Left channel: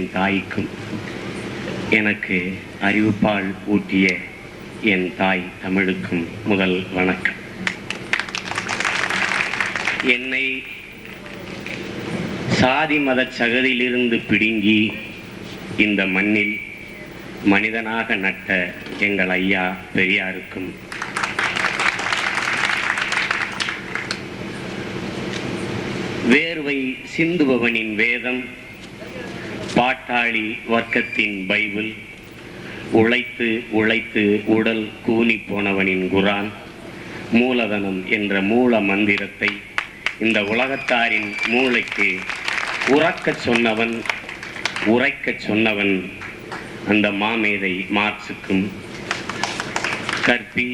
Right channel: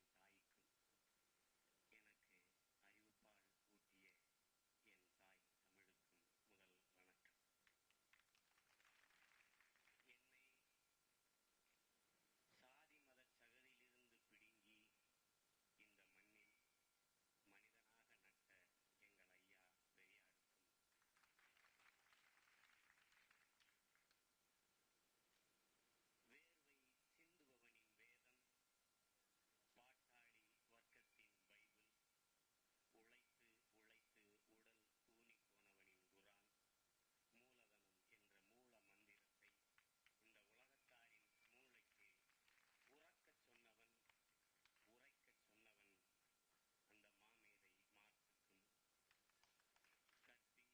என் தாய்க்கும் எனக்கு அறிவுப்பால் ஊட்டிய என் தாய் தமிழுக்கும் முதல் வணக்கம். என்னை சாதி மத சகதியிலிருந்து பிடுங்கி இந்த மண்ணில் மனிதனாக நட்ட எங்கள் ஐயா பெரியாருக்கும் வேர்வை சிந்துபவனின் வேதம், பாட்டாளி வர்க்கத்தின் பைபிள், உழைத்து உழைத்து உடல் கூனி போனவனின் குரான், மூலதனம் என்ற மூல மந்திரத்தை இந்த உலகத்தாரின் மூளைக்கு உறக்கச் சொன்னவன் அந்த மாமேதை மார்க்சுக்கும், கற்பி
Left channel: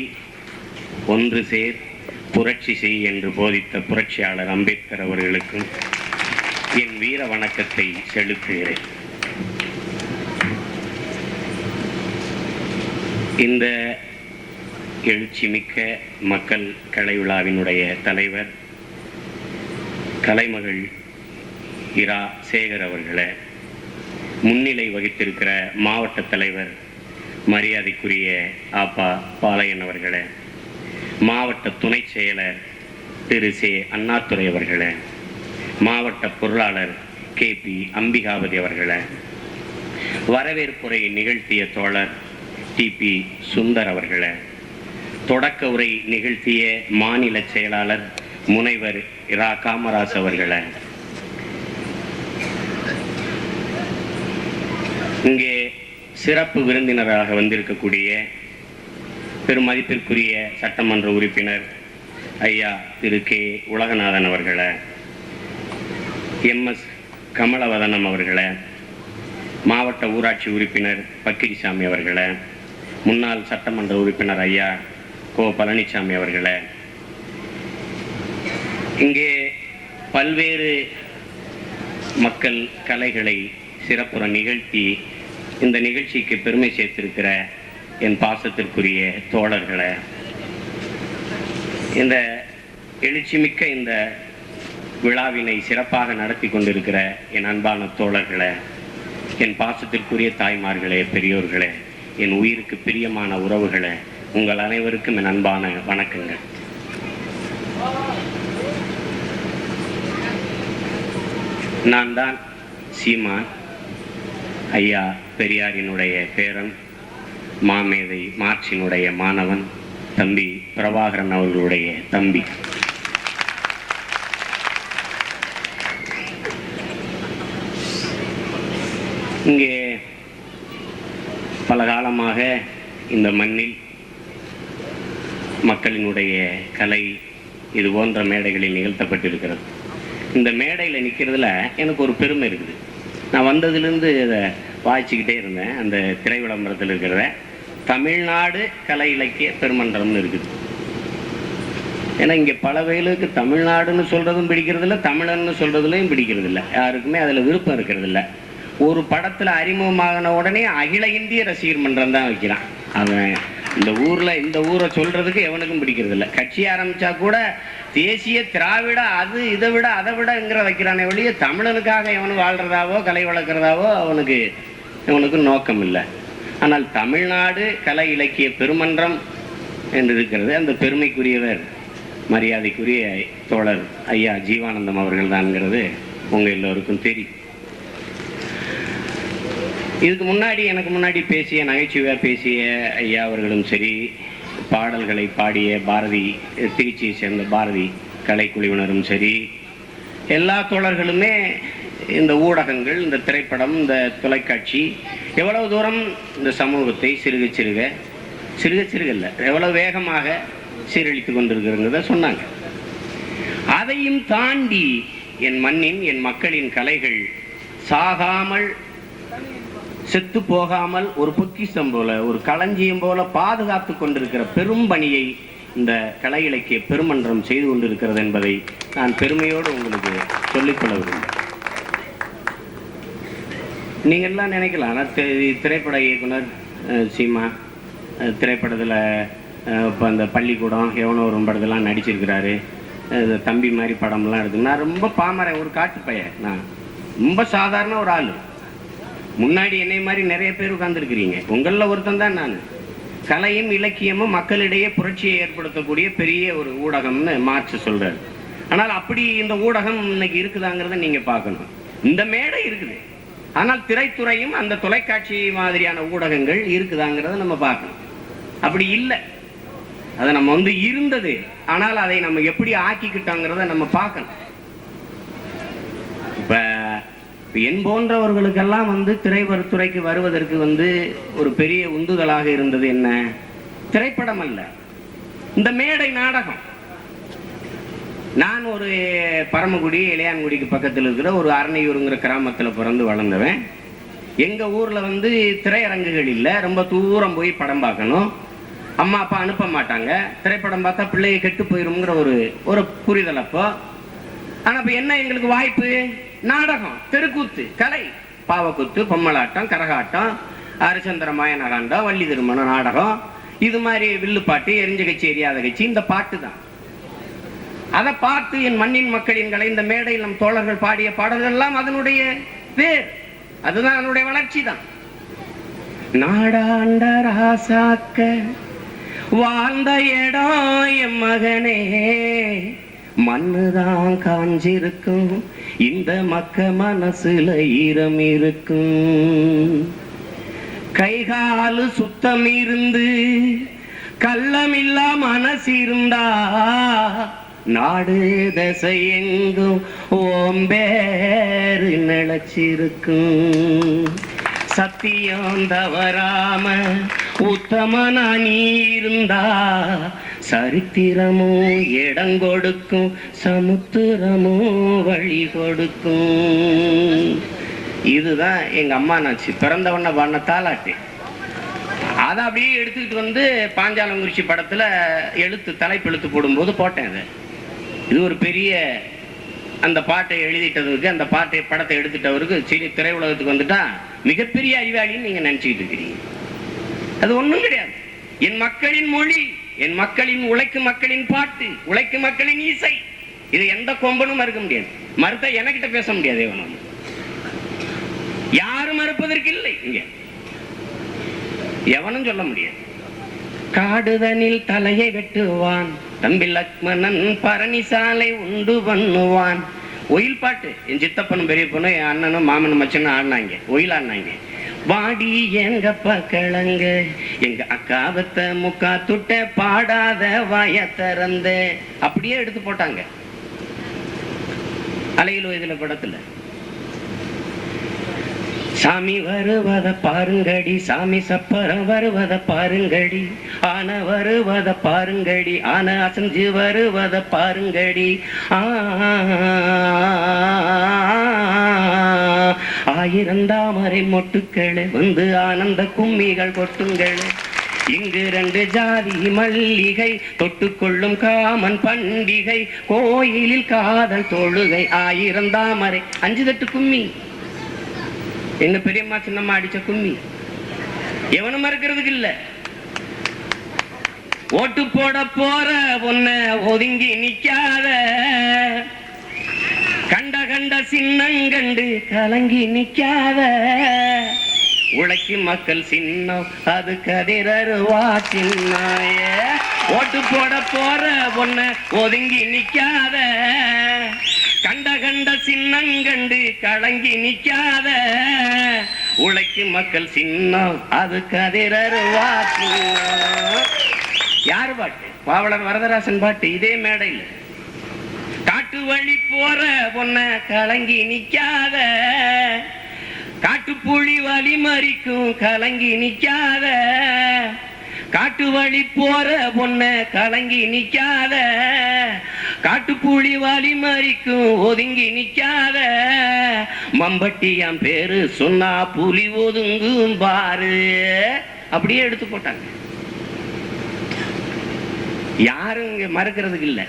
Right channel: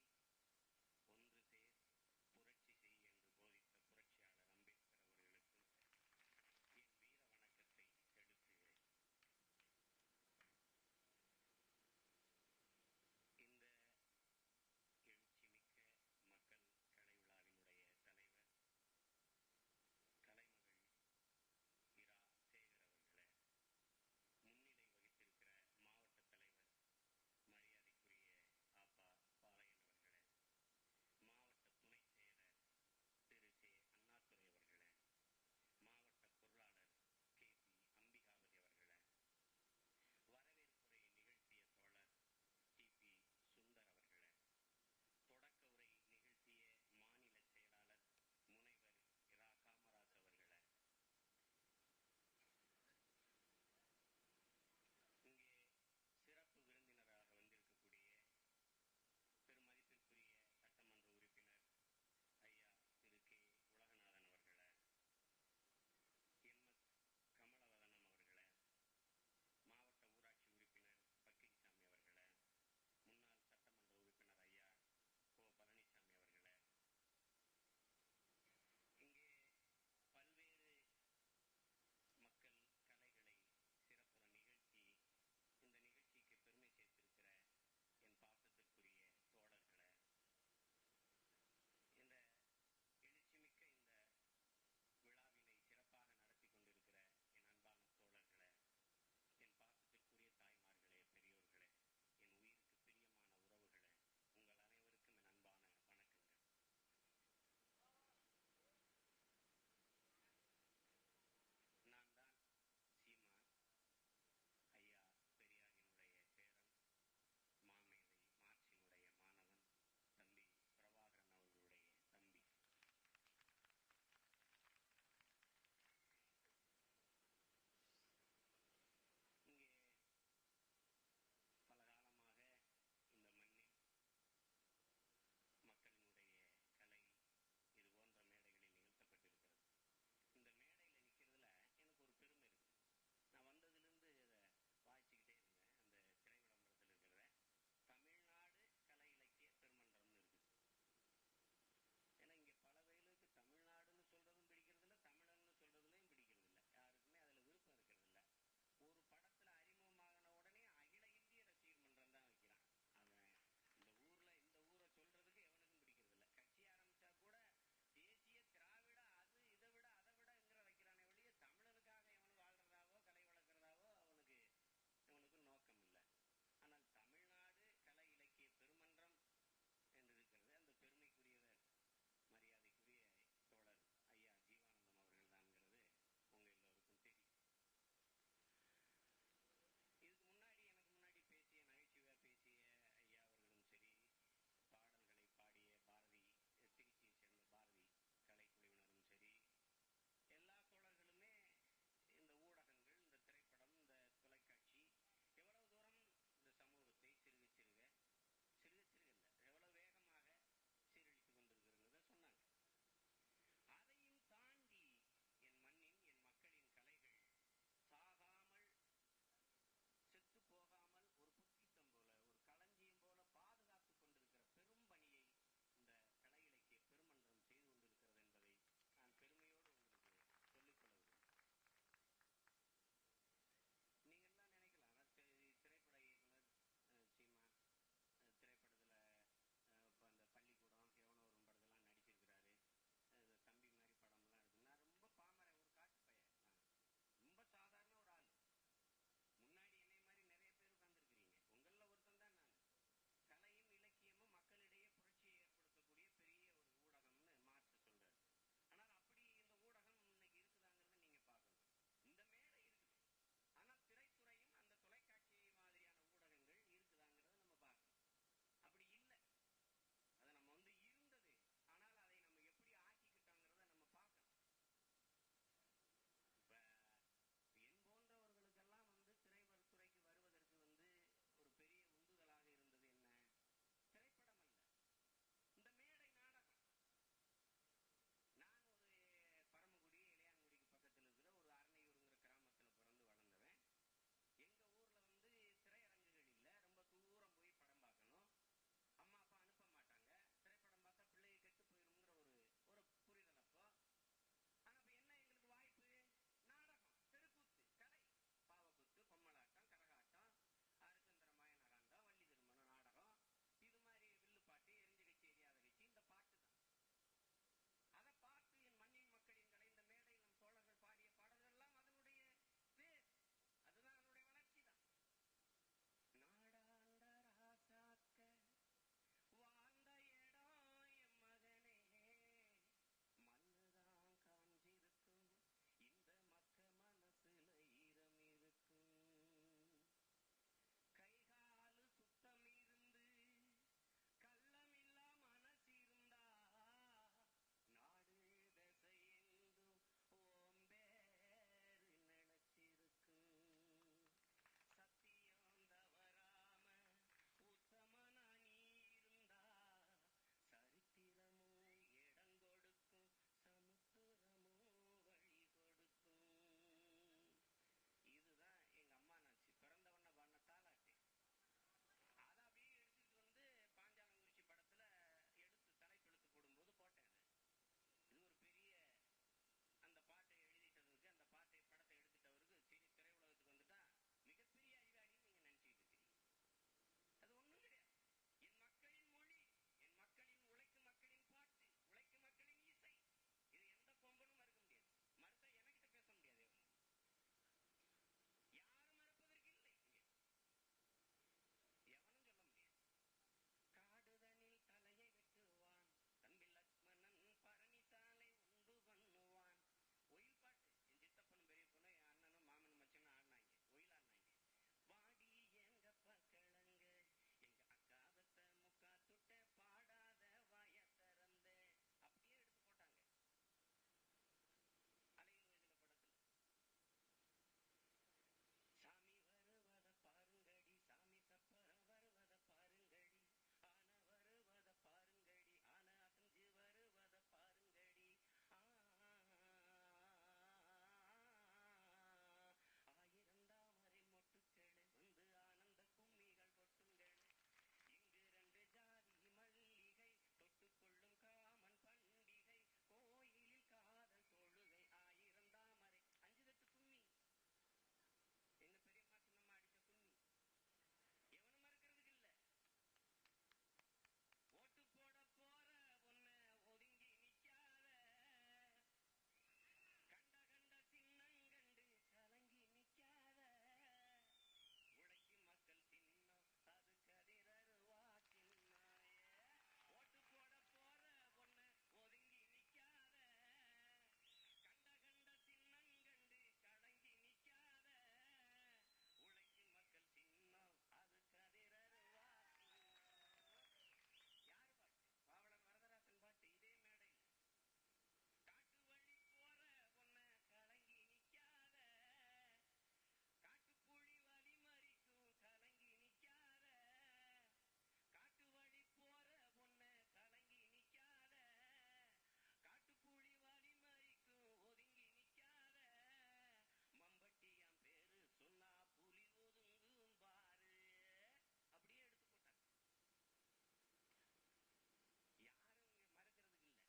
ஒன்று சேர் புரட்சி செய் என்று போதித்த புரட்சியாளர் அம்பேத்கர் அவர்களுக்கும் என் வீர வணக்கத்தை செலுத்துகிறேன். இந்த எழுச்சிமிக்க மக்கள் கலை விழாவினுடைய தலைவர் கலைமகள் இரா சேகர் அவர்களை, முன்னிலை வகித்திருக்கிற மாவட்ட தலைவர் மரியாதைக்குரிய ஆப்பா பாளையன் அவர்களை, மாவட்ட துணை செயலர் திரு சே அண்ணாதுரை அவர்களை, மாவட்ட பொருளாளர் KP அம்பிகாவதி அவர்களை, வரவேற்புரை நிகழ்த்திய தோழர் TP சுந்தர் அவர்களை, தொடக்க உரை நிகழ்த்திய மாநில செயலாளர் முனைவர் இரா காமராஜ் அவர்களை, இங்கே சிறப்பு விருந்தினராக வந்திருக்கக்கூடிய பெருமதிப்பிற்குரிய சட்டமன்ற உறுப்பினர் ஐயா திரு K உலகநாதன் அவர்களை, MS கமலவதனம் அவர்களை, மாவட்ட ஊராட்சி உறுப்பினர் பக்கிரிசாமி அவர்களை, முன்னாள் சட்டமன்ற உறுப்பினர் ஐயா கோ பழனிசாமி அவர்களை, இங்கே பல்வேறு மக்கள் கலைகளை சிறப்புற நிகழ்த்தி இந்த நிகழ்ச்சிக்கு பெருமை சேர்த்திருக்கிற என் பாசத்திற்குரிய தோழர்களை, இந்த எழுச்சிமிக்க இந்த விழாவினை சிறப்பாக நடத்தி கொண்டிருக்கிற என் அன்பான தோழர்களை, என் பாசத்திற்குரிய தாய்மார்களே, பெரியோர்களே, என் உயிருக்கு பிரியமான உறவுகளை, உங்கள் அனைவருக்கும் என் அன்பான வணக்கங்கள். நான் தான் சீமான், ஐயா பெரியாரினுடைய பேரன், மாமேதை மார்க்சினுடைய மாணவன், தம்பி பிரபாகரன் அவர்களுடைய தம்பி. இங்கே பல காலமாக இந்த மண்ணில் மக்களினுடைய கலை இது போன்ற மேடைகளில் நிகழ்த்தப்பட்டிருக்கிறது. இந்த மேடையில் நிற்கிறதுல எனக்கு ஒரு பெருமை இருக்குது. நான் வந்ததுலேருந்து இதை வாய்ச்சிக்கிட்டே இருந்தேன். அந்த திரை விளம்பரத்தில் இருக்கிறத தமிழ்நாடு கலை இலக்கிய பெருமன்றம்னு இருக்குது. ஏன்னா இங்கே பல வயலுக்கு தமிழ்நாடுன்னு சொல்கிறதும் பிடிக்கிறதில்ல, தமிழன்னு சொல்கிறதுலையும் பிடிக்கிறதில்ல, யாருக்குமே அதில் விருப்பம் இருக்கிறதில்ல. ஒரு படத்தில் அறிமுகமாகின உடனே அகில இந்திய ரசிகர் மன்றம் தான் வைக்கிறான். அவன் இந்த ஊரை சொல்கிறதுக்கு எவனுக்கும் பிடிக்கிறதில்ல. கட்சி ஆரம்பித்தா கூட தேசிய திராவிட அது இதை விட அதை விடங்கிற வைக்கிறானே வழியே தமிழனுக்காக எவனும் வாழ்கிறதாவோ கலை வளர்க்குறதாவோ அவனுக்கு நோக்கம் இல்லை. ஆனால் தமிழ்நாடு கலை இலக்கிய பெருமன்றம் என்று இருக்கிறது. அந்த பெருமைக்குரியவர் மரியாதைக்குரிய தோழர் ஐயா ஜீவானந்தம் அவர்கள் தான்ங்கிறது உங்கள் எல்லோருக்கும் தெரியும். இதுக்கு முன்னாடி எனக்கு முன்னாடி பேசிய நகைச்சுவையாக பேசிய ஐயா அவர்களும் சரி, பாடல்களை பாடிய பாரதி திருச்சியை சேர்ந்த பாரதி கலைக்குழுவினரும் சரி, எல்லா தோழர்களுமே இந்த ஊடகங்கள், இந்த திரைப்படம், இந்த தொலைக்காட்சி எவ்வளவு தூரம் இந்த சமூகத்தை சிறுக சிறுக இல்லை எவ்வளவு வேகமாக சீரழித்து கொண்டிருக்கிறத சொன்னாங்க. அதையும் தாண்டி என் மண்ணின் என் மக்களின் கலைகள் சாகாமல் செத்து போகாமல் ஒரு பொக்கிஷம் போல ஒரு களஞ்சியம் போல பாதுகாத்து கொண்டிருக்கிற பெரும் பணியை இந்த கலை இலக்கிய பெருமன்றம் செய்து கொண்டிருக்கிறது என்பதை நான் பெருமையோடு உங்களுக்கு சொல்லிக்கொள்ள விரும்புகிறேன். நீங்கள் எல்லாம் நினைக்கலாம், ஆனால் திரைப்பட இயக்குனர் சீமா திரைப்படத்தில் இப்போ அந்த பள்ளிக்கூடம் எவனோ ஒரு படத்தெல்லாம் நடிச்சிருக்கிறாரு, தம்பி மாதிரி படம்லாம் எடுத்து. நான் ரொம்ப பாமரன், ஒரு காட்டு பையன், நான் ரொம்ப சாதாரண ஒரு ஆள். முன்னாடி என்னை மாதிரி நிறைய பேர் உட்கார்ந்துருக்கிறீங்க. உங்கள ஒருத்தன் தான் நான். கலையும் இலக்கியமும் மக்களிடையே புரட்சியை ஏற்படுத்தக்கூடிய பெரிய ஒரு ஊடகம்னு மார்க்ஸ் சொல்றாரு. ஆனால் அப்படி இந்த ஊடகம் இன்னைக்கு இருக்குதாங்கிறத நீங்க பார்க்கணும். இந்த மேடை இருக்குது, ஆனால் திரைத்துறையும் அந்த தொலைக்காட்சி மாதிரியான ஊடகங்கள் இருக்குதாங்கிறத நம்ம பார்க்கணும். அப்படி இல்லை, அதை நம்ம இருந்தது, ஆனால் அதை நம்ம எப்படி ஆக்கிக்கிட்டோங்கிறத நம்ம பார்க்கணும். இப்ப என் போன்றவர்களுக்கெல்லாம் திரைத்துறைக்கு வருவதற்கு ஒரு பெரிய உந்துதலாக இருந்தது என்ன? திரைப்படம் அல்ல, இந்த மேடை நாடகம். நான் ஒரு பரமக்குடி இளையான்குடிக்கு பக்கத்தில் இருக்கிற ஒரு அரணையூருங்கிற கிராமத்தில் பிறந்து வளர்ந்தவன். எங்க ஊர்ல திரையரங்குகள் இல்லை, ரொம்ப தூரம் போய் படம் பார்க்கணும். அம்மா அப்பா அனுப்ப மாட்டாங்க. திரைப்படம் பார்த்தா பிள்ளையை கெட்டு போயிருங்கிற ஒரு புரிதல் அப்போ. ஆனா இப்ப என்ன எங்களுக்கு வாய்ப்பு? நாடகம், தெருக்கூத்து, கலை, பாவக்கூத்து, பொம்மலாட்டம், கரகாட்டம், ஹரிச்சந்திர மாயனகாண்டம், வள்ளி திருமண நாடகம், இது மாதிரி வில்லுப்பாட்டு, எரிஞ்ச கட்சி எரியாத கட்சி, இந்த பாட்டு தான். அதை பார்த்து என் மண்ணின் மக்களின் கலை, இந்த மேடையில் நம் தோழர்கள் பாடிய பாடல்கள் எல்லாம் அதனுடைய பேர், அதுதான் அதனுடைய வளர்ச்சி தான். நாடாண்ட ராசாக்க வாழ்ந்த இடம் என் மகனே, மண்ணுதான் காஞ்சிருக்கும், இந்த மக்க மனசுல ஈரம் இருக்கும். கைகாலு சுத்தம் இருந்து கள்ளமில்லா மனசு இருந்தா, நாடு தசை எங்கும் ஓம்பேறு நிலச்சிருக்கும். சத்தியம் தவறாம உத்தமனா நீ இருந்தா, சரித்திரமும் இடம் கொடுக்கும், சமுத்திரமும் வழி கொடுக்கும். இதுதான் எங்க அம்மா நாச்சு பிறந்தவண்ண பாடின தாலாட்டு. அதை அப்படியே எடுத்துக்கிட்டு பாஞ்சாலங்குறிச்சி படத்துல தலைப்பு எழுத்து போடும்போது போட்டேன். அதை இது ஒரு பெரிய, அந்த பாட்டை எழுதிட்டதுக்கு, அந்த படத்தை எடுத்துட்டவருக்கு சரி திரையுலகத்துக்கு வந்துட்டா மிகப்பெரிய அறிவாளின்னு நீங்க நினைச்சுக்கிட்டு இருக்கிறீங்க. அது ஒண்ணும் கிடையாது. என் மக்களின் மொழி, என் மக்களின் உழைக்கும் மக்களின் பாட்டு, உழைக்கும் மக்களின் இசை, இது எந்த கொம்பனும் மறுக்க முடியாது. மறுத்த எனக்கிட்ட பேச முடியாது. யாரும் மறுப்பதற்கு இல்லை, இங்க எவனும் சொல்ல முடியாது. காடுதனில் தலையை வெட்டுவான் தம்பி லக்மணன், பரணிசாலை உண்டு பண்ணுவான். ஒயில் பாட்டு என் சித்தப்பனும் பெரிய பொண்ணும் என் அண்ணனும் மாமனும் மச்சனும் ஆடினாங்க, ஒயில் ஆடினாங்க. வாடி எங்கப்பா கிழங்க, எங்க அக்காவத்த முக்கா துட்ட பாடாத வாய திறந்த, அப்படியே எடுத்து போட்டாங்க அலையில் வயதுல படத்துல. சாமி வருவத பாருங்கடி, சாமி சப்பரம் வருவத பாருங்கடி, ஆன வருவத பாருங்கடி, ஆன அசஞ்சு வருவத பாருங்கடி. ஆயிரந்தாமரை மொட்டுக்களே ஆனந்த கும்மிகள் கொட்டுங்களே, இங்கு 2 ஜாதி மல்லிகை தொட்டுக்கொள்ளும் காமன் பண்டிகை, கோயிலில் காதல் தொழுகை, ஆயிரந்தாமரை 5 தட்டு கும்மி. எங்க பெரியம்மா சின்னம்மா அடிச்ச கும்மி எவனும் மறுக்கிறதுக்கு இல்ல. ஓட்டு போட போற பொண்ண ஒதுங்கி நிக்காத, கண்ட கண்ட சின்னங்கண்டு கலங்கி நிக்காத, உழைக்கும் மக்கள் சின்னம் அது கதிரருவா சின்னாய. ஓட்டு போட போற பொண்ண ஒதுங்கி நிக்காத, கண்ட கண்ட சின்னங்கண்டு கலங்கி நிக்காத, உழைக்கும் மக்கள் சின்னம் அது கதிரருவா சின்னம். யாரு பாட்டு? பாவலர் வரதராசன் பாட்டு. இதே மேடையில் காட்டு வழி போற பொண்ண கலங்கி நிக்காத, காட்டுப்புலி வலி மறிக்கும் கலங்கி நிக்காத, காட்டு வழி போற பொண்ண கலங்கி நிக்காத, காட்டுப்புலி வலி மறிக்கும் ஒதுங்கி நிக்காத, மம்பட்டியாம் பேரு சொன்னா புலி ஒதுங்கும் பாரு. அப்படியே எடுத்து போட்டாங்க. யாரும் இங்க மறுக்கிறதுக்கு இல்ல.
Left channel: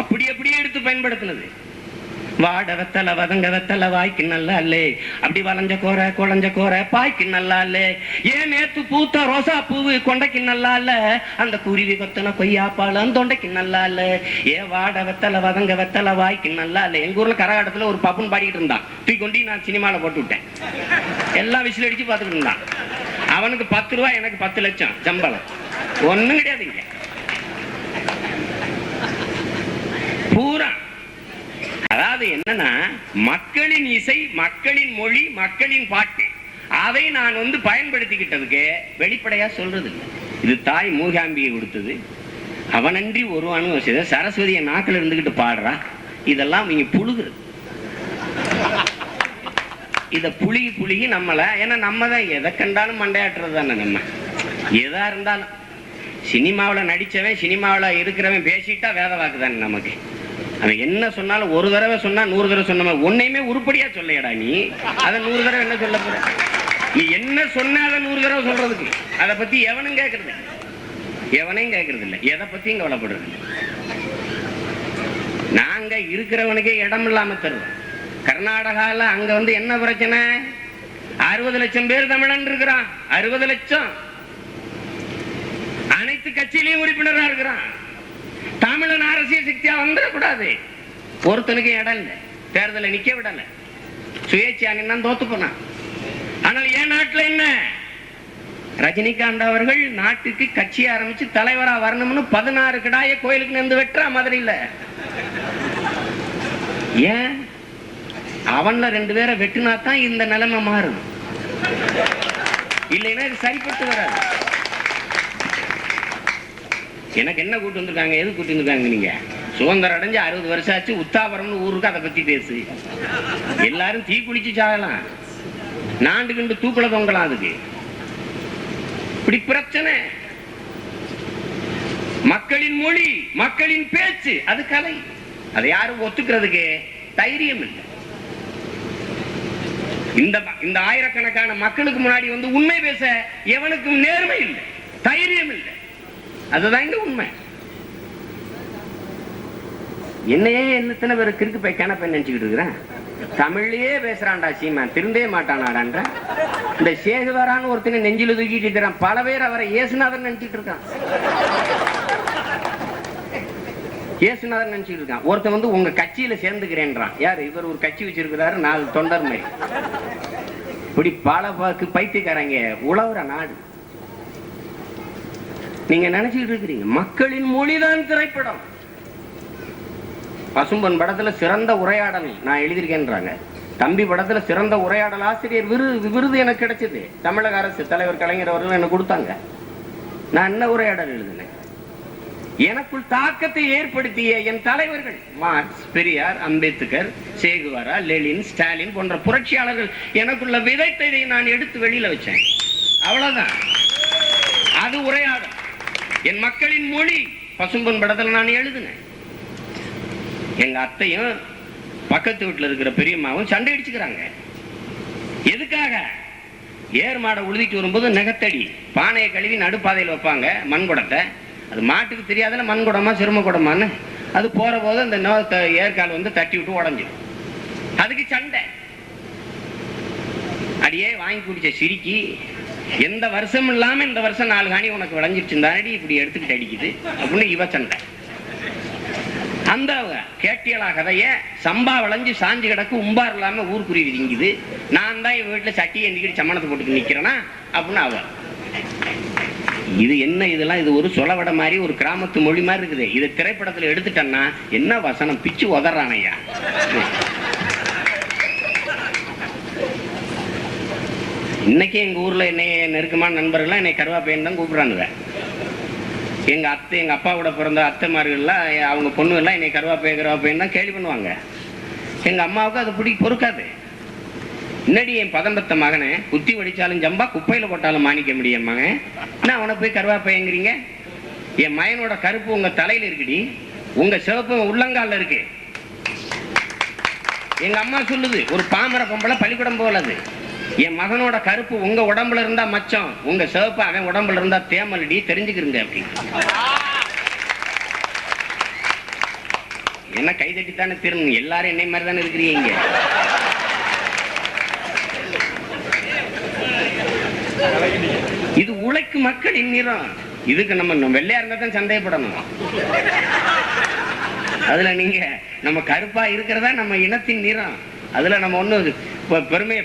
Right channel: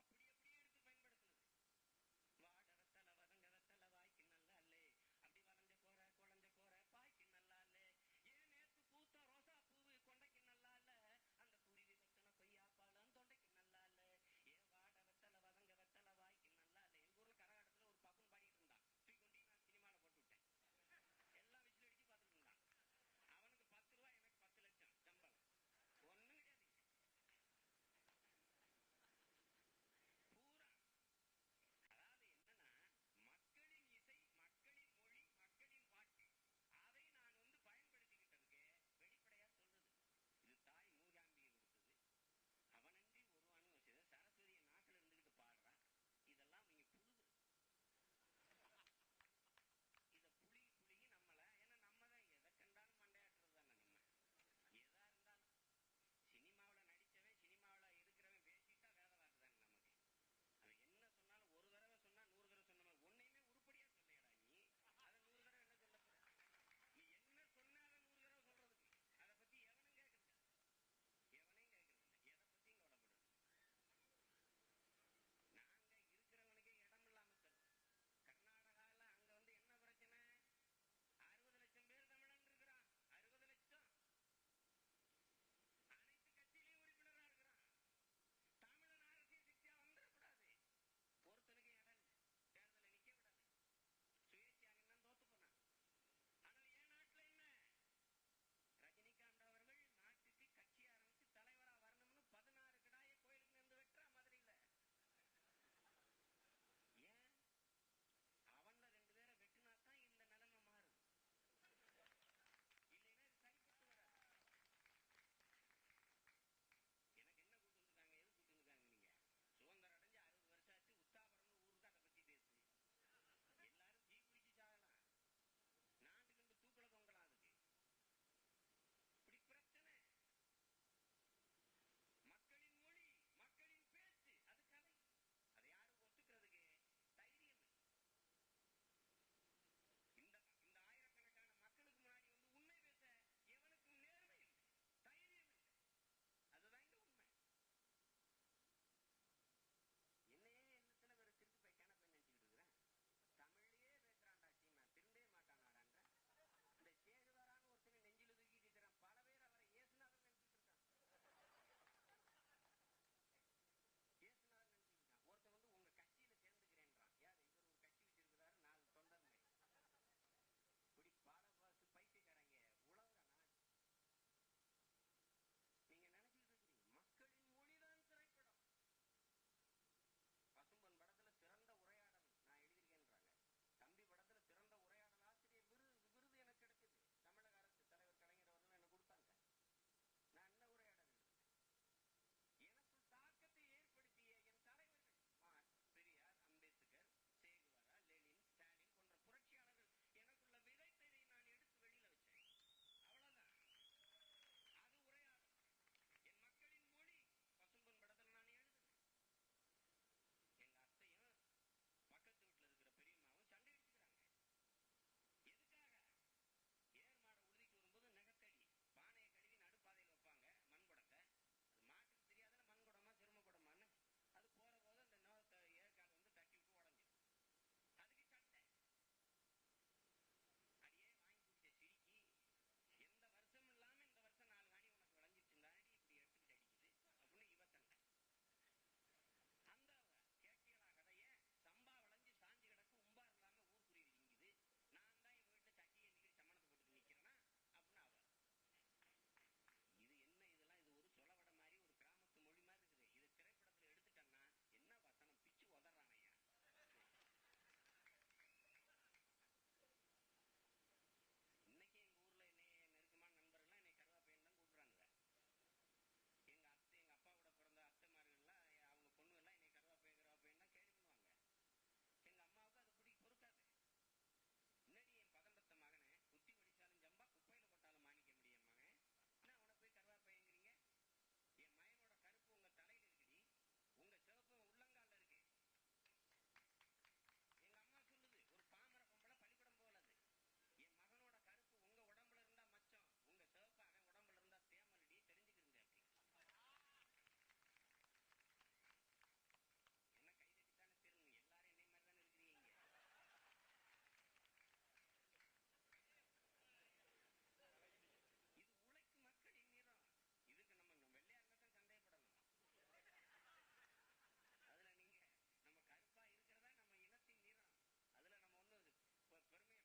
அப்படி அப்படியே எடுத்து பயன்படுத்தினது. வாட வெத்தல வதங்க வெத்தல வாய்க்கு நல்லா இல்லே, அப்படி வளைஞ்ச கோர குழஞ்ச கோர பாய்க்கு நல்லா இல்லே, ஏன் நேத்து பூத்த ரோசா பூவு கொண்டைக்கு நல்லா இல்ல, அந்த குருவி கொத்தன கொய்யாப்பாலம் தொண்டைக்கு நல்லா இல்ல, ஏ வாட வெத்தல வதங்க வெத்தல வாய்க்கு நல்லா இல்ல. எங்க ஊர்ல கரகாட்டத்துல ஒரு பப்புன்னு பாடிக்கிட்டு இருந்தான், தூக்கி கொண்டு நான் சினிமால போட்டு விட்டேன். எல்லாம் விசில் அடிச்சு பார்த்துக்கிட்டு இருந்தான். அவனுக்கு 10 ரூபாய், எனக்கு 10 லட்சம் சம்பளம். ஒண்ணும் கிடையாதுங்க. பூரா அதாவது என்னன்னா, மக்களின் இசை, மக்களின் மொழி, மக்களின் பாட்டு, அதை நான் பயன்படுத்திக்கிட்டதுக்கு வெளிப்படையா சொல்றது இல்லை. இது தாய் மூகாம்பியை கொடுத்தது. அவனன்றி ஒருவனும் செய்த சரஸ்வதியை நாக்கில் இருந்துகிட்டு பாடுறா. இதெல்லாம் நீங்க புழுகுறது. இத புழுகி நம்மள, ஏன்னா நம்ம தான் எதை கண்டாலும் மண்டையாட்டுறது தானே. நம்ம எதா இருந்தாலும் சினிமாவில் நடிச்சவன், சினிமாவில் இருக்கிறவன் பேசிட்டா வேத வாக்கு தானே நமக்கு. அவன் என்ன சொன்னாலும் ஒரு தடவை சொன்னா 100 தடவை சொன்ன மாதிரி ஒன்னையுமே உருப்படியா சொல்லையடா. நீ அதை 100 தடவை என்ன சொல்ல போற? நீ என்ன சொன்ன அதை 100 தடவை சொல்றதுக்கு அதை பத்தி எவனும் கேட்கறது, எவனையும் கேட்கறது இல்லை, எதை பத்தியும் கவலைப்படுறது இல்லை. நாங்க இருக்கிறவனுக்கே இடம் இல்லாம தருவோம். கர்நாடகால அங்க என்ன பிரச்சனை? 60 லட்சம் பேர் தமிழன் இருக்கிறான். 60 லட்சம் அனைத்து கட்சியிலையும் உறுப்பினரா இருக்கிறான். தமிழன் அரசியல் சக்தியா வந்துடக்கூடாது. ஒருத்தனுக்கு இடம் இல்லை, தேர்தலை நிக்க விடல, சுயேட்சையா நின்னா தோத்து போனான். ஆனால் என் நாட்டுல என்ன, ரஜினிகாந்த் அவர்கள் நாட்டுக்கு கட்சி ஆரம்பிச்சு தலைவரா வரணும்னு 16 கிடாய கோயிலுக்கு நின்று வெட்டுறா மதுரையில. ஏன்? அவன்ல 2 பேரை வெட்டினா தான் இந்த நிலைமை மாறும், இல்லைன்னா இது சரிப்பட்டு வராது. எனக்கு என்ன கூட்டு வந்திருக்காங்க, எது கூட்டு வந்திருக்காங்க? நீங்க சுதந்திரம் அடைஞ்சு 60 வருஷம் ஆச்சு, உத்தாபரம்னு ஊருக்கு அதை பத்தி பேசு. எல்லாரும் தீ குளிச்சு சாகலாம், நாண்டு கண்டு தூக்குல தொங்கலாம். அதுக்கு இப்படி பிரச்சனை. மக்களின் மொழி, மக்களின் பேச்சு, அது கலை. அதை யாரும் ஒத்துக்கிறதுக்கு தைரியம் இல்லை. இந்த ஆயிரக்கணக்கான மக்களுக்கு முன்னாடி உண்மை பேச எவனுக்கும் நேர்மை இல்லை, தைரியம் இல்லை. அதுதான் இங்க உண்மை. என்னையே எத்தனை பேர் கிறுக்கு போய் கிணப்ப நினைச்சுக்கிட்டு இருக்கிறேன். தமிழ்லயே பேசுறான்டா சீமான், திருந்தே மாட்டானாடான்ற. இந்த சேகுவாரான்னு ஒருத்தனை நெஞ்சில தூக்கிட்டு இருக்கிறான். பல பேர் அவரை இயேசுநாதன் நினைச்சிட்டு இருக்கான். இயேசுநாதன் நினைச்சிட்டு இருக்கான். ஒருத்தன் உங்க கட்சியில சேர்ந்துக்கிறேன்றான். யாரு இவர்? ஒரு கட்சி வச்சிருக்கிறாரு, 4 தொண்டர் மாதிரி. இப்படி பல பைத்தியக்காரங்க உழவுற நாடு. நீங்க நினைச்சுட்டு இருக்கிறீங்க மக்களின் மொழிதான் திரைப்படம். பசும்பொன் படத்துல சிறந்த உரையாடல் நான் எழுதியிருக்கேன்றாங்க. தம்பி படத்துல சிறந்த உரையாடல் ஆசிரியர் விருது எனக்கு கிடைச்சது. தமிழக அரசு தலைவர் கலைஞர் அவர்கள் எனக்கு கொடுத்தாங்க. நான் என்ன உரையாடல் எழுதினேன்? எனக்குள் தாக்கத்தை ஏற்படுத்திய என் தலைவர்கள் மார்க்ஸ், பெரியார், அம்பேத்கர், சேகுவாரா, லெனின், ஸ்டாலின் போன்ற புரட்சியாளர்கள் எனக்குள்ள விதைத்ததை நான் எடுத்து வெளியில வச்சேன். அவ்வளவுதான். அது உரையாடல். என் மக்களின் மொழி பசும்பொன் படத்தில் நான் எழுதினேன். எங்க அத்தையும் பக்கத்து வீட்டுல இருக்கிற பெரியம்மாவும் சண்டை அடிச்சுக்கிறாங்க. எதுக்காக? ஏர் மாடை உழுதிட்டு வரும்போது நெகத்தடி பானையை கழுவி நடுப்பாதையில் வைப்பாங்க, மண்குடத்தை. அது மாட்டுக்கு தெரியாதுல மண்குடமா சிறும குடமான்னு. அது போற போது அந்த ஏற்கால் தட்டி விட்டு உடஞ்சிடும். அதுக்கு சண்டை. அடியே வாங்கி குடிச்ச சிரிக்கி, எந்த வருஷம் இல்லாம இந்த வருஷம் 4 காணி உனக்கு விளைஞ்சிருச்சுந்தாடி இப்படி எடுத்துக்கிட்டு அடிக்குது அப்படின்னு இவ சண்டை. அந்த கேட்டியலா கதைய சம்பா விளைஞ்சு சாஞ்சு கிடக்கு, உம்பார் இல்லாம ஊர்க்குருவி திங்குது, நான் தான் இவ வீட்டுல சட்டியை எந்திக்கிட்டு சம்மணத்தை போட்டு நிக்கிறேனா அப்படின்னு அவ. இது என்ன? இதெல்லாம் இது ஒரு சொலவடை மாதிரி, ஒரு கிராமத்து மொழி மாதிரி இருக்குது. இதை திரைப்படத்துல எடுத்துட்டேன்னா என்ன வசனம் பிச்சு உதறானையா. இன்னைக்கு எங்க ஊர்ல என்னைய நெருக்கமான நண்பர்கள்லாம் என்னை கருவாப்பையன் தான் கூப்பிடுறானுங்க. எங்க அத்தை, எங்க அப்பாவோட பிறந்த அத்தைமார்கள்லாம் அவங்க பொண்ணு எல்லாம் என்னை கருவாப்பையன் தான் கேள்வி பண்ணுவாங்க. எங்க அம்மாவுக்கு அது பொறுக்காது. முன்னாடி என் பதம்பத்த மகனை குத்தி வடிச்சாலும் ஜம்பா, குப்பையில போட்டாலும் மாணிக்க முடியும் மகன், என்ன அவனை போய் கருவாப்பையங்கிறீங்க? என் மகனோட கருப்பு உங்க தலையில இருக்குடி, உங்க சிவப்பு உள்ளங்கால இருக்கு. எங்க அம்மா சொல்லுது, ஒரு பாமர பொம்பளை பள்ளிக்கூடம் போலது. என் மகனோட கருப்பு உங்க உடம்புல இருந்தா மச்சம், உங்க சிவப்பு அவன் உடம்புல இருந்தா தேமலடி, தெரிஞ்சுக்கிறீங்க. அப்படி என்ன கை தட்டித்தானே திரும்பணும், எல்லாரும் என்னை மாதிரி தானே இருக்கிறீங்க. இது உழைக்கும் மக்களின் நிறம். இதுக்கு நம்ம வெள்ளையா இருந்தா தான் சந்தேகப்படணும். அதுல நீங்க நம்ம கருப்பா இருக்கிறதா நம்ம இனத்தின் நிறம். அதுல நம்ம ஒண்ணு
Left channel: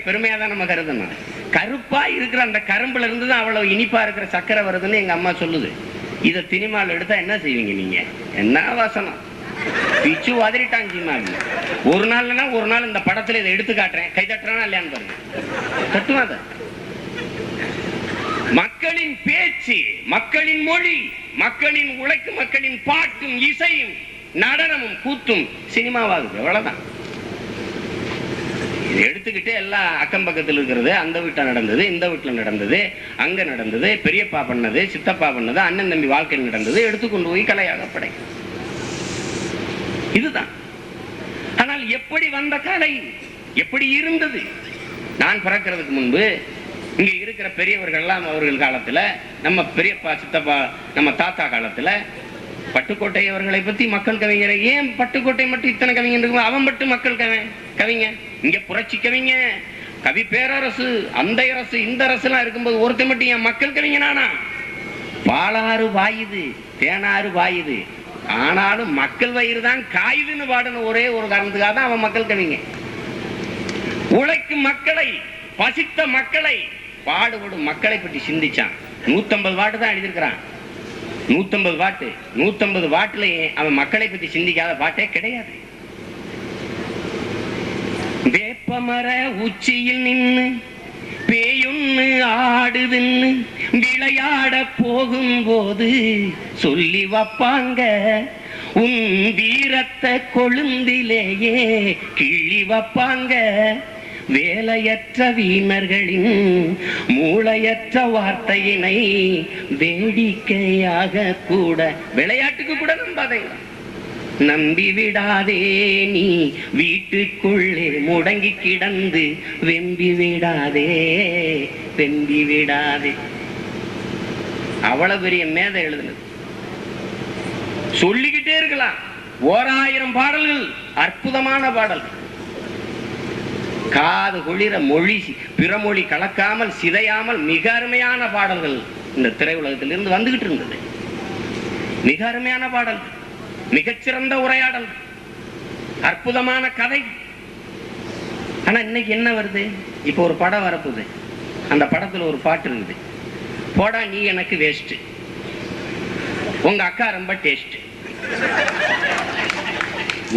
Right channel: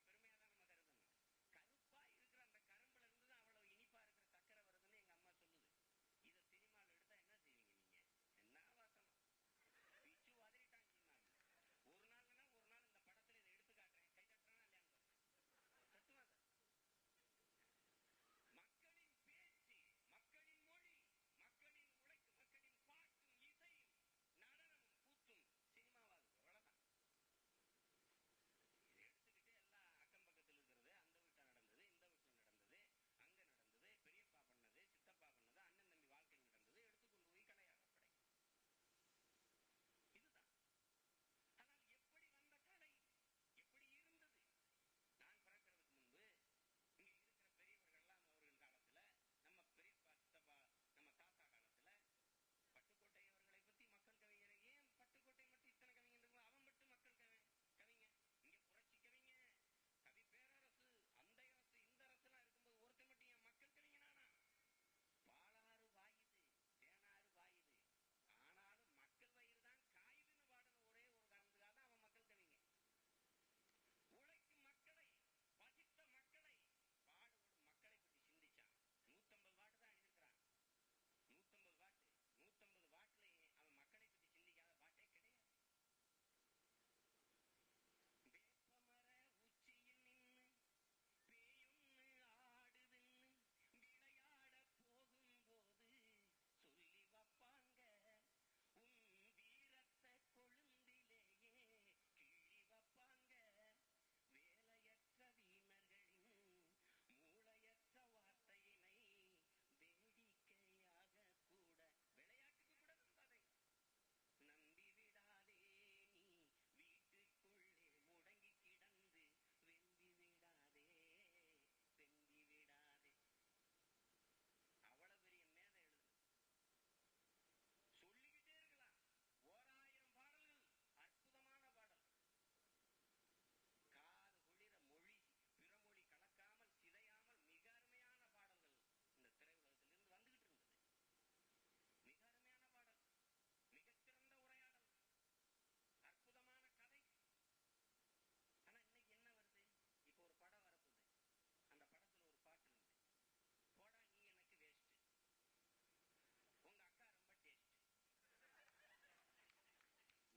பெருமையா தான் நம்ம கருதணும். கருப்பா இருக்கிற அந்த கரும்புல இருந்து தான் அவ்வளவு இனிப்பா இருக்கிற சக்கரை வருதுன்னு எங்க அம்மா சொல்லுது. இதை சினிமாவில் எடுத்தா என்ன செய்வீங்க நீங்க? என்ன வாசனம் பிச்சு வதறிட்டாங்க. ஒரு நாள் இந்த படத்துல இதை எடுத்து காட்டுறேன், கை தட்டுறானா இல்லையான்னு பாருங்க. தட்டுவாத. மக்களின் பேச்சு, மக்களின் மொழி, மக்களின் உழைக்கும் மக்களின் பாட்டும் இசையும் நடனமும் கூத்தும் சினிமாவாகுது. எவ்வளவுதான். இதை எடுத்துக்கிட்டு எல்லாம் அக்கம் பக்கத்தில் இருக்கிறது, அந்த வீட்டில் நடந்தது, இந்த வீட்டில் நடந்தது, அங்க நடந்தது, பெரியப்பா பண்ணது, சித்தப்பா பண்ணது, அண்ணன் தம்பி வாழ்க்கையில் நடந்தது எடுத்துக்கொண்டு போய் கலையாக படை. இதுதான். ஆனால் எப்படி வந்த கலை, எப்படி இருந்தது? நான் பிறக்கிறதுக்கு முன்பு இங்க இருக்கிற பெரியவர்கள் எல்லாம் அவர்கள் காலத்துல, நம்ம பெரியப்பா சித்தப்பா நம்ம தாத்தா காலத்துல பட்டுக்கோட்டை அவர்களை பத்தி மக்கள் கவிஞரை, ஏன் பட்டுக்கோட்டை மட்டும் இத்தனை கவிஞர் இருக்கு? அவன் மட்டும் மக்கள் கவிஞ. இங்க புரட்சி கவிஞ, கவி பேரரசு, அந்த அரசு இந்த அரசு எல்லாம் இருக்கும்போது ஒருத்தர் மட்டும் என் மக்கள் கவிஞனானா? பாலாறு வாயுது, தேனாறு வாயுது, ஆனாலும் மக்கள் வயிறு தான் காயுதுன்னு பாடணும். ஒரே ஒரு காரணத்துக்காக தான் அவன் மக்கள் கவிங்க. உழைக்கும் மக்களை, பசித்த மக்களை, பாடுபடும் மக்களை பற்றி சிந்திச்சான். 150 வாட்டு தான் எழுதியிருக்கிறான். 150 வாட்டுலயே அவன் மக்களை பற்றி சிந்திக்காத பாட்டே கிடையாது. வேப்பமர உச்சியில் நின்னு பேயொன்னு ஆடுதுன்னு விளையாட போகும்போது சொல்லி வைப்பாங்க, உன் வீரத்தை கொழுந்திலேயே கிள்ளி வைப்பாங்க. வேலையற்ற வீணர்களின் மூளையற்ற வார்த்தையினை வேடிக்கையாக கூட, விளையாட்டுக்கு கூட நம்பாதீங்க. நம்பி விடாதே நீ வீட்டுக்குள்ளே முடங்கி கிடந்து வெம்பி விடாதே, வெம்பி விடாதே. அவ்வளவு பெரிய மேதை எழுதுனது. சொல்லிக்கிட்டே இருக்கலாம். 1000 பாடல்கள், அற்புதமான பாடல்கள். காது குளிர மொழி பிறமொழி கலக்காமல் சிதையாமல் மிக அருமையான பாடல்கள் இந்த திரையுலகத்திலிருந்து வந்துகிட்டு இருந்தது. மிக அருமையான பாடல்கள், மிகச்சிறந்த உரையாடல், அற்புதமான கதை. ஆனா இன்னைக்கு என்ன வருது? இப்ப ஒரு படம் வரப்போகுது, அந்த படத்துல ஒரு பாட்டு இருக்குது, போடா நீ எனக்கு வேஸ்ட், உங்க அக்கா ரொம்ப டேஸ்ட்.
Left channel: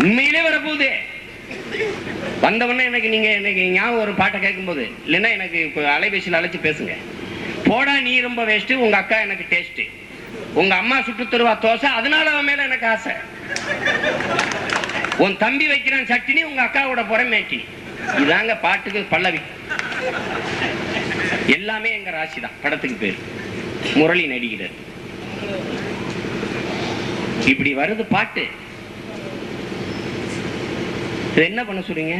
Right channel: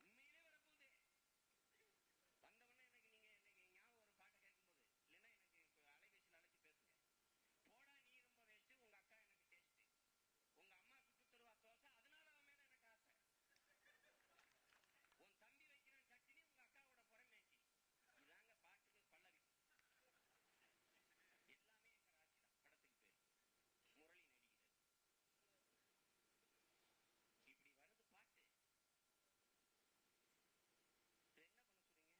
உண்மையிலே வரப்போகுது. வந்தவொடனே எனக்கு நீங்க எனக்கு ஞாபகம் ஒரு பாட்டை கேட்கும் போது, இல்லைன்னா எனக்கு அலைபேசியில் அழைச்சு பேசுங்க. போடா நீ ரொம்ப வேஸ்ட், உங்க அக்கா எனக்கு டேஸ்ட், உங்க அம்மா சுட்டு தருவா தோசை, அதனால அவன் மேல எனக்கு ஆசை. உன் தம்பி வைக்கிறான் சட்டினி, உங்க அக்காவோட புறமேட்டி. இதாங்க பாட்டுக்கு பல்லவி. எல்லாமே எங்க ராசி தான். படத்துக்கு பேர் முரளி நடிக்கிறார். இப்படி வருது பாட்டு. என்ன பண்ண சொல்றீங்க?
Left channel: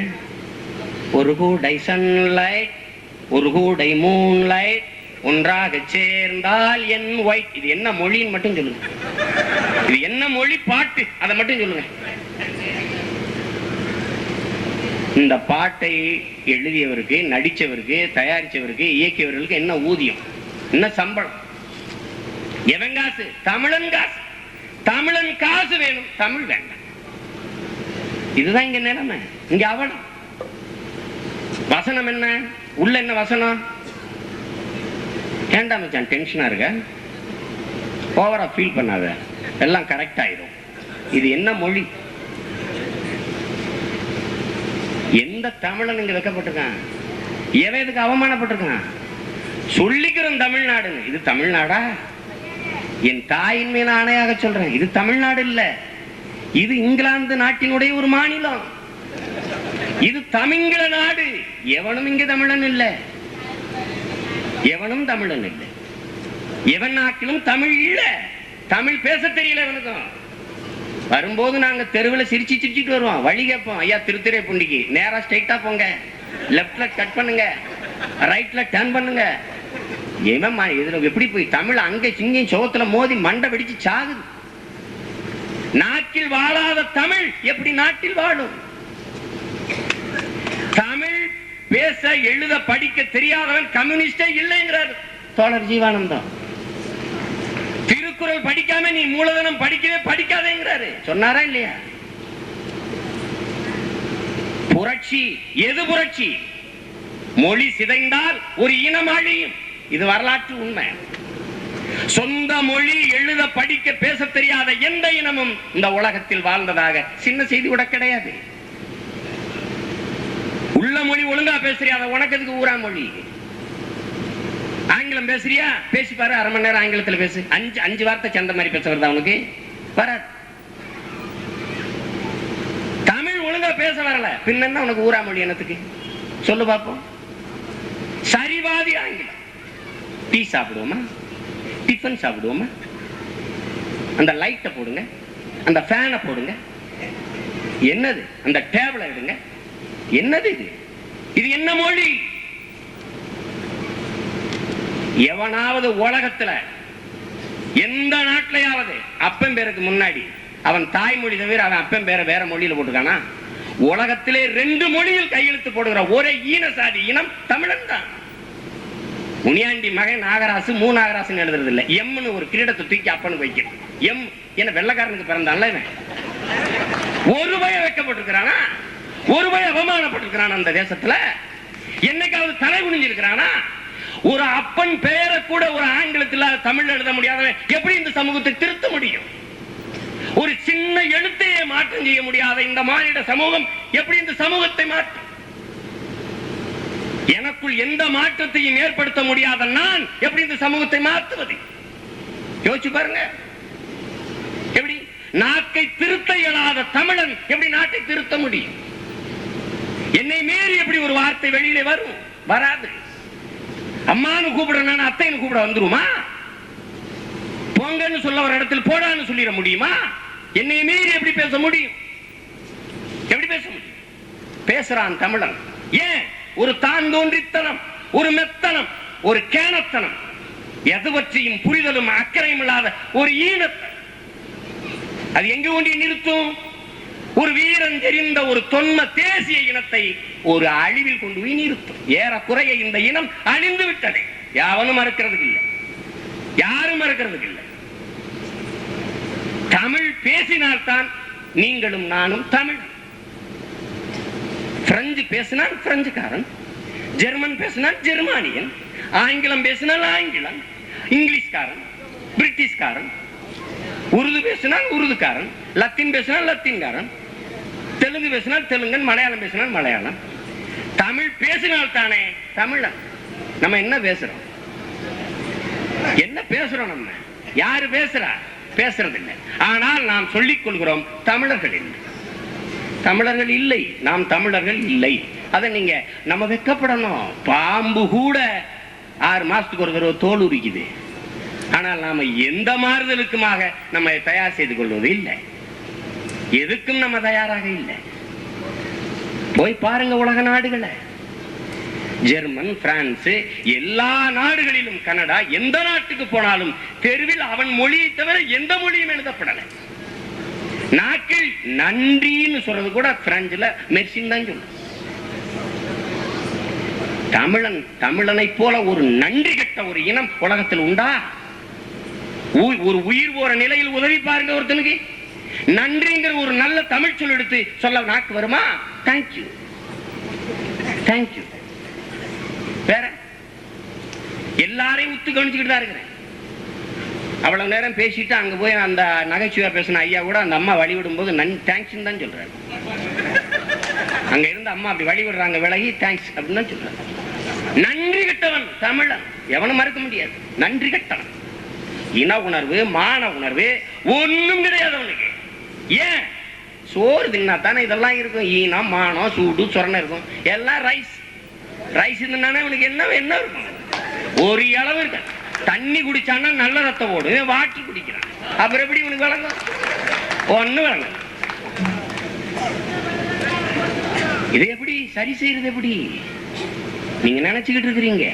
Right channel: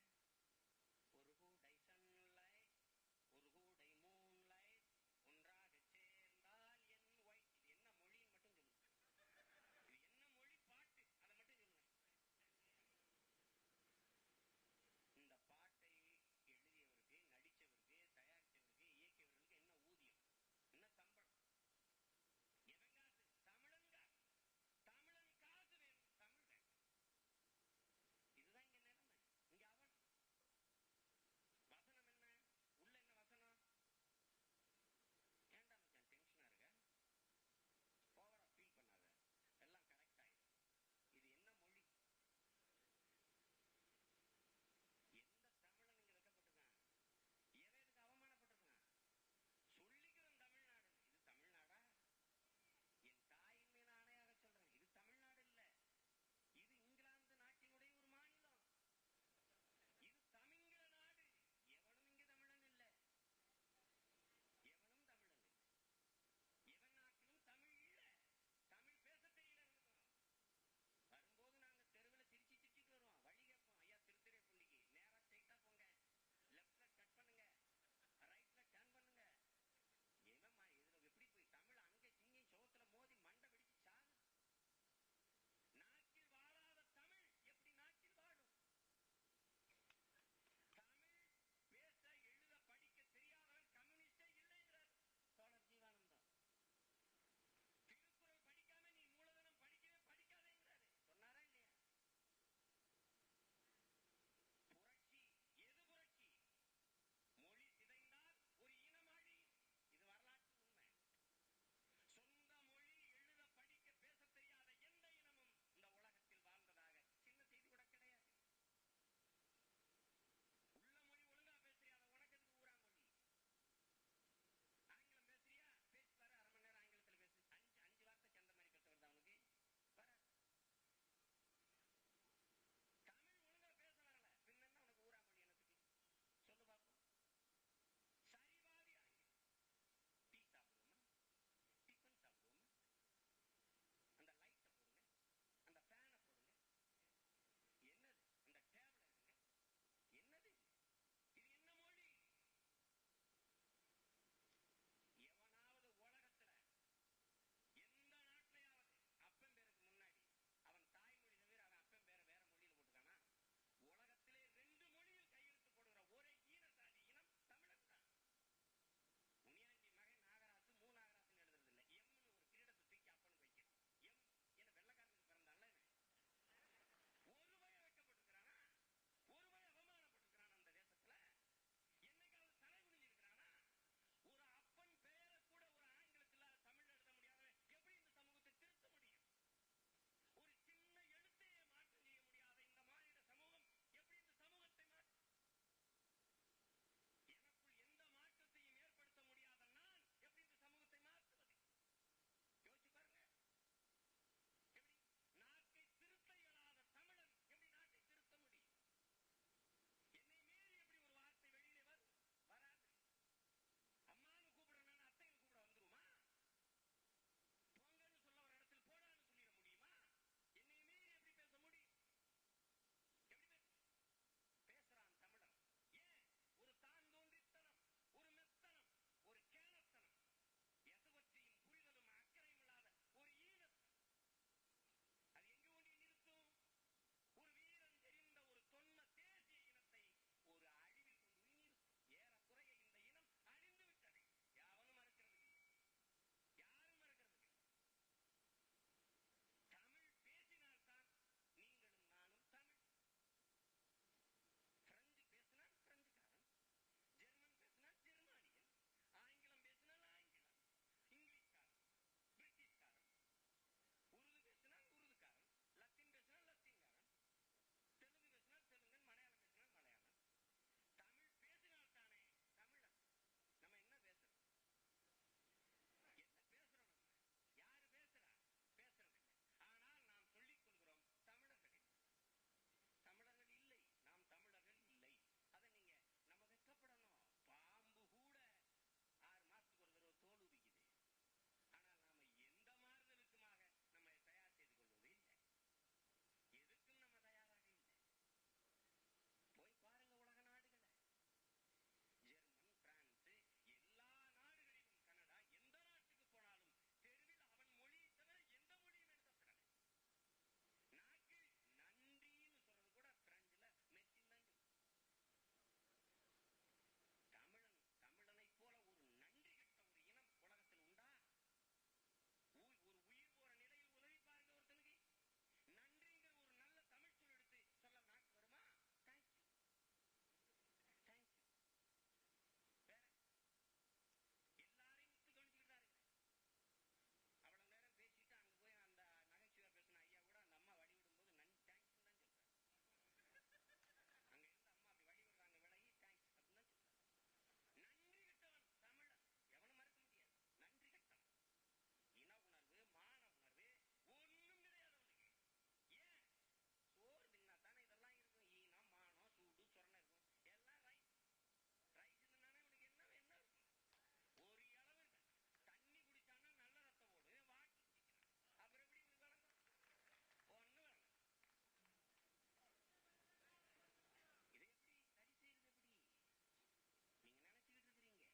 ஒரு கூடை சன்லைட், ஒரு கூடை மூன்லைட், ஒன்றாக சேர்ந்தால் என் ஒயிட். இது என்ன மொழின்னு மட்டும் சொல்லுங்க. இது என்ன மொழி பாட்டு, அதை மட்டும் சொல்லுங்க. இந்த பாட்டை எழுதியவருக்கு, நடிச்சவருக்கு, தயாரிச்சவருக்கு, இயக்கியவர்களுக்கு என்ன ஊதியம், என்ன சம்பளம், எவன் காசு? தமிழன் காசு. தமிழன் காசு வேணும், தமிழ் வேண்டாம். இதுதான் இங்க நிலைமை. இங்க அவலம். வசனம் என்ன? உள்ள என்ன வசனம்? ஏண்டா மச்சான் டென்ஷனா இருக்க? ஓவரா ஃபீல் பண்ணாத, எல்லாம் கரெக்ட் ஆயிடும். இது என்ன மொழி? எந்த தமிழன் இங்க வைக்கப்பட்டிருக்கான்? எவன் இதுக்கு அவமானப்பட்டிருக்கான்? சொல்லிக்கிறோம் தமிழ்நாடுன்னு. இது தமிழ்நாடா? என் தாயின் மேல ஆணையாக சொல்றேன், இது தமிழ்நாடு இல்ல. இது இங்கிலாந்து நாட்டினுடைய ஒரு மாநிலம். இது தமிழ நாடு. எவனும் இங்க தமிழன் இல்ல, எவனும் தமிழன் இல்ல. எவன் நாட்டிலும் தமிழ் இல்ல. தமிழ் பேச தெரியல எவனுக்கும். வரும்போது நாங்க தெருவில் சிரிச்சிட்டு வருவோம். வழி கேட்போம், ஐயா திருத்துறைப்பூண்டிக்கு நேரா ஸ்ட்ரைட்டா போங்க, லெப்ட்ல கட் பண்ணுங்க, ரைட்ல டர்ன் பண்ணுங்க. இதுல எப்படி போய் தமிழ் அங்க சிங்கையும் சோத்துல மோதி மண்டை வெடிச்சு சாகுது. நாக்கில் வாழாத தமிழ் எப்படி நாட்டில் வாழும்? தமிழ் பேச எழுத படிக்க தெரியாதவன் கம்யூனிஸ்டே இல்லைங்கிறார் தோழர் ஜீவானந்தம். திருக்குறள் படிக்காம நீ மூலதனம் படிக்கவே படிக்காதேங்கிறாரு. சொன்னாரா இல்லையா? புரட்சி எது புரட்சி? மொழி சிதைந்தால் ஒரு இனம் அழியும். இது வரலாற்று உண்மை. சொந்த மொழி எழுத படிக்க பேச தெரியாத எந்த இனமும் இந்த உலகத்தில் வாழ்ந்ததாக சின்ன செய்தி கூட கிடையாது. உள்ள மொழி ஒழுங்கா பேசுறியா, உனக்கு எதுக்கு ஊரா மொழி? ஆங்கிலம் பேசுறியா, பேசி பாரு, அரை மணி நேரம் ஆங்கிலத்தில் பேசு. அஞ்சு வார்த்தை சேர்ந்த மாதிரி பேச வருதா உனக்கு? வராது. தமிழ் ஒழுங்கா பேச வரல, பின்ன உனக்கு ஊரா மொழி என்னத்துக்கு சொல்லு பார்ப்போம். சரிவாதி ஆங்கிலம். டீ சாப்பிடுவோமா, டிஃபன் சாப்பிடுவோமா, அந்த லைட்டை போடுங்க, அந்த ஃபேனை போடுங்க, என்னது அந்த டேபிளை எடுங்க, என்னது இது? இது என்ன மொழி? எவனாவது உலகத்துல எந்த நாட்டிலையாவது அப்பன் பேருக்கு முன்னாடி அவன் தாய்மொழி தவிர அவன் அப்பன் பேரை வேற மொழியில போட்டுக்கானா? உலகத்திலே 2 மொழியில் கையெழுத்து போடுகிற ஒரே ஈன சாதி இனம் தமிழன் தான். முனியாண்டி மகன் நாகராசு நாகராசு எழுதுறது இல்ல, எம்னு ஒரு கிரீடத்தை தூக்கி அப்பனுக்கு வைக்கிறது. எம் என்ன வெள்ளக்காரனுக்கு பிறந்தான்ல, ஒரு பய வைக்கப்பட்டிருக்கிறானா? ஒரு பய அவமானப்பட்டிருக்கிறான் அந்த தேசத்துல? என்னைக்காவது தலை குனிஞ்சிருக்கிறானா? ஒரு அப்பன் பெயரை கூட ஒரு ஆங்கிலத்தில் தமிழ் எழுத முடியாதவன் எப்படி இந்த சமூகத்தை திருத்த முடியும்? ஒரு சின்ன எழுத்தையே மாற்றம் செய்ய முடியாத இந்த மாநில சமூகம் எப்படி இந்த சமூகத்தை மாற்றும்? எனக்குள் எந்த மாற்றத்தையும் ஏற்படுத்த முடியாத நான் எப்படி இந்த சமூகத்தை மாற்றுவது? யோசிச்சு பாருங்க. எப்படி நாட்டை திருத்த இயலாத தமிழன் எப்படி நாட்டை திருத்த முடியும்? என்னை மீறி எப்படி ஒரு வார்த்தை வெளியிலே வரும்? வராது. அம்மானு கூப்பிடுறேன், அத்தைன்னு கூப்பிட வந்துருமா? பொங்கன்னு சொல்ல ஒரு இடத்தில் போடான்னு சொல்லிட முடியுமா? என்னை மீறி எப்படி பேச முடியும்? எப்படி பேச முடியும்? பேசுறான் தமிழன். ஏன்? ஒரு தான் தோன்றித்தனம், ஒரு மெத்தனம், ஒரு கேனத்தனம், எது பற்றியும் புரிதலும் அக்கறையும் இல்லாத ஒரு ஈனத்தனம். அது எங்க கொண்டு நிறுத்தும்? ஒரு வீரன் தெரிந்த ஒரு தொன்ம தேசிய இனத்தை ஒரு அழிவில் கொண்டு போய் நிறுத்தும். ஏறக்குறைய இந்த இனம் அழிந்து விட்டது. யாவனும் மறுக்கிறதுக்கு இல்லை, யாரும் மறுக்கிறதுக்கு இல்லை. தமிழ் பேசினால்தான் நீங்களும் நானும் தமிழ். பிரெஞ்சு பேசினால் பிரெஞ்சுக்காரன், ஜெர்மன் பேசினால் ஜெர்மானியன், ஆங்கிலம் பேசினால் ஆங்கிலம், இங்கிலீஷ்காரன், பிரிட்டிஷ்காரன், உருது பேசினால் உருதுக்காரன், லத்தீன் பேசினால் லத்தீன்காரன், தெலுங்கு பேசினால் தெலுங்கன், மலையாளம் பேசினால் மலையாளம். தமிழ் பேசினால் தானே தமிழன். நம்ம என்ன பேசுறோம்? என்ன பேசுறோம்? நம்ம யாரு பேசுறா? பேசுறது இல்லை. ஆனால் நாம் சொல்லிக் கொள்கிறோம் தமிழர்கள் இல்லை, தமிழர்கள் இல்லை, நாம் தமிழர்கள் இல்லை. அதை நீங்க நம்ம வெட்கப்படணும். பாம்பு கூட 6 மாசத்துக்கு ஒரு தடவை தோல் உரிக்குது. ஆனால் நாம எந்த மாறுதலுக்குமாக நம்ம தயார் செய்து கொள்வது இல்லை. எதுக்கும் நம்ம தயாராக இல்லை. போய் பாருங்க உலக நாடுகளை, ஜெர்மன், பிரான்ஸ், எல்லா நாடுகளிலும், கனடா, எந்த நாட்டுக்கு போனாலும் தெருவில் அவன் மொழியை தவிர எந்த மொழியும் எழுதப்படலை. நாக்கில் நன்றின்னு சொல்றது கூட பிரெஞ்சுல மெர்சின் தான் சொல்ல. தமிழனை போல ஒரு நன்றி கெட்ட ஒரு இனம் உலகத்தில் உண்டா? ஒரு உயிர் போற நிலையில் உதவி பாருங்க ஒருத்தனுக்கு. நன்றிங்கிற ஒரு நல்ல தமிழ் சொல் எடுத்து சொல்ல நாக்கு வருமா? Thank you, thank you. வேற எல்லாரையும் உத்து கவனிச்சுக்கிட்டு தான் இருக்கிறேன். அவ்வளவு நேரம் பேசிட்டு அங்க போய் அந்த நகைச்சுவையா பேசின ஐயா கூட அந்த அம்மா வழிவிடும் போது தேங்க்ஸ் தான் சொல்றாரு. அங்க இருந்து அம்மா அப்படி வழிவிடுறாங்க, விலகி தேங்க்ஸ் அப்படின்னு தான் சொல்றாரு. நன்றி கெட்டவன் தமிழன், எவனும் மறுக்க முடியாது. நன்றி கெட்டவன். இன உணர்வு, மான உணர்வு ஒண்ணும் கிடையாது அவனுக்கு. ஏன்? சோறு தின்னா தானே இதெல்லாம் இருக்கும். ஈனம், மானம், சூடு, சொரணை இருக்கும். எல்லாம் ரைஸ் ரைஸ் இருந்தானே அவனுக்கு என்ன என்ன இருக்கும்? ஒரு அளவு இருக்க. தண்ணி குடிச்சான்னா நல்ல ரத்தம் ஓடும், வாட்டர் குடிக்கிறான். அப்புறம் எப்படி உனக்கு வழங்கும்? ஒண்ணு வழங்க. இதை எப்படி சரி செய்யறது? எப்படி நீங்க நினைச்சுக்கிட்டு இருக்கிறீங்க?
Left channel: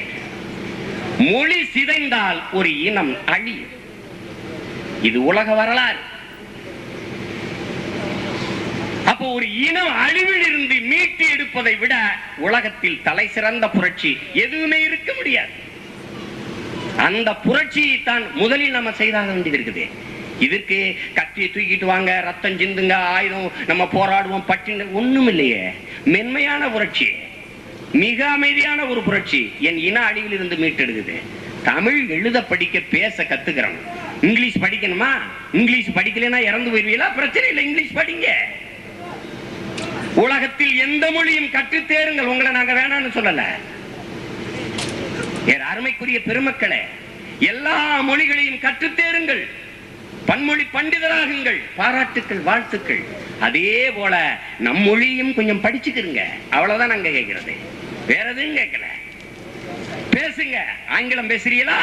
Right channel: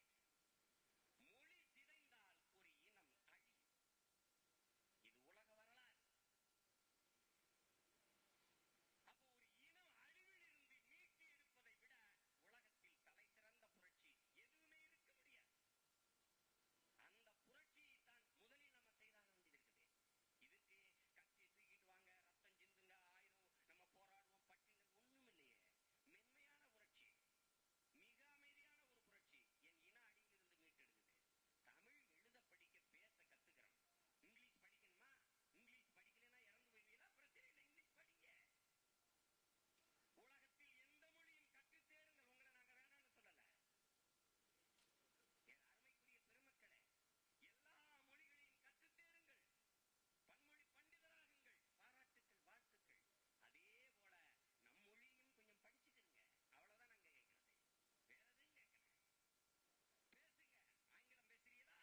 மொழி சிதைந்தால் ஒரு இனம் அழியும். இது உலக வரலாறு. அப்போ ஒரு இனம் அழிவில் இருந்து மீட்டு எடுப்பதை விட உலகத்தில் தலை சிறந்த புரட்சி எதுவுமே இருக்க முடியாது. அந்த புரட்சியை தான் முதலில் நம்ம செய்தாக வேண்டியது இருக்குது. இதற்கு கத்தியை தூக்கிட்டு வாங்க, ரத்தம் சிந்துங்க, ஆயுதம் நம்ம போராடுவோம், பட்டின ஒண்ணும் இல்லையே. மென்மையான புரட்சி, மிக அமைதியான ஒரு புரட்சி என் இன அழிவில் இருந்து மீட்டெடுக்குது. தமிழ் எழுத படிக்க பேச கத்துக்கிறோம். இங்கிலீஷ் படிக்கணுமா? இங்கிலீஷ் படிக்கலன்னா இறந்து போயிருவீங்களா? பிரச்சனை இல்லை, இங்கிலீஷ் படிங்க. உலகத்தில் எந்த மொழியும் கற்று தேருங்கள், உங்களை நாங்க வேணாம்னு சொல்லல. அருமைக்குரிய பெருமக்களே, எல்லா மொழிகளையும் கற்று தேருங்கள், பன்மொழி பண்டிதராகுங்கள், பாராட்டுக்கள், வாழ்த்துக்கள். அதே போல நம் மொழியும் கொஞ்சம் படிச்சுக்கிறங்க, அவ்வளவுதான் நாங்க கேட்கிறது, வேற எதுவும் கேட்கல. பேசுங்க. ஆங்கிலம் பேசுறீங்களா?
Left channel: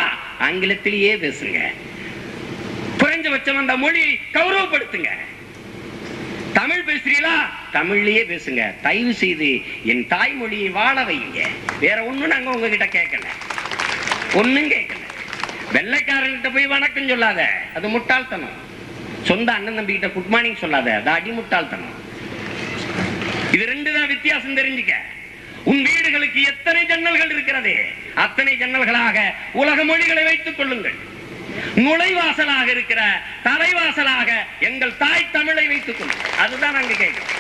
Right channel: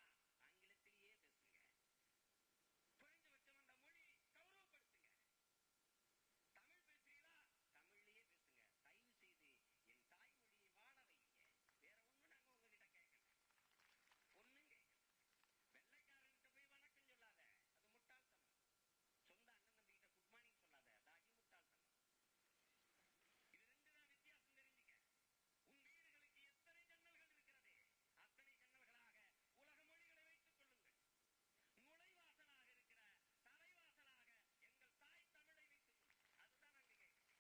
ஆங்கிலத்திலேயே பேசுங்க. குறைஞ்சபட்சம் அந்த மொழி கௌரவப்படுத்துங்க. தமிழ் பேசுறீங்களா? தமிழ்லயே பேசுங்க. தயவு செய்து என் தாய்மொழியை வாழ வைங்க. வேற ஒண்ணும் நாங்க உங்ககிட்ட கேட்கல, ஒண்ணும் கேட்கல. வெள்ளைக்காரன்கிட்ட போய் வணக்கம் சொல்லாத, அது முட்டாள்தனம். சொந்த அண்ணன் தம்பி கிட்ட குட் மார்னிங் சொல்லாத, அது அடி முட்டாள்தனம். இது ரெண்டு தான் வித்தியாசம், தெரிஞ்சுக்க. உன் வீடுகளுக்கு எத்தனை ஜன்னல்கள் இருக்கிறது, அத்தனை ஜன்னல்களாக உலக மொழிகளை வைத்துக் கொள்ளுங்கள். நுழைவாசலாக இருக்கிற தலைவாசலாக எங்கள் தாய் தமிழை வைத்துக் கொள்ளுங்கள். அதுதான் நாங்க கேட்கிறோம்.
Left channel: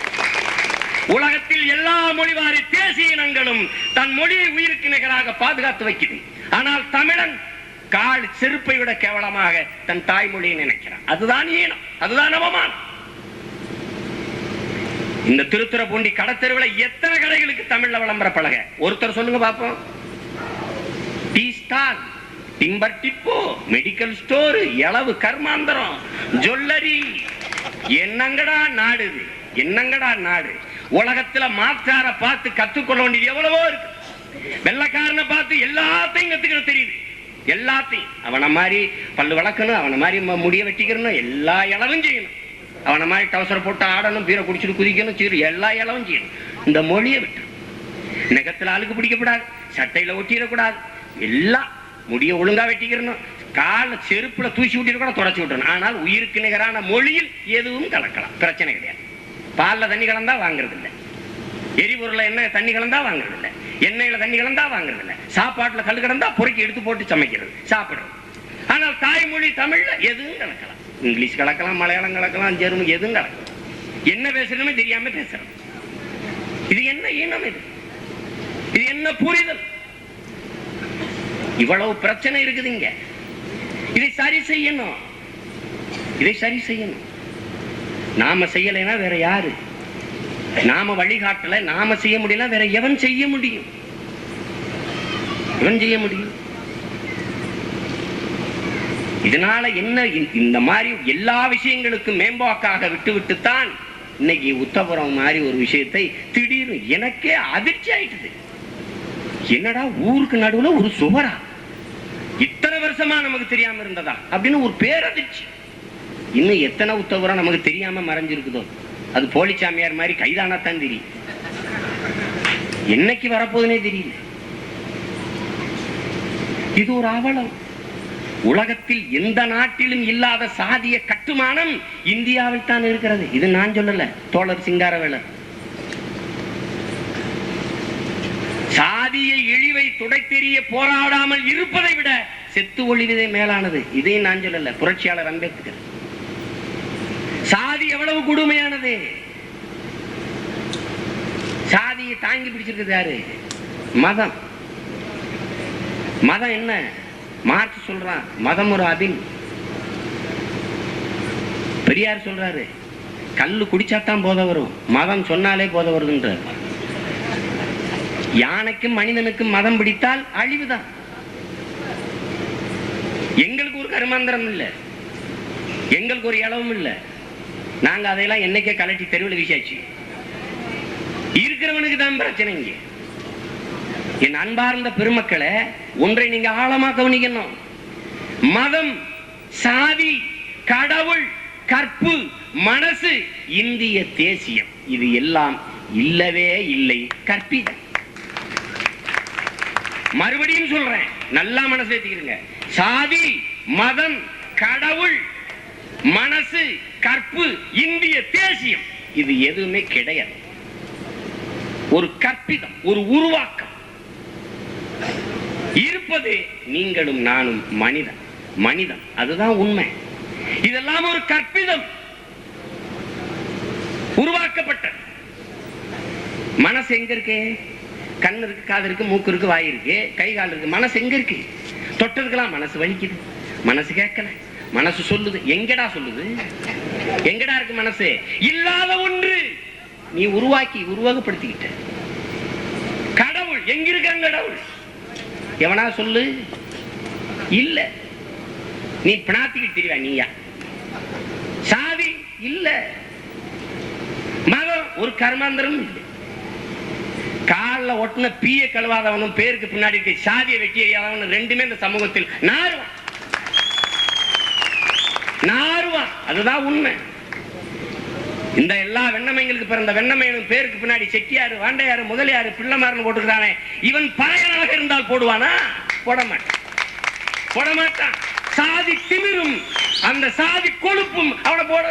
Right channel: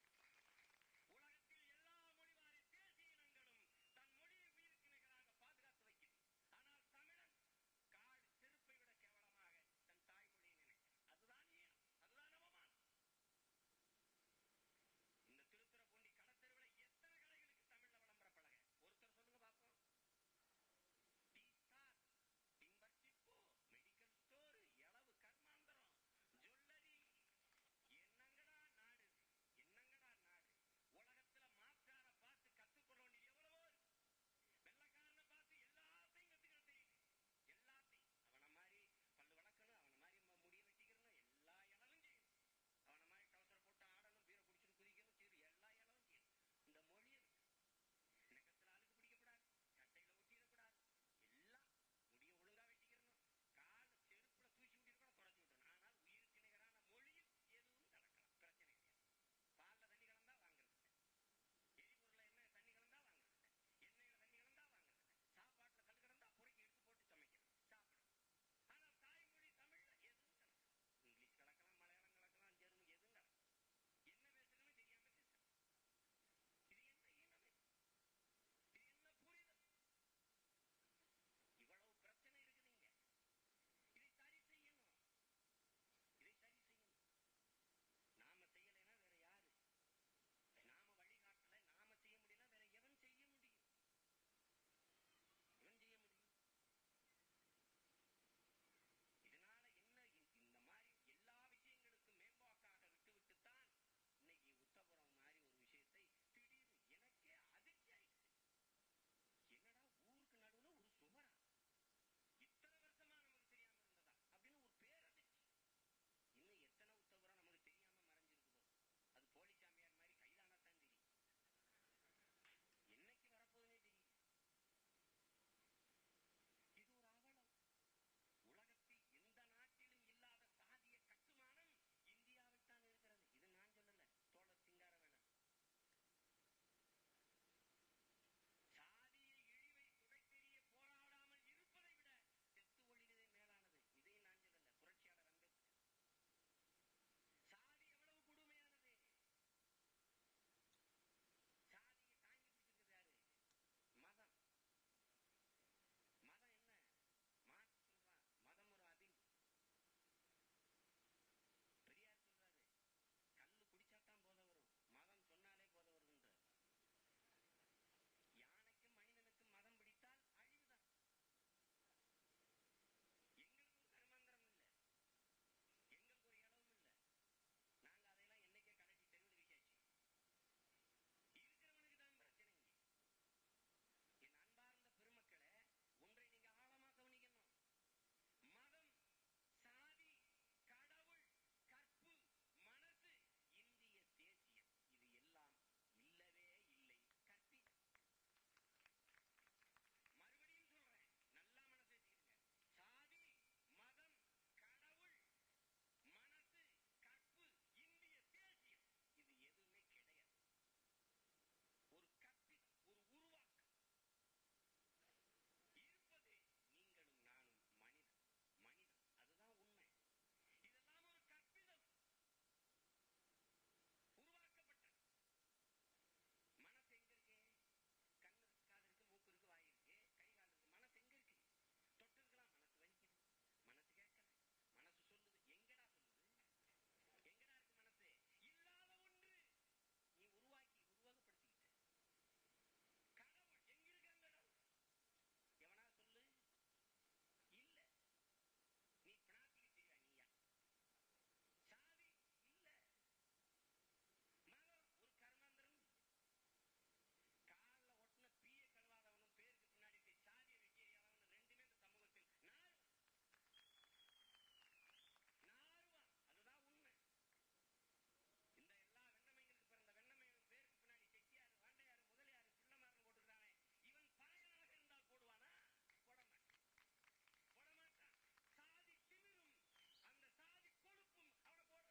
உலகத்தில் எல்லா மொழிவாரி தேசிய இனங்களும் தன் மொழியை உயிருக்கு நிகராக பாதுகாத்து வைக்கிறது. ஆனால் தமிழன் கால் செருப்பை விட கேவலமாக தன் தாய்மொழியை நினைக்கிறான். அதுதான் ஈனம், அதுதான் அவமானம். இந்த திருத்துறைப்பூண்டி கடத்தெருவில் எத்தனை கடைகளுக்கு தமிழ்ல விளம்பர பலக? ஒருத்தர் சொல்லுங்க பாப்போம். Tea stall, timber depot, medical store, எளவு கர்மாந்தரம், ஜுவல்லரி. என்னங்கடா நாடு இது, என்னங்கடா நாடு? உலகத்துல மாற்றார பார்த்து கத்துக்கொள்ள வேண்டியது எவ்வளவோ இருக்கு. வெள்ளக்காரனை பார்த்து எல்லாத்தையும் கத்துக்கிற தெரியுது, எல்லாத்தையும். அவனை மாதிரி பல்லு வளர்க்கணும், அவனை மாதிரி முடிய வெட்டிக்கணும், எல்லா இளவும் செய்யணும். அவனை மாதிரி டவுசர் போட்டு ஆடணும், பீரை குடிச்சிட்டு குதிக்கணும், சீரு எல்லா இளவும் செய்யணும். இந்த மொழியை விட்டு நெகத்துல அழுக்கு பிடிக்கப்படாது, சட்டையில ஒட்டிடக்கூடாது, எல்லாம் முடிய ஒழுங்கா வெட்டிக்கிறணும், கால செருப்புல தூசி விட்டு கூட தொடச்சி விட்டுறணும். ஆனால் உயிருக்கு நிகரான மொழியில் எதுவும் கலக்கலாம், பிரச்சனை கிடையாது. பால்ல தண்ணி கலந்தா வாங்குறது இல்லை, எரிபொருள்ல என்ன தண்ணி கலந்தா வாங்குறது இல்லை, எண்ணெயில தண்ணி கலந்தா வாங்குறது இல்லை, சாப்பாட்டுல கல் கிடந்தா பொறுக்கி எடுத்து போட்டு சமைக்கிறது, சாப்பிடுறது. ஆனால் தாய்மொழி தமிழ்ல எதுவும் கலக்கலாம். இங்கிலீஷ் கலக்கலாம், மலையாளம் கலக்கலாம், ஜெர்மன், எதுவும் கலக்கலாம். என்ன பேசுறதுன்னு தெரியாம பேசுறோம். இது என்ன இனம்? இது என்ன புரிதல்? இவ்வளவு பிரச்சனை இருக்குதுங்க. இதை சரி செய்யணும், இதை சரி செய்யணும். நாம செய்யலைன்னா வேற யாரு? நாம வழிகாட்டல, நாம செய்ய முடியல, வேற எவன் செய்ய முடியும்? எவன் செய்ய முடியும்? இதனால என்ன, இந்த மாதிரி எல்லா விஷயங்களுக்கும் மேம்பாக்காக விட்டு விட்டுத்தான் இன்னைக்கு உத்தபுரம் மாதிரி ஒரு விஷயத்தை திடீர்னு எனக்கே அதிர்ச்சி ஆயிட்டுது. என்னடா ஊருக்கு நடுவுல ஒரு சுவரா, இத்தனை வருஷமா நமக்கு தெரியாம இருந்ததா அப்படின்னு ஒரு பேரதிர்ச்சி. இன்னும் எத்தனை உத்தபுரம் நமக்கு தெரியாம மறைஞ்சிருக்குதோ, அது போலிச்சாமியார் மாதிரி கைதானத்தான் தெரியும். என்னைக்கு வரப்போதுனே தெரியல. இது ஒரு அவலம். உலகத்தில் எந்த நாட்டிலும் இல்லாத சாதிய கட்டுமானம் இந்தியாவில் தான் இருக்கிறது. இது நான் சொல்லல, தோழர் சிங்காரவேலர். சாதிய இழிவை துடைத்தெறிய போராடாமல் இருப்பதை விட செத்து ஒழிவதே மேலானது. இதையும் நான் சொல்லல, புரட்சியாளர் அம்பேத்கர். சாதி எவ்வளவு கொடுமையானது. சாதியை தாங்கி பிடிச்சிருக்கிறது யாரு? மதம். மதம் என்ன? மார்க்ஸ் சொல்றான், மதம் ஒரு அபின். பெரியார் சொல்றாரு, கல்லு குடிச்சாத்தான் போதை வரும், மதம் சொன்னாலே போதை வருதுன்றார். யானைக்கும் மனிதனுக்கும் மதம் பிடித்தால் அழிவுதான். எங்களுக்கு ஒரு கருமாந்திரம் இல்லை, எங்களுக்கு ஒரு இளவும் இல்லை. நாங்க அதையெல்லாம் என்னைக்கே கலட்டி தெருவில் வீசாச்சு. இருக்கிறவனுக்கு தான் பிரச்சனை. இங்க என் அன்பார்ந்த பெருமக்களை, ஒன்றை நீங்க ஆழமா கவனிக்கணும். மதம், சாதி, கடவுள், கற்பு, மனசு, இந்திய தேசியம், இது எல்லாம் இல்லவே இல்லை, கற்பிதம். மறுபடியும் சொல்றேன், நல்லா மனசு ஏத்திக்கிறீங்க. சாதி, மதம், கடவுள், மனசு, கற்பு, இந்திய தேசியம், இது எதுவுமே கிடையாது. ஒரு கற்பிதம், ஒரு உருவாக்கம். இருப்பது நீங்களும் நானும் மனிதன். மனிதன் அதுதான் உண்மை. இதெல்லாம் ஒரு கற்பிதம், உருவாக்கப்பட்ட. மனசு எங்க இருக்கு? கண்ணு இருக்கு, காது இருக்கு, மூக்கு இருக்கு, வாய் இருக்கு, கை கால் இருக்கு. மனசு எங்க இருக்கு? தொட்டதுக்கெல்லாம் மனசு வலிக்குது, மனசு கேட்கல, மனசு சொல்லுது. எங்கடா சொல்லுது? எங்கடா இருக்கு மனசு? இல்லாத ஒன்று நீ உருவாக்கி உருவகப்படுத்திக்கிட்ட. கடவுள் எங்க இருக்க? கடவுள் எவனா சொல்லு? இல்ல. நீ பிணாத்திக்கிட்டு தெரியவா? நீயா? சாதி இல்ல, மதம் ஒரு கர்மாந்தரம் இல்லை. காலில் ஒட்டின பீய கழுவாதவனும் பேருக்கு பின்னாடி இருக்க சாதியை வெட்டி எறியாதவனும் ரெண்டுமே இந்த சமூகத்தில் நாறுவான். அதுதான் உண்மை. இந்த எல்லா வெண்ணமைங்களுக்கு பிறந்த வெண்ணமையனும் பேருக்கு பின்னாடி செட்டியாரு, வாண்டையாரு, முதலியாரு, பிள்ளைமாருன்னு போட்டுக்கிறானே, இவன் பறையனாக இருந்தால் போடுவானா? போட மாட்டான். சாதி திமிரும் அந்த சாதி கொழுப்பும் அவனை போட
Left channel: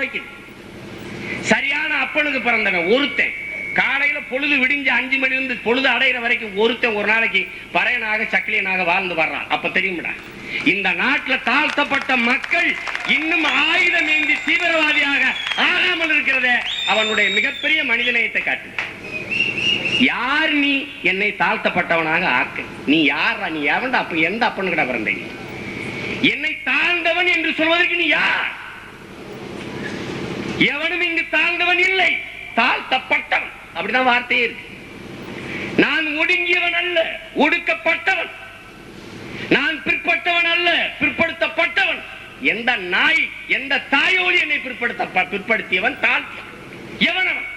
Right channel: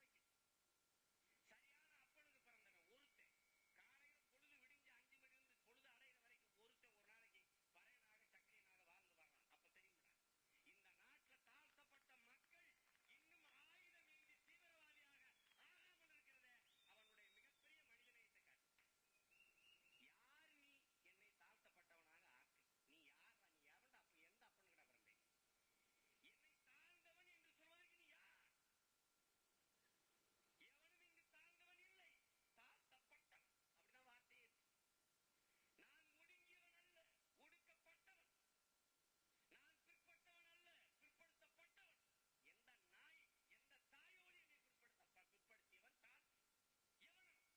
வைக்கும். சரியான அப்பனுக்கு பிறந்தவன் ஒருத்தன் காலையில பொழுது விடிஞ்சு 5 மணி இருந்து பொழுது அடைகிற வரைக்கும் ஒருத்தன் ஒரு நாளைக்கு பறையனாக சக்கிலியனாக வாழ்ந்து வர்றான். அப்ப தெரியும்டா, இந்த நாட்டில் தாழ்த்தப்பட்ட மக்கள் இன்னும் ஆயுதம் ஏந்தி தீவிரவாதியாக ஆகாமல் இருக்கிறத அவனுடைய மிகப்பெரிய மனிதநேயத்தை காட்டுது. யார் நீ என்னை தாழ்த்தப்பட்டவனாக ஆக்க? நீ யாரா? நீ எவன்டா? அப்ப எந்த அப்பனு கிட்ட பிறந்த? என்னை தாழ்ந்தவன் என்று சொல்வதற்கு நீ யார்? எவனும் இங்கு தாழ்ந்தவன் இல்லை, தாழ்த்தப்பட்டவன். அப்படிதான் வார்த்தையே இருக்கு. நான் ஒடுங்கியவன் அல்ல, ஒடுக்கப்பட்டவன். நான் பிற்பட்டவன் அல்ல, பிற்படுத்தப்பட்டவன். எந்த நாய், எந்த தாயோடு என்னை பிற்படுத்தியவன்? எவனவன்?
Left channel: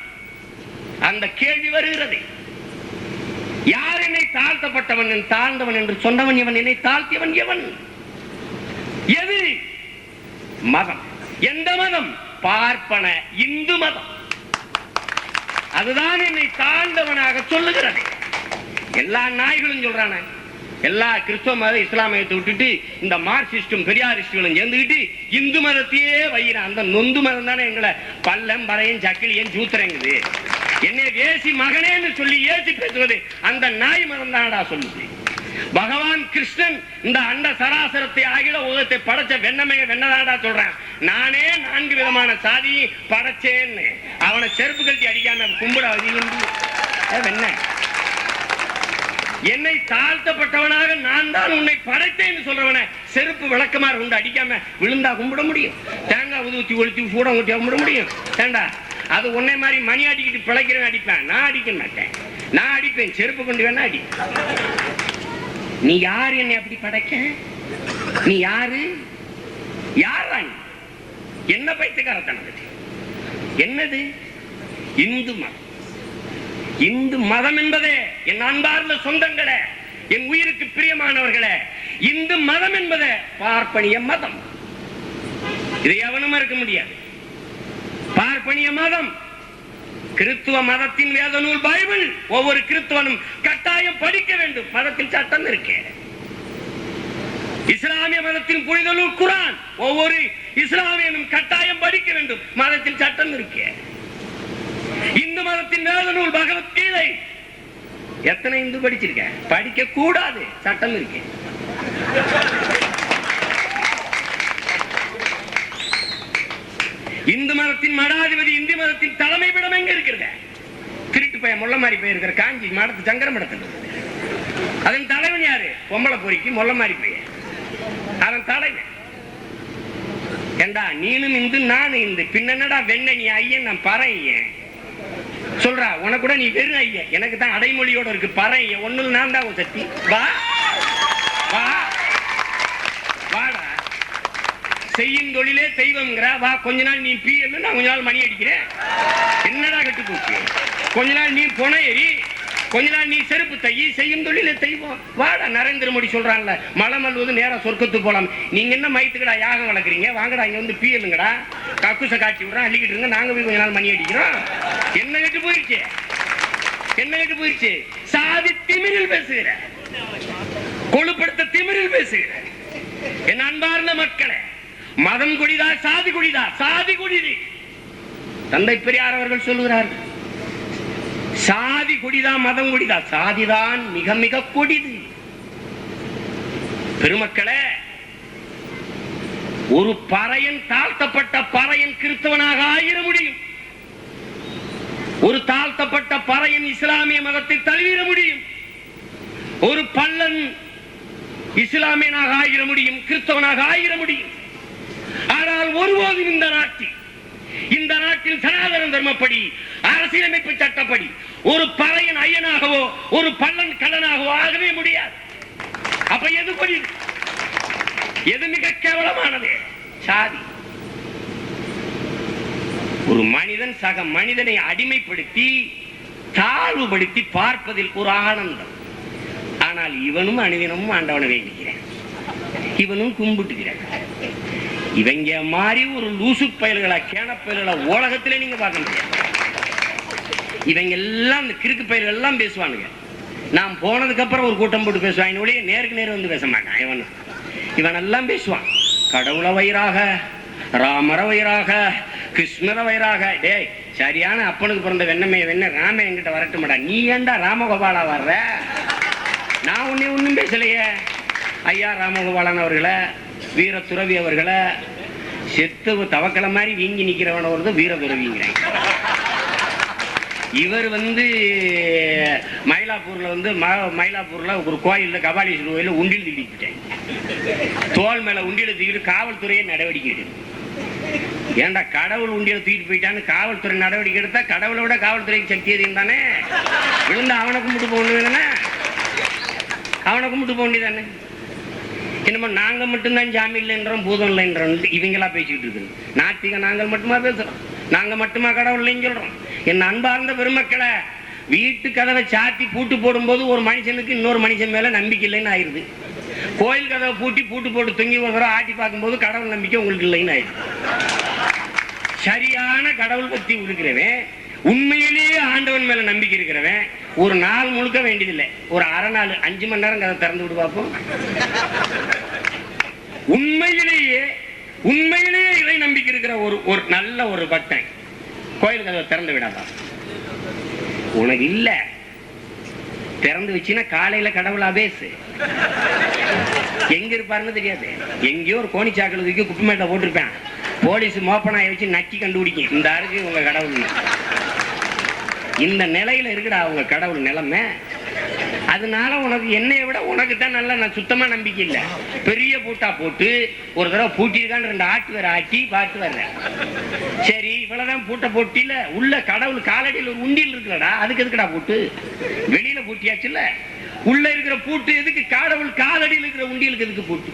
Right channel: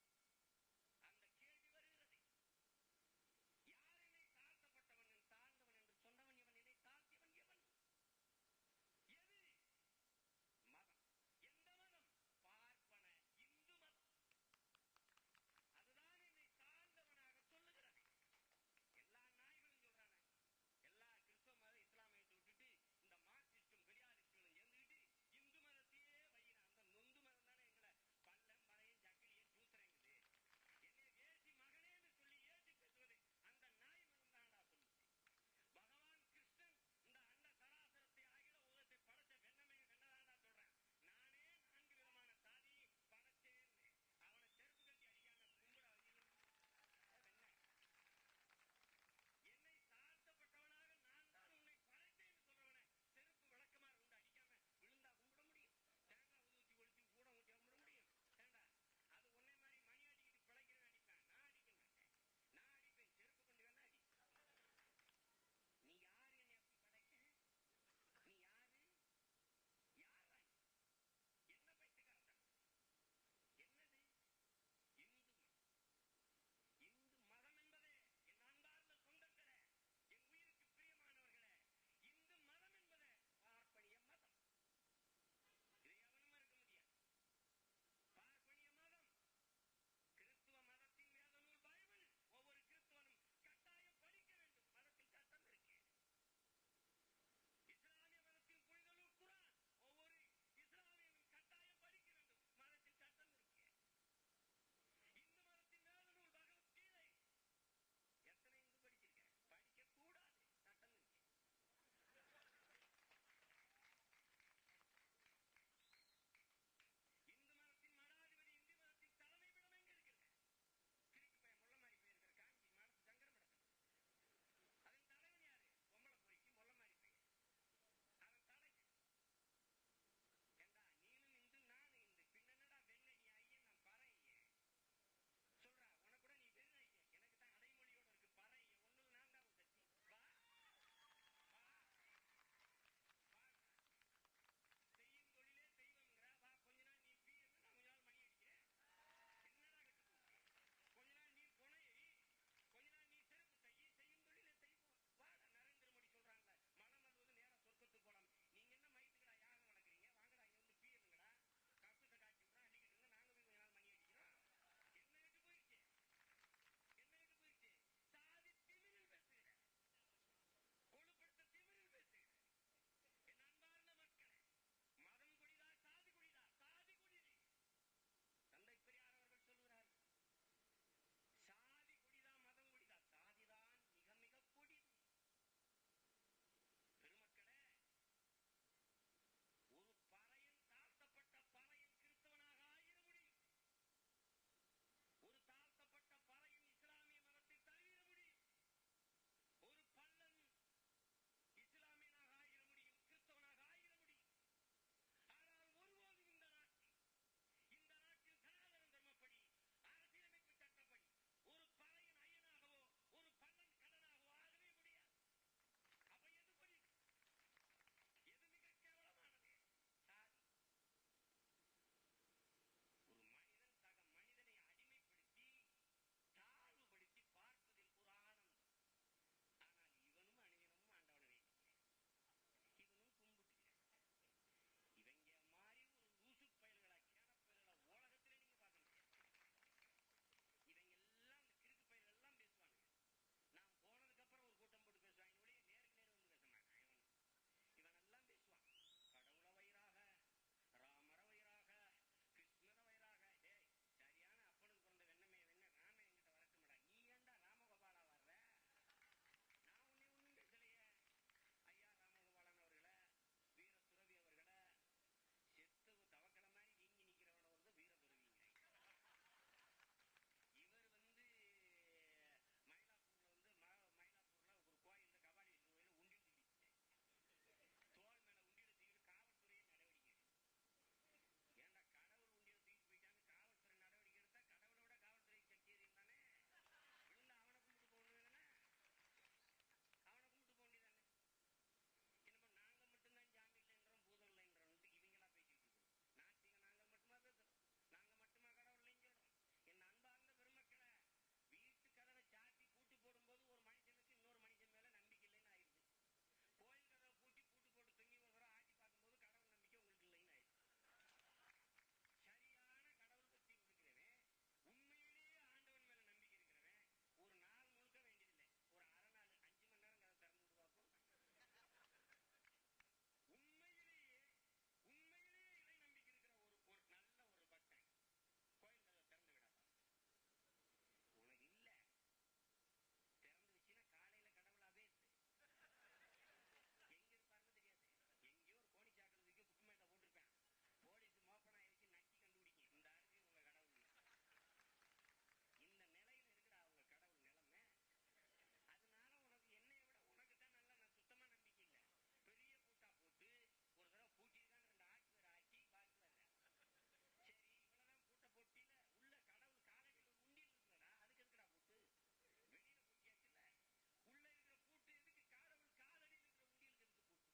அந்த கேள்வி வருகிறது. யார் என்னை தாழ்த்தப்பட்டவன், தாழ்ந்தவன் என்று சொன்னவன் எவன்? என்னை தாழ்த்தியவன் எவன்? எது? மதம். எந்த மதம்? பார்ப்பன இந்து மதம். அதுதான் என்னை தாழ்ந்தவனாக சொல்லுகிறது. எல்லா நாய்களும் சொல்றான, எல்லா கிறிஸ்தவ மத இஸ்லாமியத்தை விட்டுட்டு இந்த மார்க்சிஸ்டும் பெரியாரிஸ்டுகளும் சேர்ந்துக்கிட்டு இந்து மதத்தையே வைகிறான். அந்த நொந்து மதம் தானே எங்களை பல்லம் பறையும் சக்கிலியும் சூத்திரங்குது. என்னை வேசி மகனேன்னு சொல்லி ஏசி பேசுவது அந்த நாய் மதம் தானடா சொல்லுது. பகவான் கிருஷ்ணன் இந்த அண்ட சராசரத்தை ஆகிட உலகத்தை படைச்ச வெண்ணமைய வெண்ணதாடா சொல்றான். நானே 4 விதமான சாதி படைச்சேன்னு அவனை செருப்பு கழட்டி அடிக்காம கும்பிட வெண்ண. என்னை தாழ்த்தப்பட்டவனாக நான் தான் உன்னை படைத்தேன்னு சொல்றவன செருப்பு விளக்கமா உண்டு அடிக்காம விழுந்தா கும்பிட முடியும்? தேங்காய் ஊத்தி ஒழுத்தி சூடம் ஊட்டி கும்பிட முடியும்? ஏண்டா, அது உன்னை மாதிரி மணி அடிக்கிட்டு பிழைக்கிறவன் அடிப்பேன். நான் அடிக்க மாட்டேன். நான் அடிப்பேன், செருப்பு கொண்டு வேணா அடி. நீ யாரு என்னை அப்படி படைக்க? நீ யாரு? யாரா நீ? என்ன பைத்தியக்காரத்தனம்? என்னது இந்து மதம்? இந்து மதம் என்பதே என் அன்பார்ந்த சொந்தங்களே, என் உயிருக்கு பிரியமானவர்களே, இந்து மதம் என்பதே பார்ப்பனிய மதம். இதை எவனும் இருக்க முடியாது. பார்ப்பனிய மதம் கிறிஸ்துவ மதத்தின் வேத நூல் பைபிள் ஒவ்வொரு கிறிஸ்துவனும் கட்டாயம் படிக்க வேண்டும். மதத்தில் சட்டம் இருக்கு. இஸ்லாமிய மதத்தின் புனித நூல் குர்ஆன் ஒவ்வொரு இஸ்லாமியனும் கட்டாயம் படிக்க வேண்டும். மதத்தில் சட்டம் இருக்கு. இந்து மதத்தின் வேத நூல் பகவத்கீதை எத்தனை இந்து படிச்சிருக்க? படிக்க கூடாது, சட்டம் இருக்கு. இந்து மதத்தின் மடாதிபதி, இந்து மதத்தின் தலைமை பீடம் எங்க இருக்கிறது? திருட்டு பையன் முள்ள மாதிரி போயிருக்கிற காஞ்சி மடத்து சங்கர மடத்தில். அதன் தலைவன் யாரு? பொம்பளை பொறிக்கு முள்ள மாதிரி போய் அதன் தலைவன். ஏண்டா நீனும் இந்து நானும் இந்து, பின்னடா வெண்ண நீ ஐயன் நான் பறையன் சொல்றா. உனக்கு கூட நீ வெறும் ஐயன், எனக்கு தான் அடைமொழியோட இருக்கு பறையன். ஒண்ணு நான் தான் சக்தி. வா வா வாடா, செய்யும் தொழிலே தெய்வம்ங்கிற. வா, கொஞ்ச நாள் நீ பீ, நான் கொஞ்ச நாள் மணி அடிக்கிறேன். என்னடா கட்டு போச்சு? கொஞ்ச நாள் நீ பொண ஏறி, கொஞ்ச நாள் நீ செருப்பு தையி, செய்யும் தொழிலே தெய்வம். வாடா, நரேந்திர மோடி சொல்றான்ல, மலை மல்வது நேரா சொர்க்கத்துக்கு போலாம். நீங்க என்ன மயத்துக்கடா யாகம் வளர்க்குறீங்க? வாங்கடா இங்க வந்து பீயலுங்கடா, கக்குசை காட்டி விடுறோம், அள்ளிக்கிட்டு இருங்க, நாங்க போய் கொஞ்ச நாள் மணி அடிக்கிறோம். என்ன கட்டு போயிடுச்சு? என்ன கட்டு போயிடுச்சு? சாதி திமிரில் பேசுகிற, கொழுப்படுத்த திமிரில் பேசுகிற என் அன்பார்ந்த மக்களே, மதம் கொடிதா சாதி கொடிதா? சாதி கொடிது. தந்தை பெரியார் அவர்கள் சொல்லுகிறார்கள், சாதி கொடிதா மதம் கொடிதா? சாதிதான் மிக மிக கொடிது. பெருமக்களே, ஒரு பறையன், தாழ்த்தப்பட்ட பறையன் கிறிஸ்தவனாக ஆயிர முடியும். ஒரு தாழ்த்தப்பட்ட பறையன் இஸ்லாமிய மதத்தை தழுவிட முடியும். ஒரு பள்ளன் இஸ்லாமியனாக ஆயிர முடியும், கிறிஸ்தவனாக ஆயிர முடியும். ஆனால் ஒருபோதும் இந்த நாட்டில் சனாதன தர்மப்படி, அரசியலமைப்பு சட்டப்படி ஒரு பறையன் ஐயனாகவோ ஒரு பள்ளன் கள்ளனாகவோ ஆகவே முடியாது. அப்ப எது கொடி? எது மிக கேவலமானது? சாதி. ஒரு மனிதன் சக மனிதனை அடிமைப்படுத்தி தாழ்வுபடுத்தி பார்ப்பதில் ஒரு ஆனந்தம். ஆனால் இவனும் அனுதினமும் ஆண்டவனை வேண்டிக்கிறேன், இவனும் கும்பிட்டுக்கிறேன். இவங்க மாதிரி ஒரு லூசு பயல்களா, கேன பயல்களா உலகத்திலே நீங்க பார்க்க முடியாது. இவங்க எல்லாம் இந்த கிறுக்கு பயல்கள் எல்லாம் பேசுவானுங்க. நான் போனதுக்கு அப்புறம் ஒரு கூட்டம் போட்டு பேசுவாங்க, நேருக்கு நேரம் வந்து பேச மாட்டான். இவன் எல்லாம் பேசுவான், கடவுள வயிறாக, ராமர வயிறாக, கிருஷ்ணர வயிறாக. டேய், சரியான அப்பனுக்கு பிறந்த வெண்ண ராம என்கிட்ட வரட்டுமாடா. நீ ஏண்டா ராமகோபாலா வர்ற? நான் ஒன்னும் பேசலையே. ஐயா ராமகோபாலன் அவர்களை, வீர துறவி அவர்களை, செத்து தவக்கலை மாதிரி வீங்கி நிக்கிறவன ஒரு வீர துறவிங்கிறாங்க. இவர் மயிலாப்பூர்ல ஒரு கோயில்ல, கபாலீஸ்வரர் கோயில உண்டில் தூக்கிட்டேன். தோல் மேல உண்டியில தூக்கிட்டு காவல்துறையை நடவடிக்கை எடுக்கும். ஏண்டா கடவுள் உண்டியில தூக்கிட்டு போயிட்டான்னு காவல்துறை நடவடிக்கை எடுத்தா கடவுளை விட காவல்துறைக்கு சக்தி அதிகம் தானே? விழுந்து அவனை கும்பிட்டு போகணும், அவனை கும்பிட்டு போக வேண்டியதானே? என்னமோ நாங்க மட்டும்தான் ஜாமி இல்லைன்றோம், பூதம் இல்லைன்றோம் இவங்களா பேசிக்கிட்டு இருக்கு. நாத்திக நாங்கள் மட்டுமா பேசுறோம்? நாங்க மட்டுமா கடவுள் இல்லைன்னு சொல்றோம்? என் அன்பார்ந்த பெருமக்களை, வீட்டு கதவை சாத்தி பூட்டு போடும் போது ஒரு மனுஷனுக்கு இன்னொரு மனுஷன் மேல நம்பிக்கை இல்லைன்னு ஆயிருது. கோயில் கதவை பூட்டி பூட்டு போட்டு தொங்கி ஒரு தடவை ஆட்டி பார்க்கும் போது கடவுள் நம்பிக்கை உங்களுக்கு இல்லைன்னு ஆயிடுது. சரியான கடவுள் பக்தி இருக்கிறவன், உண்மையிலேயே ஆண்டவன் மேல நம்பிக்கை இருக்கிறவன் ஒரு நாள் முழுக்க வேண்டியதில்லை, ஒரு அரை நாள் 5 மணி நேரம் கதை திறந்து விடு பார்ப்போம். உண்மையிலேயே இறை நம்பிக்கை இருக்கிற ஒரு நல்ல ஒரு பக்தன் கோயில் கதவை திறந்து விடாதான். உனக்கு இல்ல, திறந்து வச்சுன்னா காலையில கடவுளா பேசு. எங்க இருப்பாருன்னு தெரியாது. எங்கேயோ ஒரு கோணி சாக்கடை தூக்கி குப்பமேட்டை போட்டிருப்பேன், போலீஸ் மோப்பனாயை வச்சு நக்கி கண்டுபிடிக்கும் இந்த அருக்கு உங்க கடவுள். இந்த நிலையில இருக்குடா உங்க கடவுள் நிலைமை. அதனால உனக்கு என்னைய விட உனக்கு தான் நல்லா நான் சுத்தமா நம்பிக்கை இல்லை. பெரிய பூட்டா போட்டு ஒரு தடவை பூட்டிருக்கான்னு 2 ஆட்டு வேற ஆட்டி பார்த்து வர்றேன். சரி, இவ்வளவுதான் பூட்டை போட்டில, உள்ள கடவுள் காலடியில் ஒரு உண்டியல் இருக்குல்லடா, அதுக்கு எதுக்குடா பூட்டு? வெளியில பூட்டியாச்சுல்ல, உள்ள இருக்கிற பூட்டு எதுக்கு? கடவுள் காலடியில் இருக்கிற உண்டியலுக்கு எதுக்கு பூட்டு?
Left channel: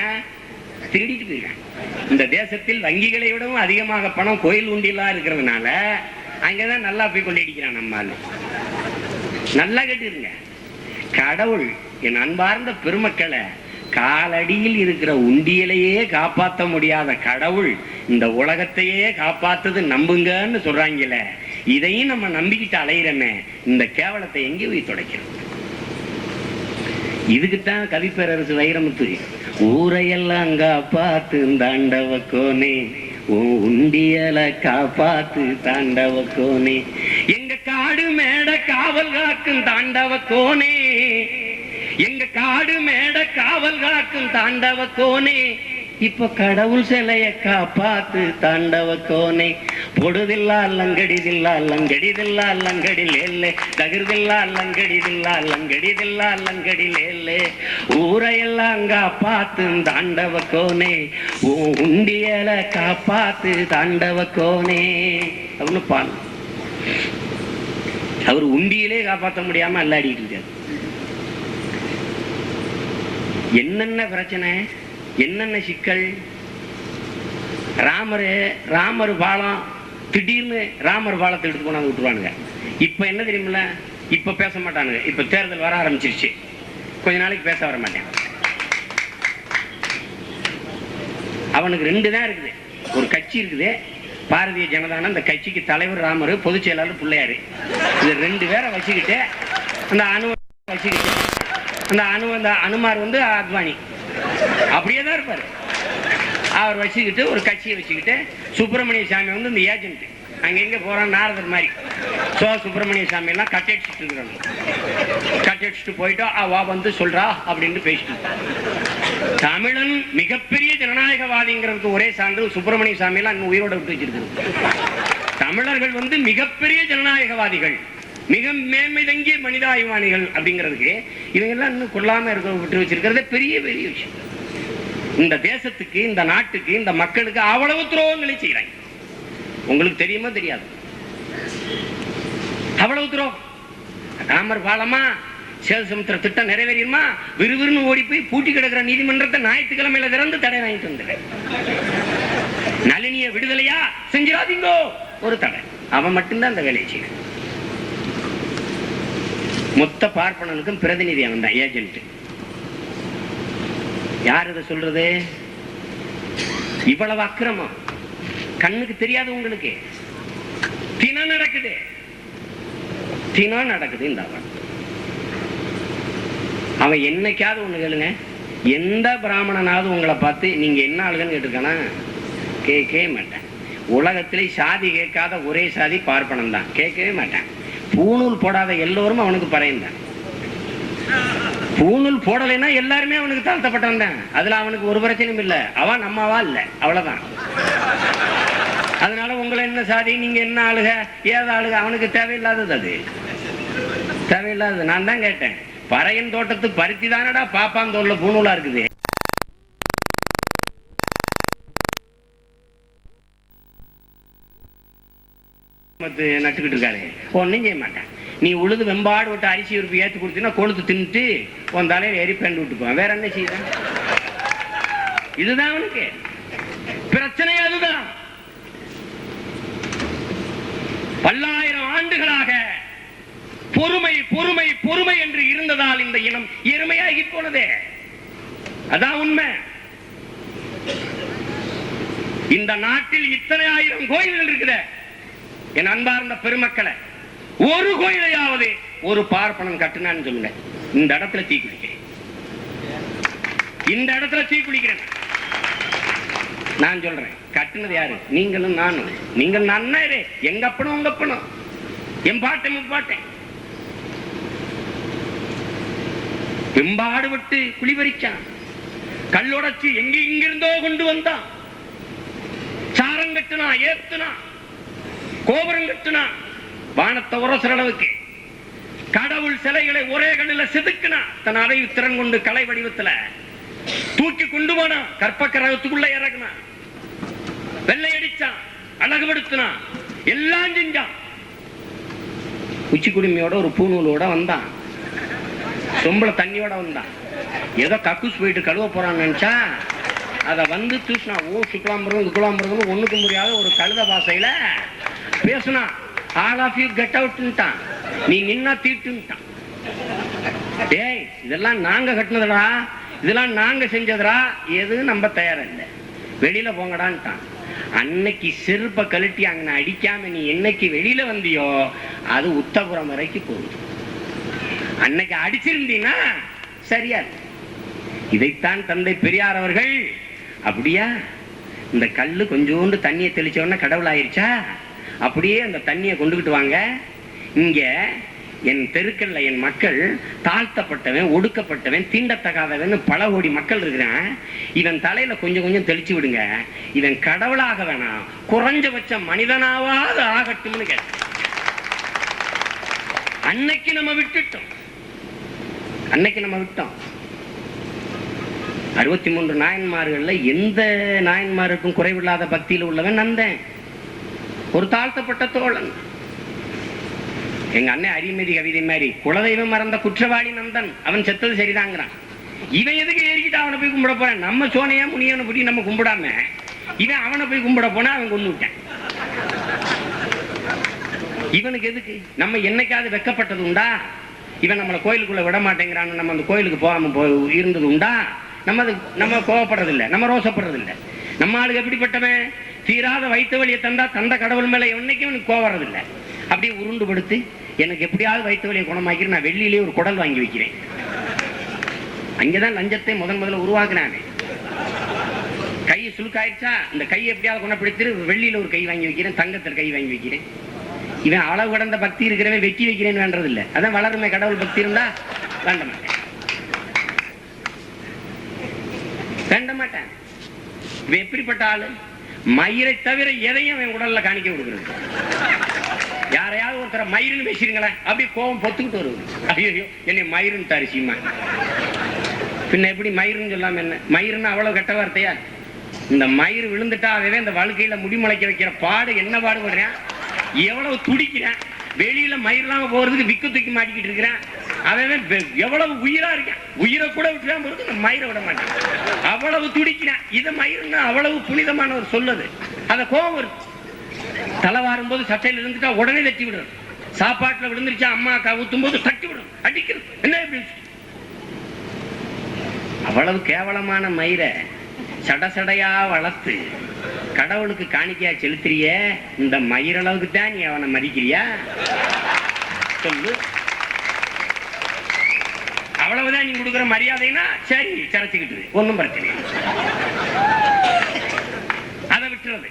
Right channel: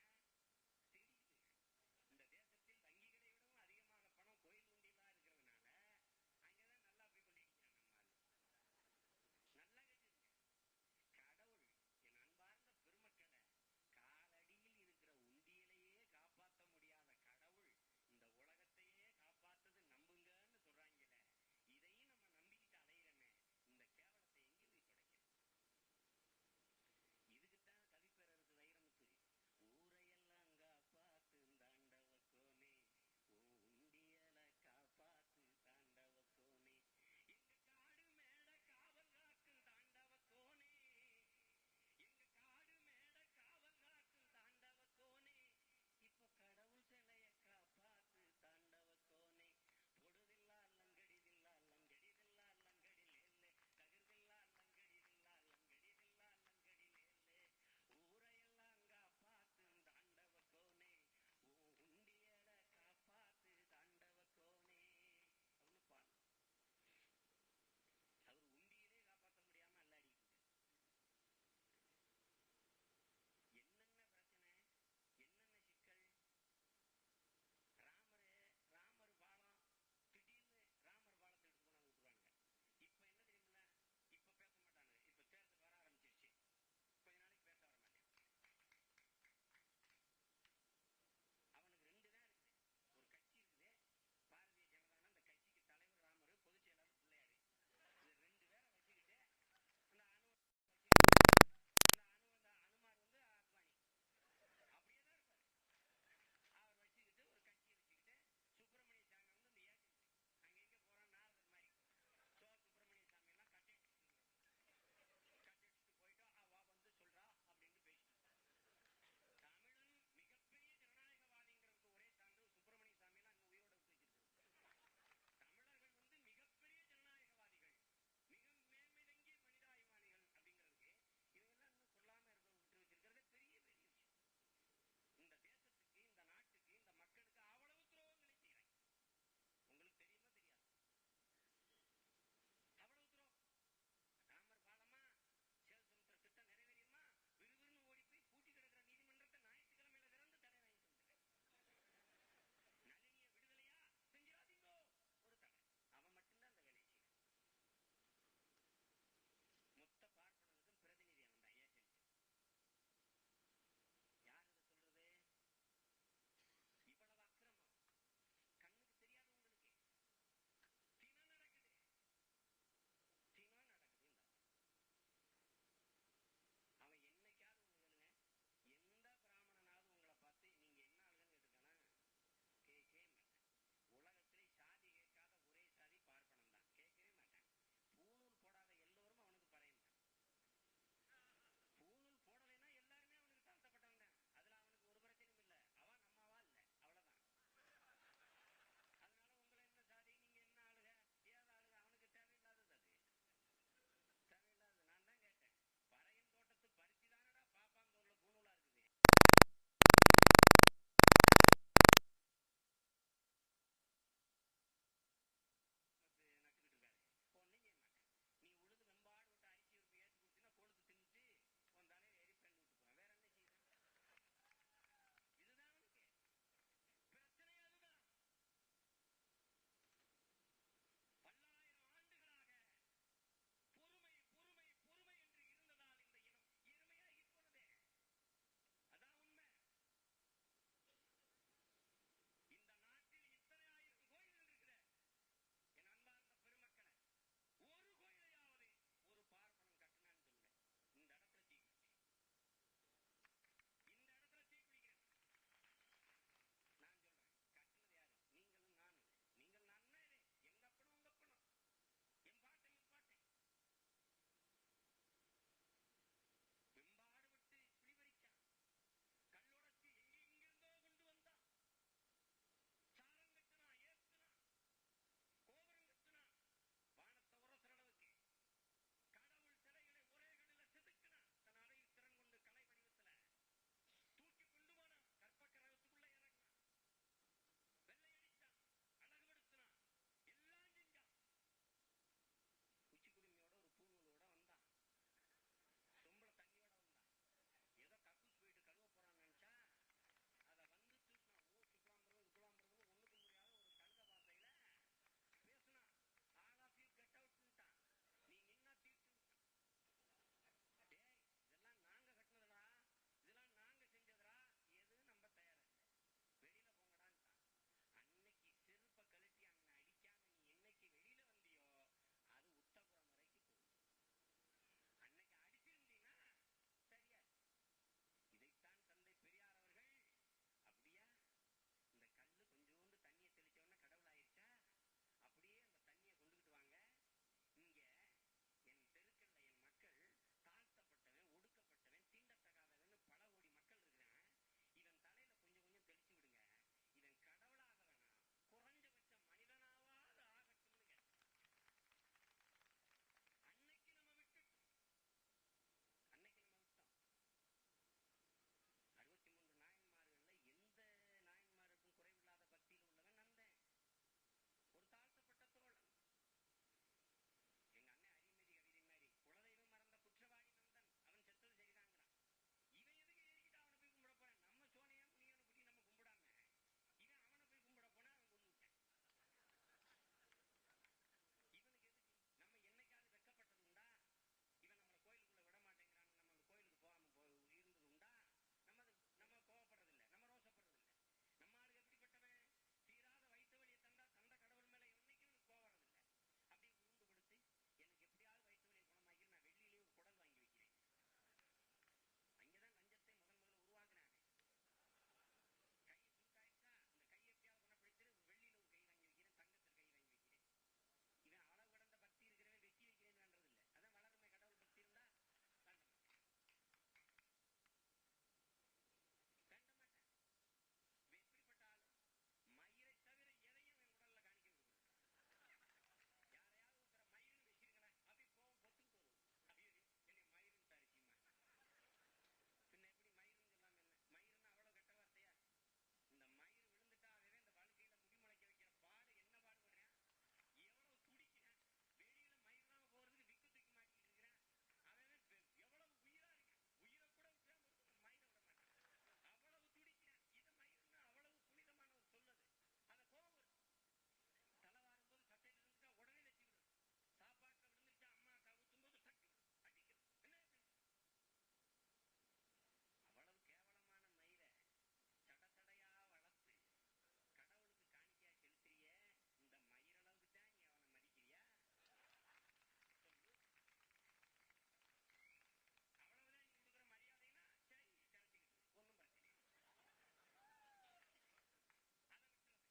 ஏன் திருடிட்டு போயிருக்கேன். இந்த தேசத்தில் வங்கிகளை விடவும் அதிகமாக பணம் கோயில் உண்டியலா இருக்கிறதுனால அங்கதான் நல்லா போய் கொள்ளையடிக்கிறான். நம்மால நல்லா கேட்டுருங்க. கடவுள், என் அன்பார்ந்த பெருமக்களை, காலடியில் இருக்கிற உண்டியலையே காப்பாற்ற முடியாத கடவுள் இந்த உலகத்தையே காப்பாத்தது நம்புங்கன்னு சொல்றாங்கல்ல, இதையும் நம்ம நம்பிக்கிட்டு அலையிறமே, இந்த கேவலத்தை எங்கே போய் துடைக்கிறோம்? இதுக்குத்தான் கவிப்பேரரசு வைரமுத்து, ஊரையெல்லாம் காப்பாத்து தாண்டவ கோனே, உண்டியல காப்பாத்து தாண்டவ கோனே, எங்க காடு மேட காவல் காக்கும் தாண்டவ கோனே, எங்க காடு மேட காவல் காக்கும் தாண்டவ கோனே, இப்ப கடவுள் சிலைய காப்பாத்து தாண்டவ கோனே, பொடுதில்லா லங்கடிதில்லா லங்கடிதில்லா லங்கடிலேல்லே, தகிர்தில்லா லங்கடிதில்லா லங்கடிதில்லா லங்கடிலேல்லே, ஊரையெல்லாம் காப்பாத்து தாண்டவ கோனே, உண்டியல காப்பாத்து தாண்டவ கோனே அப்படின்னு பால். அவர் உண்டியிலே காப்பாற்ற முடியாம அல்லாடிட்டு இருக்காரு. என்னென்ன பிரச்சனை, என்னென்ன சிக்கல். ராமர் பாலம், திடீர்னு ராமர் பாலத்தை எடுத்து கொண்டாந்து விட்டுருவானுங்க. இப்ப என்ன தெரியுமில்ல, இப்ப பேச மாட்டானுங்க. இப்ப தேர்தல் வர ஆரம்பிச்சிருச்சு, கொஞ்ச நாளைக்கு பேச வர மாட்டேன். அவனுக்கு 2 தான் இருக்குது. ஒரு கட்சி இருக்குது பாரதிய ஜனதான, அந்த கட்சிக்கு தலைவர் ராமர், பொதுச் செயலாளர் பிள்ளையாரு. இது 2 பேரை வச்சுக்கிட்டு அந்த வச்சுக்கிட்டு அந்த அனுமார் அத்வானி அப்படியே தான் இருப்பாரு. அவர் வச்சுக்கிட்டு ஒரு கட்சியை வச்சுக்கிட்டு சுப்பிரமணிய சாமி வந்து இந்த ஏஜென்ட் அங்க எங்க போறான் நாரதர் மாதிரி சுப்பிரமணிய சாமி எல்லாம் கட்டடிச்சுட்டு இருக்கிறாங்க. கட்டடிச்சுட்டு போயிட்டா அவ வந்து சொல்றா அப்படின்னு பேசிட்டு தமிழன் மிகப்பெரிய ஜனநாயகவாதிங்கிறதுக்கு ஒரே சான்று சுப்பிரமணிய சாமி எல்லாம் இன்னும் உயிரோட விட்டு வச்சிருக்கு. தமிழர்கள் வந்து மிகப்பெரிய ஜனநாயகவாதிகள், மிக மேன்மை தங்கிய மனிதாபிமானிகள் அப்படிங்கிறதுக்கு இவங்க எல்லாம் இன்னும் கொள்ளாம இருக்க விட்டு வச்சிருக்கிறதே பெரிய பெரிய விஷயம். இந்த தேசத்துக்கு, இந்த நாட்டுக்கு, இந்த மக்களுக்கு அவ்வளவு துரோகங்களை செய்யறாங்க. உங்களுக்கு தெரியுமா தெரியாது? அவ்வளவு துரோகம். ராமர் பாலமா, சேல்சமுத்திர திட்டம் நிறைவேறியுமா, விறுவிறுன்னு ஓடி போய் பூட்டி கிடக்கிற நீதிமன்றத்தை ஞாயிற்றுக்கிழமையில திறந்து தடை வாங்கிட்டு வந்துடுறேன். நளினிய விடுதலையா செஞ்சிடாதீங்கோ ஒரு தடை. அவன் மட்டும்தான் அந்த வேலையை செய்யறான். மொத்த பார்ப்பனனுக்கும் பிரதிநிதி அவன் தான், ஏஜென்ட். யார் இதை சொல்றது? இவ்வளவு அக்கிரமம் கண்ணுக்கு தெரியாது உங்களுக்கு. தினம் நடக்குது, தினம் நடக்குது. இந்த அவன் என்னைக்காவது ஒண்ணு கேளுங்க, எந்த பிராமணனாவது உங்களை பார்த்து நீங்க என்ன ஆளுங்கன்னு கேட்டிருக்கானா? கேட்கவே மாட்டேன். உலகத்திலே சாதி கேட்காத ஒரே சாதி பார்ப்பனம் தான். கேட்கவே மாட்டேன். பூணூல் போடாத எல்லோரும் அவனுக்கு பறையந்தான். பூணூல் போடலைன்னா எல்லாருமே அவனுக்கு தாழ்த்தப்பட்டவன் தான். அதுல அவனுக்கு ஒரு பிரச்சனையும் இல்லை. அவன் நம்மவா இல்லை, அவ்வளவுதான். அதனால உங்களை என்ன சாதி, நீங்க என்ன ஆளுக, ஏத ஆளுக, அவனுக்கு தேவையில்லாதது. அது தேவையில்லாதது. நான் தான் கேட்டேன், பறையன் தோட்டத்து பருத்தி தானடா பாப்பான் தோல்ல பூணூலா இருக்குது. நட்டுக்கிட்டு இருக்காரு, ஒன்னும் செய்ய மாட்டேன். நீ உழுது வெம்பாடு விட்டு அரிசி உறுப்பு ஏற்றி கொடுத்தீங்கன்னா கொழுத்து தின்னுட்டு உன் தலையில எரி பேண்டு விட்டுக்குவான். வேற என்ன செய்ய? இதுதான் அவனுக்கு பிரச்சனை. அதுதான் பல்லாயிரம் ஆண்டுகளாக பொறுமை பொறுமை பொறுமை என்று இருந்ததால் இந்த இனம் எருமையாகி போனதே. அதான் உண்மை. இந்த நாட்டில் இத்தனை ஆயிரம் கோயில்கள் இருக்குது. என் அன்பார்ந்த பெருமக்களை, ஒரு கோயிலையாவது ஒரு பார்ப்பனன் கட்டுனான்னு சொல்லுங்க. இந்த இடத்துல தீ குளிக்கிறேன், இந்த இடத்துல தீ குளிக்கிறேன். நான் சொல்றேன், கட்டுனது யாரு? நீங்களும் நானும். நீங்கள் நன்னாரு, எங்க அப்பனும் உங்க அப்பனும், என் பாட்டன் முப்பாட்டேன். வெம்பாடு விட்டு குளிபறிச்சான், கல்லுடைச்சு எங்க இங்கிருந்தோ கொண்டு வந்தான், சாரம் கட்டுனா, ஏத்துனா, கோபுரம் கட்டுனா, வானத்தை உரசுற அளவுக்கு கடவுள் சிலைகளை ஒரே கல்லில் செதுக்குனா, தன் அறிவு திறன் கொண்டு கலை வடிவத்துல தூக்கி கொண்டு போனா, கற்பக்கரகத்துக்குள்ள இறக்குனா, வெள்ளை அடிச்சான், அழகுபடுத்தினா, எல்லாம் செஞ்சான். உச்சி குடுமையோட ஒரு பூநூலோட வந்தான், சொம்பள தண்ணியோட வந்தான். ஏதோ கக்கூஸ் போயிட்டு கழுவ போறான்னு நினைச்சா அதை வந்து தூசினா. ஓ சுக்லாம்பரம் குலாம்பரம் ஒண்ணுக்கு முடியாத ஒரு கழுத பாசையில பேசுனா. ஆல் ஆஃப் யூ கெட் அவுட்ட்டான், நீ நின்னா தீட்டுட்டான். டேய், இதெல்லாம் நாங்க கட்டினதுடா, இதெல்லாம் நாங்க செஞ்சதுடா, எதுவும் நம்ப தயாரா இல்லை, வெளியில போங்கடான்ட்டான். அன்னைக்கு செருப்பை கழட்டி அங்க அடிக்காம நீ என்னைக்கு வெளியில வந்தியோ அது உத்தபுரம் வரைக்கும் போகுது. அன்னைக்கு அடிச்சிருந்தீங்கன்னா சரியா. இதைத்தான் தந்தை பெரியார் அவர்கள், அப்படியா இந்த கல்லு கொஞ்சோண்டு தண்ணியை தெளிச்சோன்னா கடவுள் ஆயிருச்சா, அப்படியே அந்த தண்ணியை கொண்டுகிட்டு வாங்க, இங்க என் தெருக்கல்ல என் மக்கள் தாழ்த்தப்பட்டவன், ஒடுக்கப்பட்டவன், தீண்டத்தகாதவன் பல கோடி மக்கள் இருக்கிறான், இவன் தலையில கொஞ்சம் கொஞ்சம் தெளிச்சு விடுங்க, இவன் கடவுளாக வேணாம் குறைஞ்சபட்ச மனிதனாவது ஆகட்டும்னு கேட்ட. அன்னைக்கு நம்ம விட்டுட்டோம், அன்னைக்கு நம்ம விட்டோம். 63 நாயன்மார்கள்ல எந்த நாயன்மாருக்கும் குறைவில்லாத பக்தியில் உள்ளவன் நந்தன், ஒரு தாழ்த்தப்பட்ட தோழன். எங்க அண்ணன் அரிமதி கவிதை மாதிரி குலதெய்வம் மறந்த குற்றவாளி நந்தன், அவன் செத்தது சரிதாங்கிறான். இவன் எதுக்கு ஏறிக்கிட்டு அவனை போய் கும்பிட போறான்? நம்ம சோனையா முனியவனை படி நம்ம கும்பிடாம இவன் அவனை போய் கும்பிட போனா அவன் கொண்டு விட்டான். இவனுக்கு எதுக்கு? நம்ம என்னைக்காவது வெக்கப்பட்டது உண்டா? இவன் நம்மளை கோயிலுக்குள்ள விட மாட்டேங்கிறான்னு நம்ம அந்த கோயிலுக்கு போகாம இருந்தது உண்டா? நம்ம கோவப்படுறது இல்லை, நம்ம ரோசப்படுறது இல்லை. நம்ம ஆளுக்கு எப்படிப்பட்டவன்? தீராத வயிற்று வலியை தந்த கடவுள் மேல என்னைக்கும் அவனுக்கு கோவறது இல்லை. அப்படியே உருண்டு படுத்து எனக்கு எப்படியாவது வயிற்று வலியை குணமாக்கிறேன், நான் வெள்ளியிலே ஒரு குடல் வாங்கி வைக்கிறேன். அங்கேதான் லஞ்சத்தை முதல்ல உருவாக்குறாங்க. கையை சுழுக்காயிடுச்சா, இந்த கையை எப்படியாவது குணப்படுத்தி வெள்ளியில ஒரு கை வாங்கி வைக்கிறேன், தங்கத்தில் கை வாங்கி வைக்கிறேன். இவன் அளவு கடந்த பக்தி இருக்கிறவன் வெட்டி வைக்கிறேன்னு வேண்டது இல்லை. அதான் வளருமே கடவுள் பக்தி இருந்தா வேண்ட மாட்டேன், வேண்ட மாட்டேன். இவன் எப்படிப்பட்ட ஆளு? மயிரை தவிர எதையும் அவன் உடல்ல காணிக்க கொடுக்குறது. யாரையாவது ஒருத்தர மயிருன்னு பேசிருங்களேன், அப்படியே கோபம் பொத்துக்கிட்டு வருவது. ஐயோ என்னை மயிருன்னு தரிசிமா, பின்ன எப்படி மயிருன்னு சொல்லாம என்ன? மயிருன்னு அவ்வளவு கெட்ட வார்த்தையா? இந்த மயிர் விழுந்துட்டா அவன் இந்த வழுக்கையில முடிமுளைக்க வைக்கிற பாடு என்ன பாடுபடுறேன், எவ்வளவு துடிக்கிறேன். வெளியில மயிரெல்லாம் போறதுக்கு விக்கு தூக்கி மாட்டிக்கிட்டு இருக்கிறேன். அவன் எவ்வளவு உயிரா இருக்கான், உயிரை கூட விட்டுறான் போறது, இந்த மயிரை விட மாட்டேன். அவ்வளவு துடிக்கிறேன். இது மயிருன்னா அவ்வளவு புனிதமான ஒரு சொல்லுது. அத கோபம் வருது. தலை வாரும் போது சட்டையில இருந்துட்டா உடனே தட்டி விடுறது. சாப்பாட்டுல விழுந்துருச்சா அம்மா அக்கா ஊத்தும் போது தட்டி விடும், அடிக்கிறது. என்ன அவ்வளவு கேவலமான மயிரை சடசடையா வளர்த்து கடவுளுக்கு காணிக்கையா செலுத்துறிய, இந்த மயிரளவுக்கு தான் நீ அவனை மதிக்கிறியா சொல்லு. அவ்வளவுதான் நீ கொடுக்குற மரியாதைனா சரி, சரைச்சுக்கிட்டு ஒன்னும் பிரச்சனை, அதை விட்டுறது.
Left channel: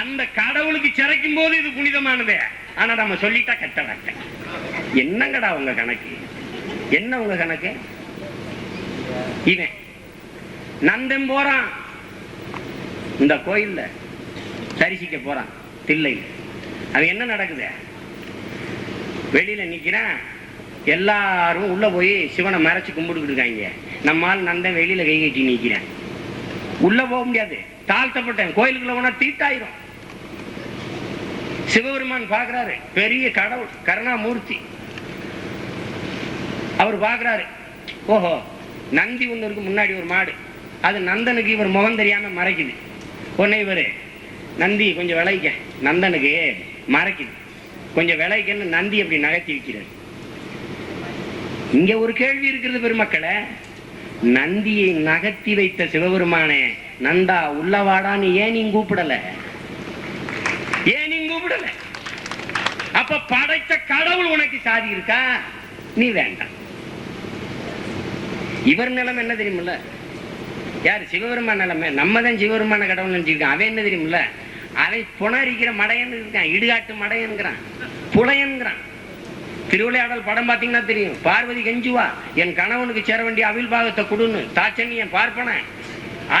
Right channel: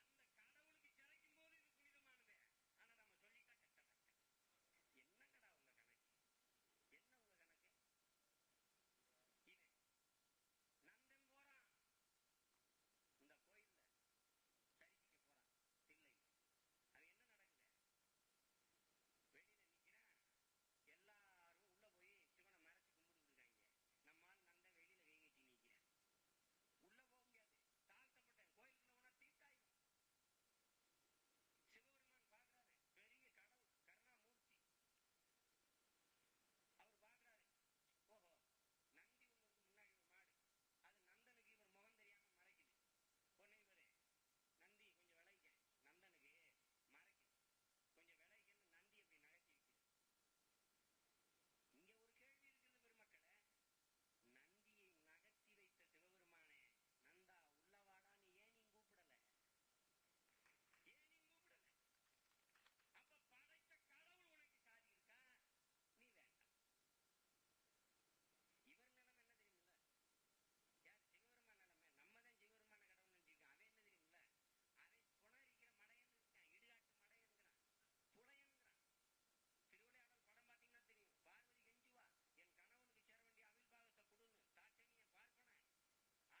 அந்த கடவுளுக்கு சிறைக்கும் போது இது புனிதமானது. ஆனா நம்ம சொல்லிட்டா கெட்ட வார்த்தை. என்னங்கடா உங்க கணக்கு? என்ன உங்க கணக்கு? இவன் நந்தன் போறான், இந்த கோயில்ல தரிசிக்க போறான் தில்லையில். அது என்ன நடக்குது? வெளியில நிக்கிறான், எல்லாரும் உள்ள போய் சிவனை மறைச்சு கும்பிட்டுக்கிட்டு இருக்காங்க. நம்மால் நந்தன் வெளியில கை கட்டி நிக்கிறேன். உள்ள போக முடியாது, தாழ்த்தப்பட்டேன். கோயிலுக்குள்ள போனா தீட்டாயிரும். சிவபெருமான் பாக்குறாரு, பெரிய கடவுள் கருணாமூர்த்தி. அவர் பாக்குறாரு, ஓஹோ நந்தி ஒண்ணு இருக்கு, முன்னாடி ஒரு மாடு, அது நந்தனுக்கு இவர் முகம் தெரியாம மறைக்குது. உடனே இவரு நந்தி கொஞ்சம் விளைக்க, நந்தனுக்கு மறைக்குது, கொஞ்சம் விளைக்கன்னு நந்தி அப்படி நகர்த்தி வைக்கிறார். இங்க ஒரு கேள்வி இருக்கிறது பெருமக்களை. நந்தியை நகர்த்தி வைத்த சிவபெருமானே, நந்தா உள்ளவாடான்னு ஏன் நீ கூப்பிடல? ஏன் நீ கூப்பிடல? அப்ப படைத்த கடவுள் உனக்கு சாதி இருக்கா? நீ வேண்டாம். இவர் நிலைமை என்ன தெரியுமில்ல? யாரு? சிவபெருமான நிலைமை. நம்ம தான் சிவபெருமான கடவுள் நினைச்சிருக்கான். அவன் என்ன தெரியுமில்ல? அவன் புணரிக்கிற மடையன்னு இருக்கான், இடுகாட்டு மடையன்கிறான், புலையன்கிறான். திருவிளையாடல் படம் பாத்தீங்கன்னா தெரியும். பார்வதி கெஞ்சுவா, என் கணவனுக்கு சேர வேண்டிய அவில் பாகத்தை கொடுன்னு. தாச்சன்னியன் பார்ப்பன,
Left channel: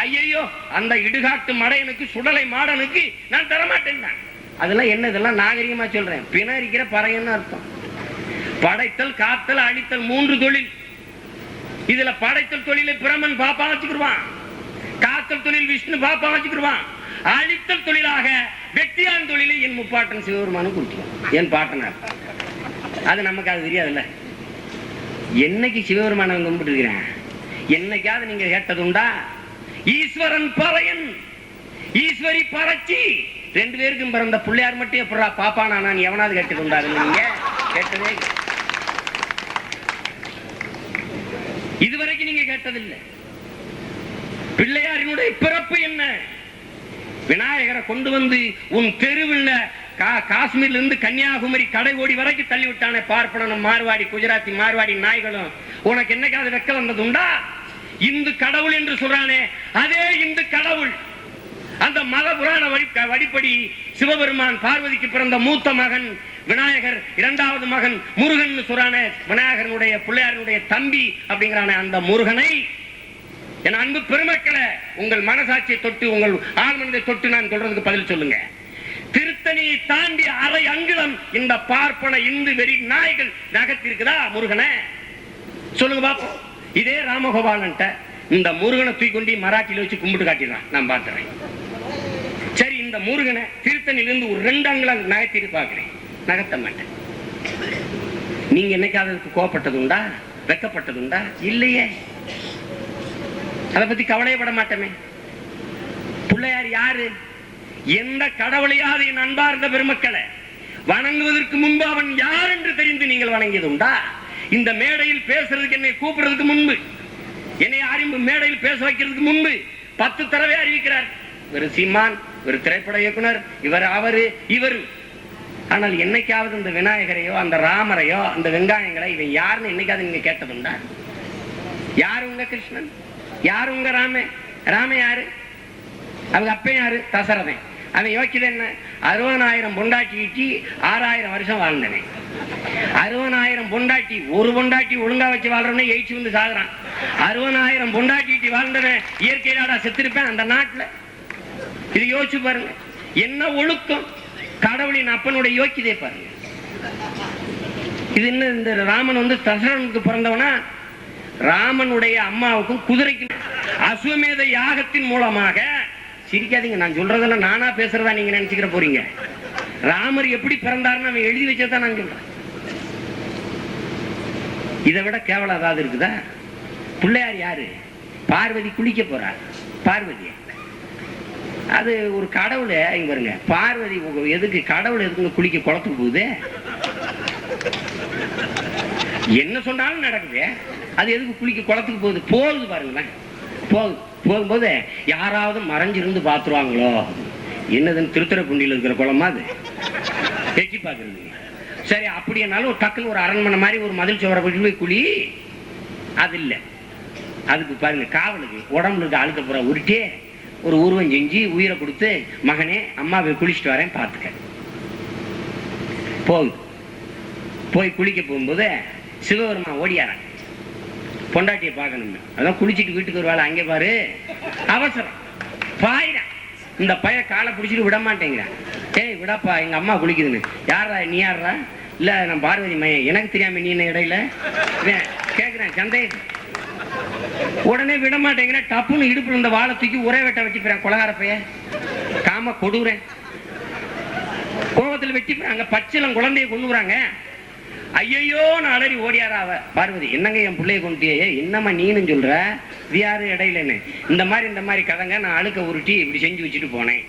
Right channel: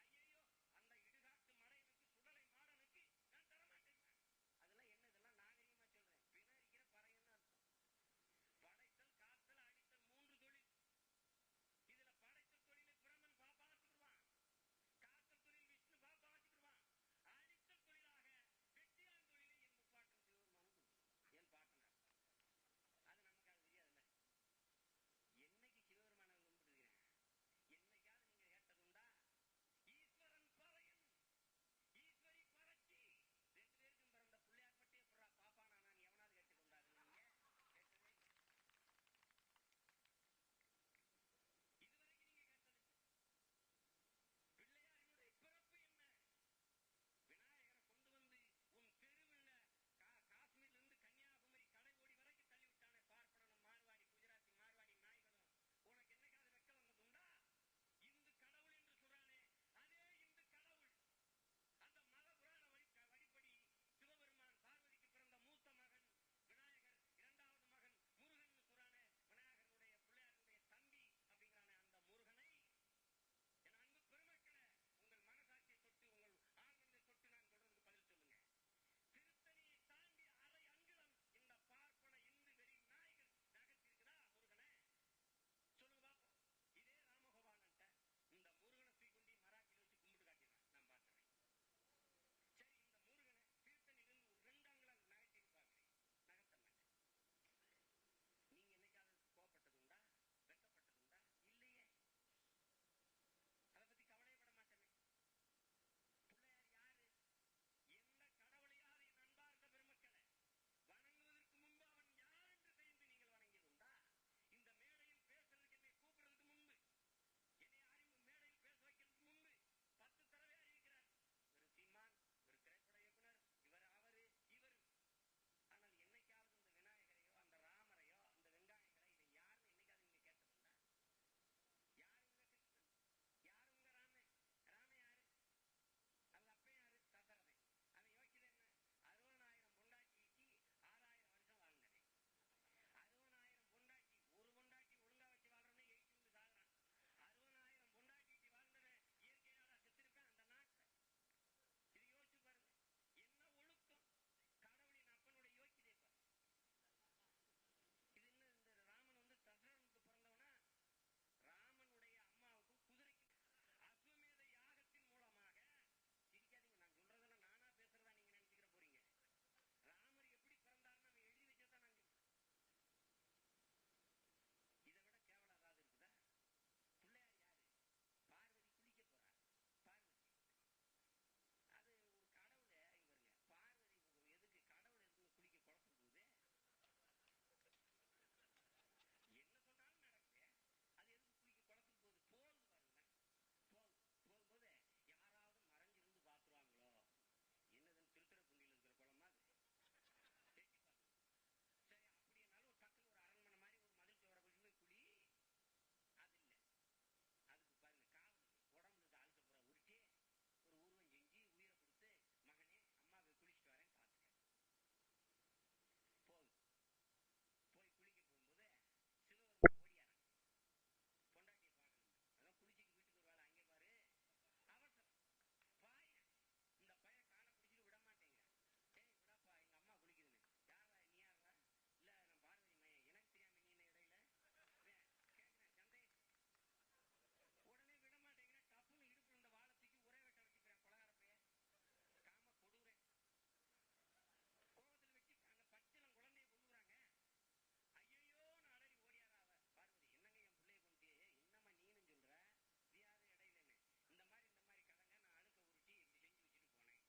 ஐயோ அந்த இடுகாட்டு மடையனுக்கு சுடலை மாடனுக்கு நான் தரமாட்டேன். அதெல்லாம் என்ன? இதெல்லாம் நாகரிகமா சொல்றேன். பிணரிக்கிற பறையன்னு அர்த்தம். படைத்தல், காத்தல், அழித்தல் 3 தொழில். இதுல படைத்தல் தொழிலை பிரமன் பாப்பா வச்சுக்கிடுவான், காத்தல் தொழில் விஷ்ணு பாப்பா வச்சுக்கிடுவான், அழித்தல் தொழிலாக வெற்றியான் தொழிலை என் முப்பாட்டன் சிவபெருமானும் கொடுத்துருவான், என் பாட்டனார். அது நமக்கு அது தெரியாதுல்ல. என்னைக்கு சிவபெருமான கும்பிட்டு இருக்கிறேன்? என்னைக்காவது நீங்க கேட்டதுண்டா? ஈஸ்வரன் பறையன், ஈஸ்வரி பறச்சி, 2 பேருக்கும் பிறந்த பிள்ளையார் மட்டும் எப்படா பாப்பானா நான் எவனாவது கேட்டதுண்டா? நீங்க கேட்டதே இதுவரைக்கும் நீங்க கேட்டதில்லை. பிள்ளையாரினுடைய பிறப்பு என்ன? விநாயகரை கொண்டு வந்து உன் தெருவில் காஷ்மீர்ல இருந்து கன்னியாகுமரி கடை ஓடி வரைக்கும் தள்ளி விட்டானே பார்ப்பனும் மார்வாடி குஜராத்தி மார்வாடி நாய்களும். உனக்கு என்னைக்காவது வெக்க வந்ததுண்டா? இந்து கடவுள் என்று சொல்றானே, அதே இந்து கடவுள் அந்த மத புராண வழிப்படி சிவபெருமான் பார்வதிக்கு பிறந்த மூத்த மகன் விநாயகர், 2வது மகன் முருகன் சொல்றானே, விநாயகனுடைய பிள்ளையாருடைய தம்பி அப்படிங்கிறானே, அந்த முருகனை என் அன்பு பெருமக்களை உங்கள் மனசாட்சியை தொட்டு, உங்கள் ஆழ்மனதை தொட்டு நான் சொல்றதுக்கு பதில் சொல்லுங்க. திருத்தணியை தாண்டி அரை அங்குலம் இந்த பார்ப்பன இந்து வெறி நாய்கள் நகர்த்திருக்குதா முருகனை? சொல்லுங்க பாப்போம். இதே ராமகோபாலன் இந்த முருகனை தூக்கி கொண்டு மராட்டியில வச்சு கும்பிட்டு காட்டிடுறான், நான் பார்த்துறேன். சரி, இந்த முருகனை திருத்தணியிலிருந்து ஒரு 2 அங்குலம் நகர்த்திட்டு பார்க்கிறேன், நகர்த்த மாட்டேன். நீங்க என்னைக்காவது கோபப்பட்டதுண்டா? வெக்கப்பட்டதுண்டா? இல்லையே. அதை பத்தி கவலையப்பட மாட்டோமே. பிள்ளையார் யாரு? எந்த கடவுளையாவது என் அன்பார்ந்த பெருமக்களை வணங்குவதற்கு முன்பு அவன் யார் என்று தெரிந்து நீங்கள் வணங்கியதுண்டா? இந்த மேடையில் பேசுறதுக்கு என்னை கூப்பிடுறதுக்கு முன்பு, என்னை அறிவு மேடையில் பேச வைக்கிறதுக்கு முன்பு 10 தடவை அறிவிக்கிறார். ஒரு சீமான், ஒரு திரைப்பட இயக்குனர், இவர், அவரு, இவர். ஆனால் என்னைக்காவது இந்த விநாயகரையோ அந்த ராமரையோ அந்த வெங்காயங்களை இவன் யாருன்னு என்னைக்காவது நீங்க கேட்டதுண்டா? யாரு உங்க கிருஷ்ணன்? யாரு உங்க ராமன்? ராமன் யாரு? அவங்க அப்பன் யாரு? தசரதன். அவன் யோக்கியது என்ன? 60,000 பொண்டாட்டி ஈட்டி 6000 வருஷம் வாழ்ந்தவன். 60,000 பொண்டாட்டி, ஒரு பொண்டாட்டி ஒழுங்கா வச்சு வாழ்றவனே எயிச்சு வந்து சாகுறான். 60,000 பொண்டாட்டி ஈட்டி வாழ்ந்தவன் இயற்கையிலாடா செத்திருப்பேன் அந்த நாட்டுல? இது யோசிச்சு பாருங்க. என்ன ஒழுக்கம்! கடவுளின் அப்பனுடைய யோக்கியதை பாருங்க. இது என்ன? இந்த ராமன் வந்து தசரனுக்கு பிறந்தவனா? ராமனுடைய அம்மாவுக்கும் குதிரைக்கும் அஸ்வமேத யாகத்தின் மூலமாக, சிரிக்காதீங்க, நான் சொல்றதெல்லாம் நானா பேசுறதா நீங்க நினைச்சுக்கிற போறீங்க. ராமர் எப்படி பிறந்தாருன்னு அவன் எழுதி வச்சதான் நான் சொல்றேன். இதை விட கேவலம் ஏதாவது இருக்குதா? பிள்ளையார் யாரு? பார்வதி குளிக்க போறார். பார்வதி அது ஒரு கடவுள். இங்க பாருங்க, பார்வதி எதுக்கு கடவுள் எதுக்கு குளிக்க குளத்துக்கு போகுது? என்ன சொன்னாலும் நடக்குது. அது எதுக்கு குளிக்க குளத்துக்கு போகுது? போகுது பாருங்களேன். போகும்போது யாராவது மறைஞ்சிருந்து பாத்துருவாங்களோ, என்னதுன்னு திருத்துறைப்பூண்டியில் இருக்கிற குளமா அது எட்டி பாக்குறது. சரி, அப்படின்னாலும் டக்குன்னு ஒரு அரண்மனை மாதிரி ஒரு மதில் சுவரை போய் குழி, அது இல்லை. அதுக்கு பாருங்க, காவலுக்கு உடம்புல இருக்க அழுக்க புற உருட்டி ஒரு உருவம் செஞ்சு உயிரை கொடுத்து, மகனே அம்மாவை குளிச்சுட்டு வரேன் பார்த்துக்க. போய் குளிக்க போகும்போது சிவபெருமான் ஓடியாரன் பொண்டாட்டியை பார்க்கணும். அதான் குளிச்சுட்டு வீட்டுக்கு ஒரு வேலை, அங்கே பாரு அவசரம் பாயிரா. இந்த பைய காலை பிடிச்சிட்டு விட மாட்டேங்கிறான். ஏய் விடப்பா, எங்க அம்மா குளிக்குதுன்னு. யாரா நீ? யாரா? இல்ல நான் பார்வதி மையம். எனக்கு தெரியாம நீ என்ன இடையில கேக்குறேன் சந்தேகம். உடனே விட மாட்டேங்கிறேன். டப்புன்னு இடுப்புல இந்த வாழை தூக்கி ஒரே வெட்ட வெட்டிப்பேன். கொலகார பைய காம கொடுறேன். கோபத்தில் வெட்டிப்பேன். பச்சிலம் குழந்தைய கொண்டுறாங்க. ஐயோ நான் அலறி ஓடியாரா அவ. பார்வதி, என்னங்க என் பிள்ளைய கொண்டுட்டியே? என்னம்மா நீன்னு சொல்ற? வியாரு இடையிலன்னு இந்த மாதிரி கதைங்க. நான் அழுக்க உருட்டி இப்படி செஞ்சு வச்சுட்டு போனேன்.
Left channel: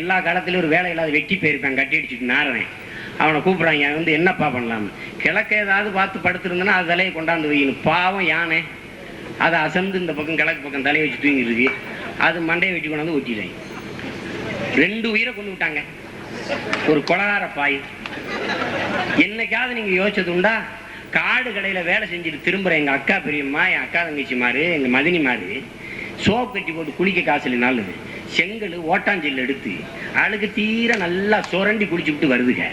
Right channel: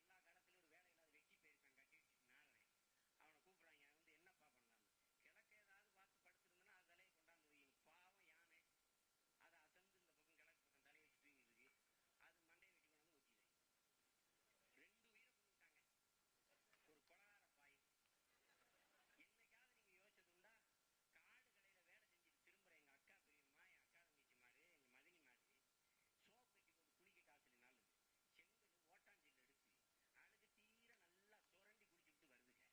எல்லா காலத்திலும் ஒரு வேலை இல்லாத வெட்டி போயிருப்பேன், கட்டி அடிச்சுட்டு நாரேன். அவனை கூப்பிடுறாங்க, வந்து என்னப்பா பண்ணலாம்? கிழக்க ஏதாவது பார்த்து படுத்திருந்தேன்னா அது தலையை கொண்டாந்து வைக்கணும். பாவம் யானை அதை அசந்து இந்த பக்கம் கிழக்கு பக்கம் தலையை வச்சு தூங்கி இருக்கு. அது மண்டையை வெட்டி கொண்டாந்து ஒட்டிடுறாங்க. 2 உயிரை கொண்டு விட்டாங்க. ஒரு கொலகார பாய். என்னைக்காவது நீங்க யோசிச்சது உண்டா? காடு கடையில வேலை செஞ்சுட்டு திரும்புற எங்க அக்கா பெரியம்மா, என் அக்கா தங்கச்சி மாரு, எங்க மதினி மாரு சோப் கட்டி போட்டு குளிக்க காசு இல்லைனாலும் செங்கல் ஓட்டாஞ்சல் எடுத்து அழுக்கு தீர நல்லா சுரண்டி குளிச்சுட்டு வருதுங்க.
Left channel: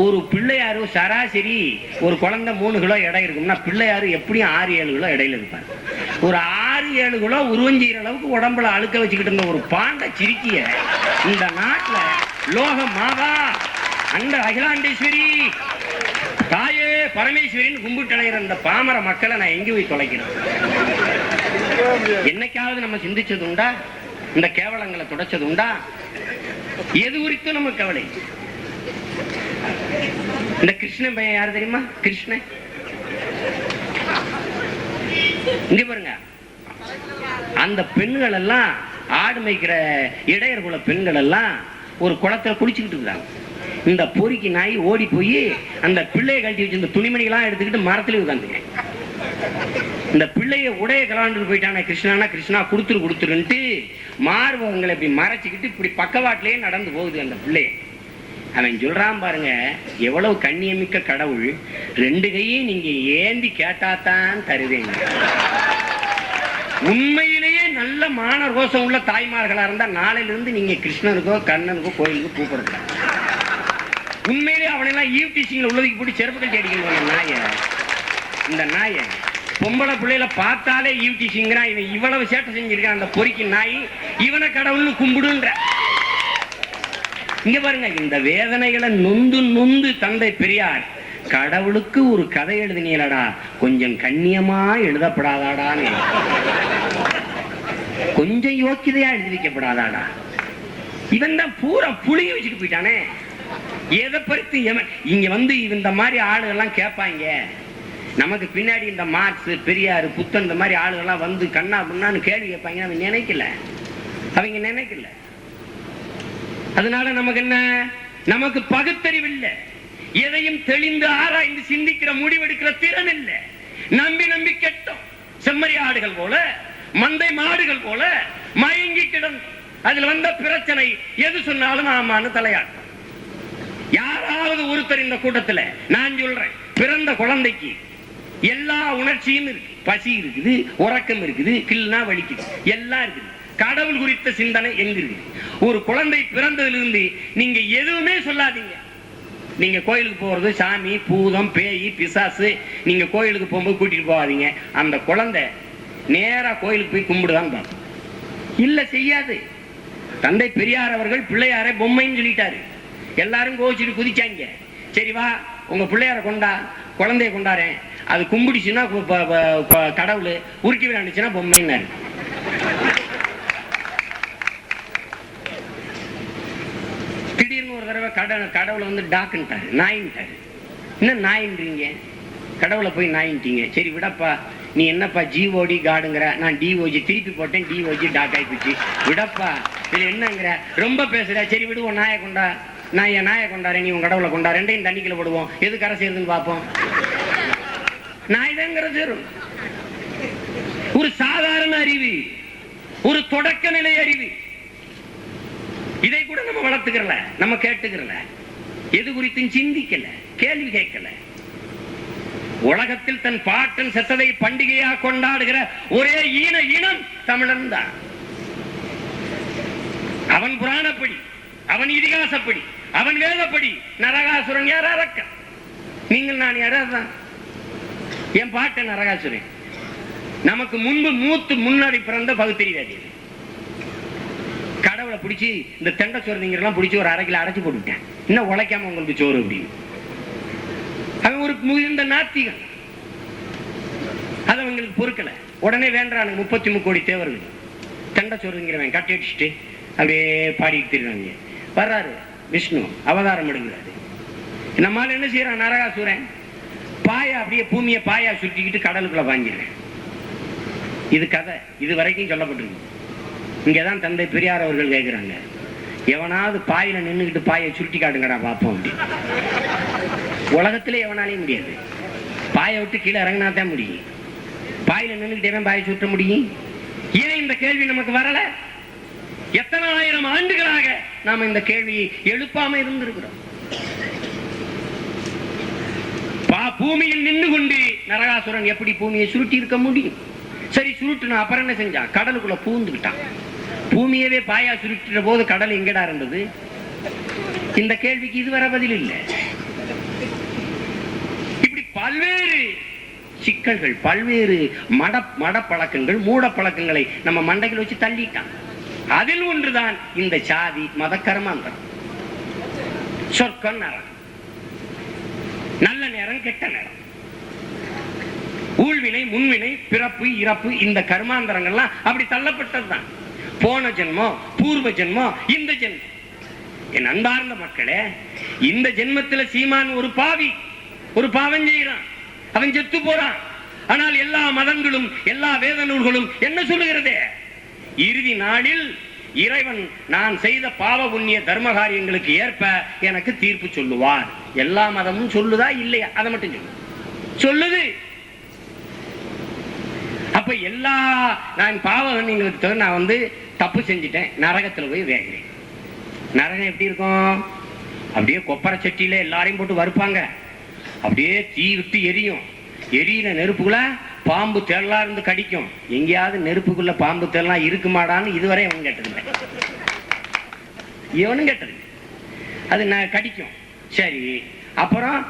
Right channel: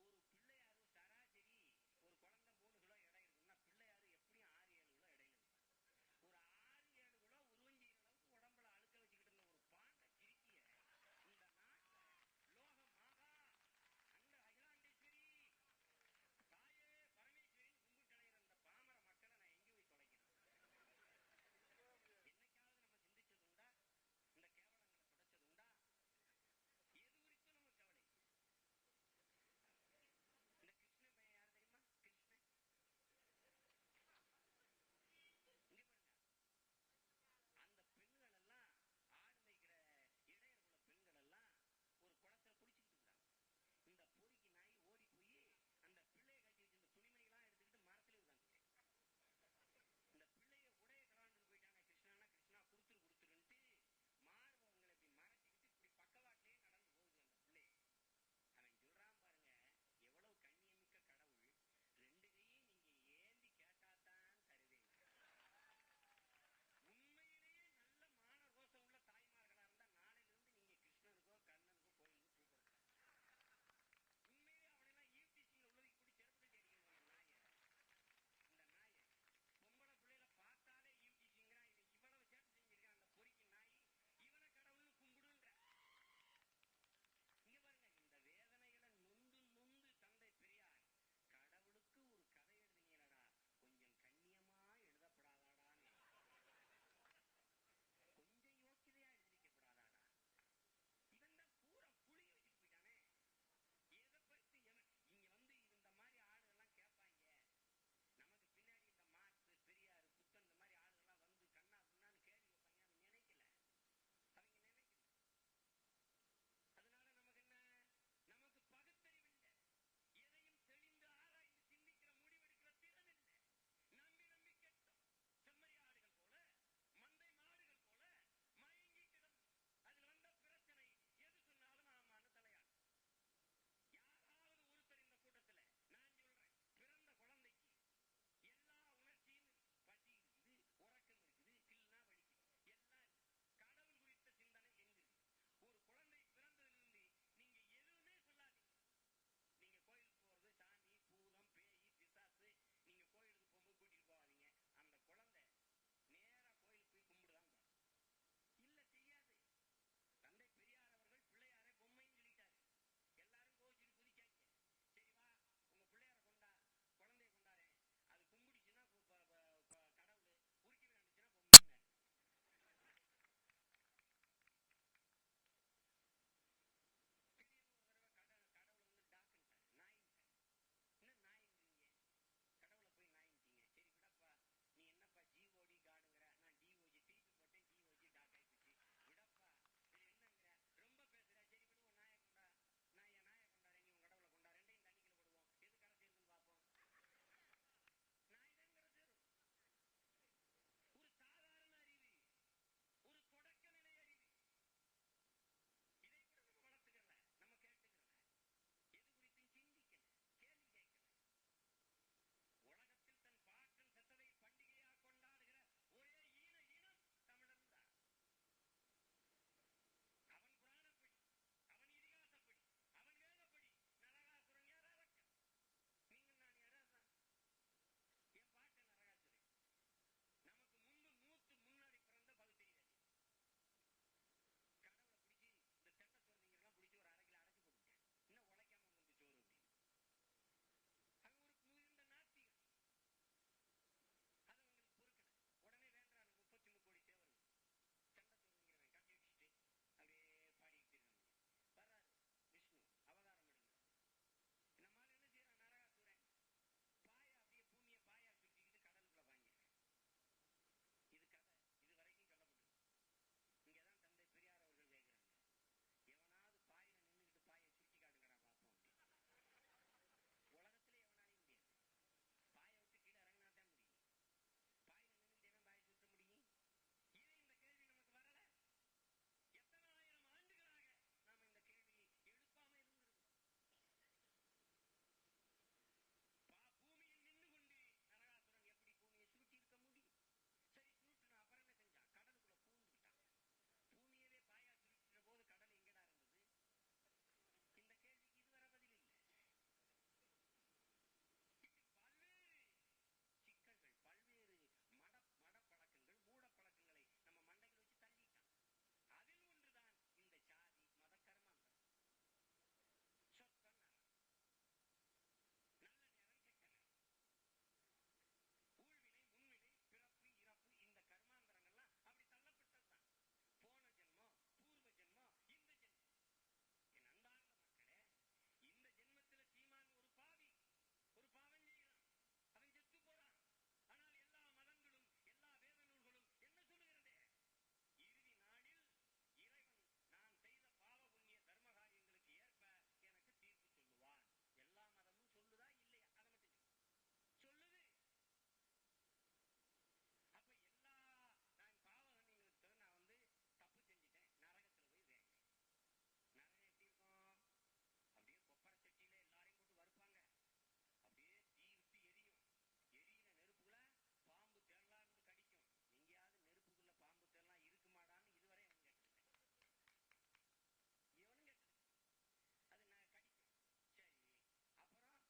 ஒரு பிள்ளையாரு சராசரி ஒரு குழந்தை 3 கிலோ எடை இருக்கும்னா, பிள்ளையாரு எப்படியும் 6-7 கிலோ இடையில இருப்பார். ஒரு 6-7 கிலோ உருவஞ்சிற அளவுக்கு உடம்புல அழுக்க வச்சுக்கிட்டு இருந்த ஒரு பாண்ட சிரிக்கிய இந்த நாட்டுல லோக மாதா அந்த அகிலாண்டேஸ்வரி தாயே பரமேஸ்வரின்னு கும்பிட்டு அடைகிற இந்த பாமர மக்களை நான் எங்க போய் தொலைக்கிறேன்? என்னைக்காவது நம்ம சிந்திச்சது உண்டா? இந்த கேவலங்களை துடைச்சது உண்டா? எது குறித்தும் நம்ம கவலை. இந்த கிருஷ்ணன் பையன் யாரு தெரியுமா? கிருஷ்ணன் இங்க பாருங்க. அந்த பெண்கள் எல்லாம் ஆடு மேய்க்கிற இடையர் குல பெண்கள் எல்லாம் ஒரு குளத்துல குளிச்சுக்கிட்டு இருக்காங்க. இந்த பொறிக்கு நாய் ஓடி போய் அந்த பிள்ளையை கழட்டி வச்சு இந்த துணிமணிகளாம் எடுத்துக்கிட்டு மரத்துல உட்காந்துங்க. இந்த பிள்ளைய உடைய கலாண்டு போயிட்டான கிருஷ்ணானா, கிருஷ்ணா கொடுத்துருன்ட்டு மார்பகங்களை இப்படி மறைச்சிக்கிட்டு இப்படி பக்கவாட்டிலேயே நடந்து போகுது அந்த பிள்ளைய. அவன் சொல்றான் பாருங்க, எவ்வளவு கண்ணியமிக்க கடவுள், 2 கையும் நீங்க ஏந்தி கேட்டாத்தான் தருவேங்க. உண்மையிலேயே நல்ல மான ரோசம் உள்ள தாய்மார்களா இருந்தா நாளையில இருந்து நீங்க கிருஷ்ணனுக்கோ கண்ணனுக்கோ கோயிலுக்கு கூப்பிடுங்க. உண்மையிலேயே அவனெல்லாம் ஈவ் டீச்சிங்ல உள்ளதுக்கு போட்டு செருப்பு கட்டி அடிக்கணும். நாய இந்த நாய பொம்பளை பிள்ளையில பார்த்தாலே ஈவ் டீச்சிங்கிறான். இவன் இவ்வளவு சேட்டை செஞ்சிருக்கான் அந்த பொறிக்கு நாய். இவனை கடவுள்னு கும்பிடுன்ற. இங்க பாருங்க, இந்த வேதனைகளை நொந்து தந்தை பெரியார் கடவுளுக்கு ஒரு கதை எழுதினீங்களடா, கொஞ்சம் கண்ணியமா எழுதப்படாதாடான்னு, கொஞ்சம் யோக்கியதையா எழுதி வைக்கப்படாதாடா. இவன் தான் பூரா புளிய வச்சுட்டு போயிட்டானே. எதை பறித்து இங்க வந்து இந்த மாதிரி ஆளுகள்லாம் கேட்பாங்க. நமக்கு பின்னாடி இந்த மார்க்ஸ், பெரியார், புத்தன் இந்த மாதிரி ஆளுகள்லாம் வந்து கண்ணா புண்ணான்னு கேள்வி கேட்பாங்க. அவங்க நினைக்கல. அதனால நமக்கு என்ன? நமக்கு பகுத்தறிவு இல்லை. எதையும் தெளிந்து ஆராய்ந்து சிந்திக்கிற முடிவெடுக்கிற திறன் இல்லை. நம்பி கெட்டோம். செம்மறி ஆடுகள் போல, மந்தை மாடுகள் போல மயங்கி கிடந்து அதுல வந்த பிரச்சனை எது சொன்னாலும் ஆமான்னு தலையாட்டும். யாராவது ஒருத்தர் இந்த கூட்டத்துல, நான் சொல்றேன், பிறந்த குழந்தைக்கு எல்லா உணர்ச்சியும் இருக்கு. பசி இருக்குது, உறக்கம் இருக்குது, கில்னா வலிக்குது, எல்லாம் இருக்குது. கடவுள் குறித்த சிந்தனை எங்க இருக்கு? ஒரு குழந்தை பிறந்ததிலிருந்து நீங்க எதுவுமே சொல்லாதீங்க. நீங்க கோயிலுக்கு போறது சாமி, பூதம், பேய், பிசாசு, நீங்க கோயிலுக்கு போகும்போது கூட்டிட்டு போகாதீங்க. அந்த குழந்தை நேரா கோயிலுக்கு போய் கும்பிடுதான் பார்ப்போம். இல்ல செய்யாது. தந்தை பெரியார் அவர்கள் பிள்ளையாரை பொம்மைன்னு சொல்லிட்டாரு. எல்லாரும் கோச்சிட்டு குதிச்சாங்க. சரி வா உங்க பிள்ளையார கொண்டா, குழந்தைய கொண்டாரேன், அது கும்பிடுச்சுன்னா கடவுள், உருக்கி விளையாண்டுச்சுன்னா பொம்மைன்னாரு. திடீர்னு ஒரு தடவை கடவுளை வந்து டாக்குன்ட்டாரு, நாயின்ட்டாரு. என்ன நாயின்றீங்க? கடவுளை போய் நாயின்ட்டீங்க. சரி விடப்பா, நீ என்னப்பா ஜிஓடி காடுங்கிற, நான் டிஓஜி திருப்பி போட்டேன், டிஓஜி டாக் ஆயிடுச்சு, விடப்பா இது என்னங்கிற, ரொம்ப பேசுற, சரி விடுவோம், நாயை கொண்டா, நான் என் நாயை கொண்டாரேன், நீ உன் கடவுளை கொண்டா, ரெண்டையும் தண்ணிக்குள்ள போடுவோம், எது கரை சேருதுன்னு பார்ப்போம். நாய் தான் கரை சேரும். ஒரு சாதாரண அறிவு, ஒரு தொடக்க நிலை அறிவு, இதை கூட நம்ம வளர்த்துக்கிறல, நம்ம கேட்டுக்கிறல, எது குறித்தும் சிந்திக்கல, கேள்வி கேட்கல. உலகத்தில் தன் பாட்டன் செத்ததை பண்டிகையாக கொண்டாடுகிற ஒரே இனம் தமிழன் தான். அவன் புராணப்படி, அவன் இதிகாசப்படி, அவன் வேதப்படி நரகாசுரன் யார்? அரக்கன். நீங்கள் நான் யாராதான்? என் பாட்டன் நரகாசுரன். நமக்கு முன்பு முன்னாடி பிறந்த பகுத்தறிவாதி. கடவுளை பிடிச்சி இந்த தெண்டை சோறுங்கெல்லாம் பிடிச்சி ஒரு அரைக்கில அடைச்சு போட்டுட்டேன். இன்னும் உழைக்காம உங்களுக்கு சோறு அப்படின்னு. அவன் ஒரு முதிர்ந்த நாத்திகன். அது அவங்களுக்கு பொறுக்கல. உடனே வேண்டானுங்க 33 கோடி தேவர்கள் தெண்டை சோறுங்கிறவன் கட்டி அடிச்சுட்டு அப்படியே பாடிட்டு திருவாங்க. வர்றாரு விஷ்ணு, அவதாரம் எடுக்கிறாரு. நம்மால என்ன செய்யறான்? நரகாசுரன் பாயா அப்படியே பூமியை பாயா சுட்டிக்கிட்டு கடலுக்குள்ள வாங்கிடுறேன். இது கதை, இது வரைக்கும் சொல்லப்பட்டிருக்கு. இங்கதான் தந்தை பெரியார் அவர்கள் கேட்கிறாங்க, எவனாவது பாயில நின்றுகிட்டு பாயை சுருட்டி காட்டுங்கடா பார்ப்போம் அப்படின்னு. உலகத்திலே எவனாலையும் முடியாது. பாயை விட்டு கீழே இறங்கினாதான் முடியும். பாயில நின்றுகிட்டே பாயை சுட்ட முடியும். ஏன் இந்த கேள்வி நமக்கு வரல? எத்தனை ஆயிரம் ஆண்டுகளாக நாம இந்த கேள்வியை எழுப்பாம இருந்திருக்கிறோம். பூமியில் நின்று கொண்டு நரகாசுரன் எப்படி பூமியை சுருட்டி இருக்க முடியும்? சரி சுருட்டுனா அப்புறம் என்ன செஞ்சான்? கடலுக்குள்ள பூந்துக்கிட்டான். பூமியவே பாயா சுருட்டிற போது கடல் எங்கடா இருந்தது? இந்த கேள்விக்கு இதுவரை பதில் இல்லை. இப்படி பல்வேறு சிக்கல்கள், பல்வேறு மடப்பழக்கங்கள், மூட பழக்கங்களை நம்ம மண்டைகள் வச்சு தள்ளிட்டான். அதில் ஒன்றுதான் இந்த சாதி மத கர்மாந்தரம். சொர்க்கம் நரகம், நல்ல நேரம் கெட்ட நேரம், ஊழ்வினை முன்வினை, பிறப்பு இறப்பு, இந்த கர்மாந்தரங்கள்லாம் அப்படி தள்ளப்பட்டதுதான். போன ஜென்மம், பூர்வ ஜென்மம், இந்த ஜென்மம். என் அன்பார்ந்த மக்களே, இந்த ஜென்மத்துல சீமான் ஒரு பாவி, ஒரு பாவம் செய்கிறான், அவன் செத்து போறான். ஆனால் எல்லா மதங்களும் எல்லா வேத நூல்களும் என்ன சொல்லுகிறதே? இறுதி நாளில் இறைவன் நான் செய்த பாவ புண்ணிய தர்ம காரியங்களுக்கு ஏற்ப எனக்கு தீர்ப்பு சொல்லுவார். எல்லா மதமும் சொல்லுதா இல்லையா? அதை மட்டும் சொல்லுது. அப்ப எல்லா நான் பாவ புண்ணியங்களுக்கு நான் வந்து தப்பு செஞ்சுட்டேன், நரகத்துல போய் வேகிறேன். நரகம் எப்படி இருக்கும்? அப்படியே கொப்பரை சட்டியில எல்லாரையும் போட்டு வறுப்பாங்க, அப்படியே தீ விட்டு எரியும். எரியில நெருப்புக்குள்ள பாம்பு தேடலாம் இருந்து கடிக்கும். எங்கேயாவது நெருப்புக்குள்ள பாம்பு தேடலாம் இருக்குமாடான்னு இதுவரை எவனும் கேட்டதில்லை. எவனும் கேட்டது அது கடிக்கும். சரி, அப்புறம்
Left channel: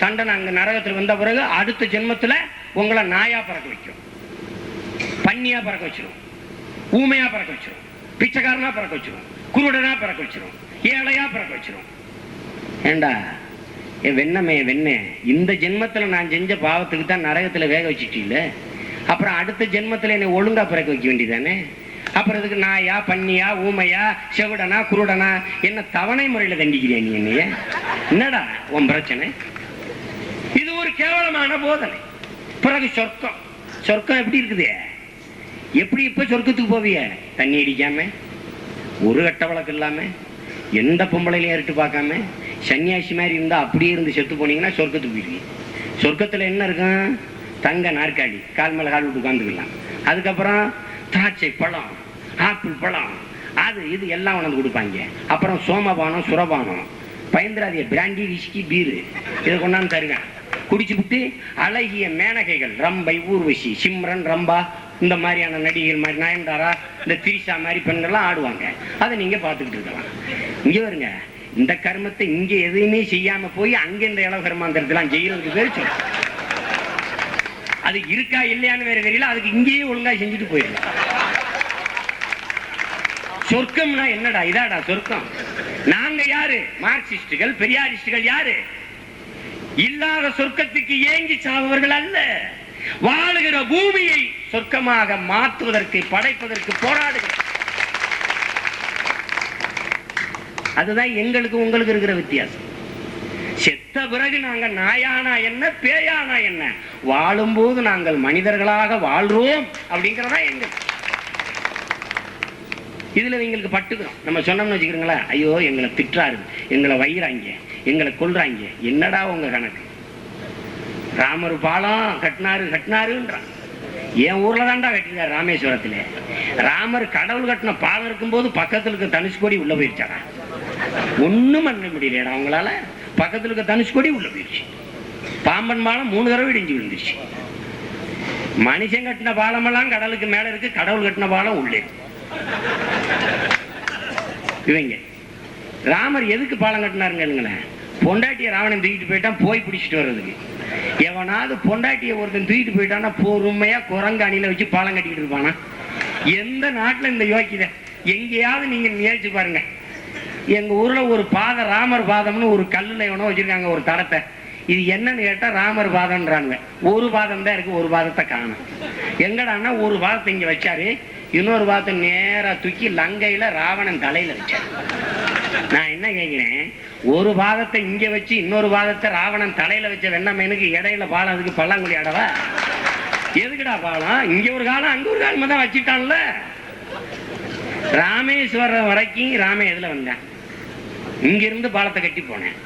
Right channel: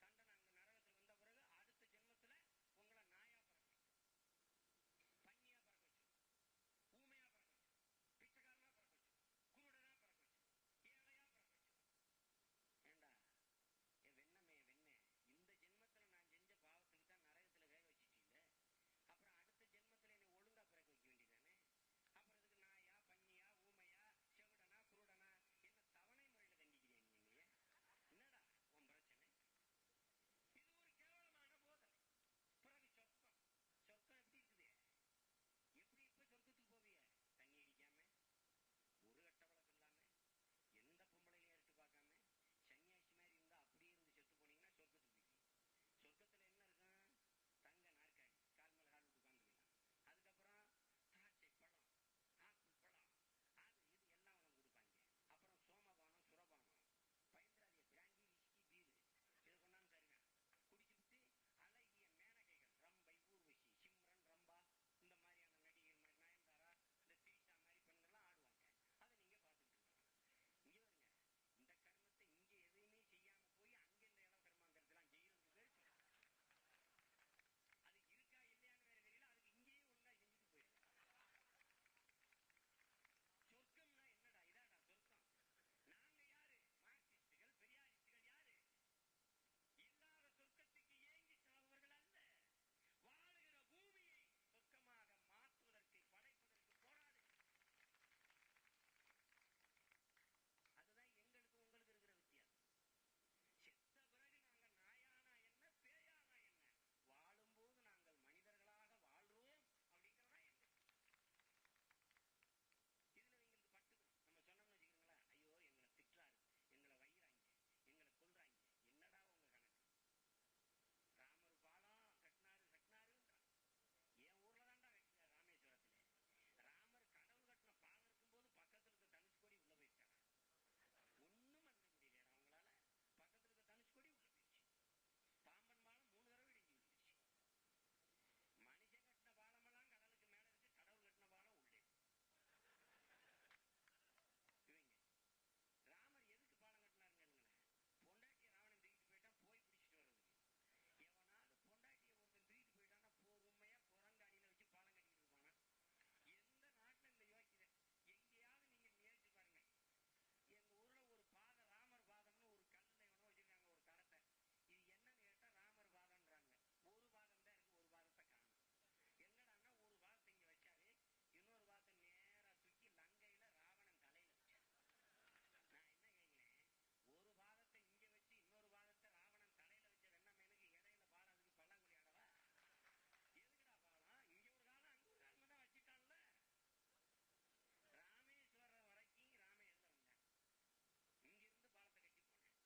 தண்டனை அங்க நரகத்துல வந்த பிறகு அடுத்த ஜென்மத்துல உங்களை நாயா பறக்க வைக்கும், பன்னியா பறக்க வச்சிரும், ஊமையா பறக்க வச்சிரும், பிச்சைக்காரனா பறக்க வச்சிரும், குருடனா பறக்க வச்சிரும், ஏழையா பறக்க வச்சிரும். ஏண்டா வெண்ணமே வெண்ணே, இந்த ஜென்மத்துல நான் செஞ்ச பாவத்துக்கு தான் நரகத்துல வேக வச்சுட்டீங்கள, அப்புறம் அடுத்த ஜென்மத்துல என்னை ஒழுங்கா பிறக்க வைக்க வேண்டியதானே? அப்புறம் இதுக்கு நாயா பன்னியா ஊமையா செவிடனா குருடனா என்ன தவணை முறையில தண்டிக்கிறியா நீ என்னைய? என்னடா உன் பிரச்சனை? இது ஒரு கேவலமான போதனை. பிறகு சொர்க்கம், சொர்க்கம் எப்படி இருக்குது? எப்படி இப்ப சொர்க்கத்துக்கு போவிய? தண்ணி அடிக்காம, ஒரு கட்ட வழக்கு இல்லாம, எந்த பொம்பளையிலையும் ஏறிட்டு பார்க்காம, சன்னியாசி மாதிரி இருந்தா அப்படியே இருந்து செத்து போனீங்கன்னா சொர்க்கத்துக்கு போயிருவீங்க. சொர்க்கத்துல என்ன இருக்கும்? தங்க நாற்காலி, கால் மேல கால் விட்டு உட்காந்துக்கலாம். அதுக்கப்புறம் திராட்சை பழம், ஆப்பிள் பழம், அது இது எல்லாம் உணர்ந்து கொடுப்பாங்க. அப்புறம் சோமபானம், சுரபானம், பயந்திராதிய பிராண்டி, விஸ்கி, பீரு இதை கொண்டாந்து தருங்க. குடிச்சு விட்டு அழகிய மேனகைகள், ரம்பை, ஊர்வசி, சிம்ரன், ரம்பா, இந்த மாதிரியான நடிகைகள் மாதிரி, நயன்தாரா, இந்த திரிஷா மாதிரி பெண்கள்லாம் ஆடுவாங்க. அதை நீங்க பார்த்துக்கிட்டு இருக்கலாம். இங்க வருங்க, இந்த கர்மத்தை இங்க எதுவுமே செய்யாம போய் அங்க இந்த இளவு கர்மாந்திரத்தெல்லாம் செய்யறதுக்கு பேர் சொல்ல. அது இருக்கா இல்லையான்னு வேற தெரியல, அதுக்கு இங்கேயே ஒழுங்கா செஞ்சுட்டு போயிடலாம். சொர்க்கம்னா என்னடா? இதாடா சொர்க்கம். நாங்க யாரு? மார்க்சிஸ்டுகள், பெரியாரிஸ்டுகள் யாரு? இல்லாத சொர்க்கத்துக்கு ஏங்கி சாவவர்கள் அல்ல. வாழுகிற பூமியை சொர்க்கமாக மாற்றுவதற்கு, படைப்பதற்கு போராடுகிறோம். அதுதான் எங்களுக்கு உங்களுக்கு இருக்கிற வித்தியாசம். செத்த பிறகு நாங்க நாயானா என்ன, பேயானா என்ன, வாழும்போது நாங்கள் மனிதர்களாக வாழ்றோம் அப்படிங்கிறதா எங்க. இதுல எங்களுக்கு பட்டுக்கிறோம். நம்ம சொன்னோம்னு வச்சுக்கிறீங்களா, ஐயோ எங்களை திட்டுறாரு, எங்களை வைறாங்க, எங்களை கொல்றாங்க, என்னடா உங்க கணக்கு? ராமர் பாலம் கட்டினாருன்றான். என் ஊர்ல தான்டா கட்டிருக்காரு, ராமேஸ்வரத்துல. ராமர் கடவுள் கட்டின பாலம் இருக்கும் போது பக்கத்துல இருக்க தனுஷ்கோடி உள்ள போயிருச்சாரா? ஒண்ணும் பண்ண முடியலடா அவங்களால. பக்கத்துல இருக்க தனுஷ்கோடி உள்ள போயிருச்சு. பாம்பன் பாலம் 3 தடவை இடிஞ்சு விழுந்துருச்சு. மனுஷன் கட்டின பாலம் எல்லாம் கடலுக்கு மேல இருக்கு, கடவுள் கட்டின பாலம் உள்ளே இருக்கு. இவங்க ராமர் எதுக்கு பாலம் கட்டினாருங்க? பொண்டாட்டிய ராவணன் தூக்கிட்டு போயிட்டான், போய் பிடிச்சிட்டு வர்றதுக்கு. எவனாவது பொண்டாட்டிய ஒருத்தன் தூக்கிட்டு போயிட்டான்னா பொறுமையா குரங்கு அணில வச்சு பாலம் கட்டிக்கிட்டு இருப்பானா? எந்த நாட்டுல இந்த யோக்கியதை எங்கேயாவது நீங்க முயற்சி பாருங்க. எங்க ஊர்ல ஒரு பாதை, ராமர் பாதம்னு ஒரு கல்லுல எவனோ வச்சிருக்காங்க ஒரு தடத்தை. இது என்னன்னு கேட்டா ராமர் பாதம்ன்றாங்க. ஒரு பாதம் தான் இருக்கு, ஒரு பாதத்தை காணும். எங்கடான்னா ஒரு பாதத்தை இங்க வச்சாரு, இன்னொரு பாதத்தை நேரா தூக்கி லங்கையில ராவணன் தலையில வச்சாரு. நான் என்ன கேட்கிறேன், ஒரு பாதத்தை இங்க வச்சு இன்னொரு பாதத்தை ராவணன் தலையில வச்ச வெண்ணமேனுக்கு இடையில பாலம், அதுக்கு பல்லாங்குழி ஆடவா? எதுக்குடா பாலம்? இங்க ஒரு காலம் அங்க ஒரு காலமா தான் வச்சுட்டான்ல. ராமேஸ்வரம் வரைக்கும் ராம எதுல வந்தேன்? இங்க இருந்து பாலத்தை கட்டி போனேன்.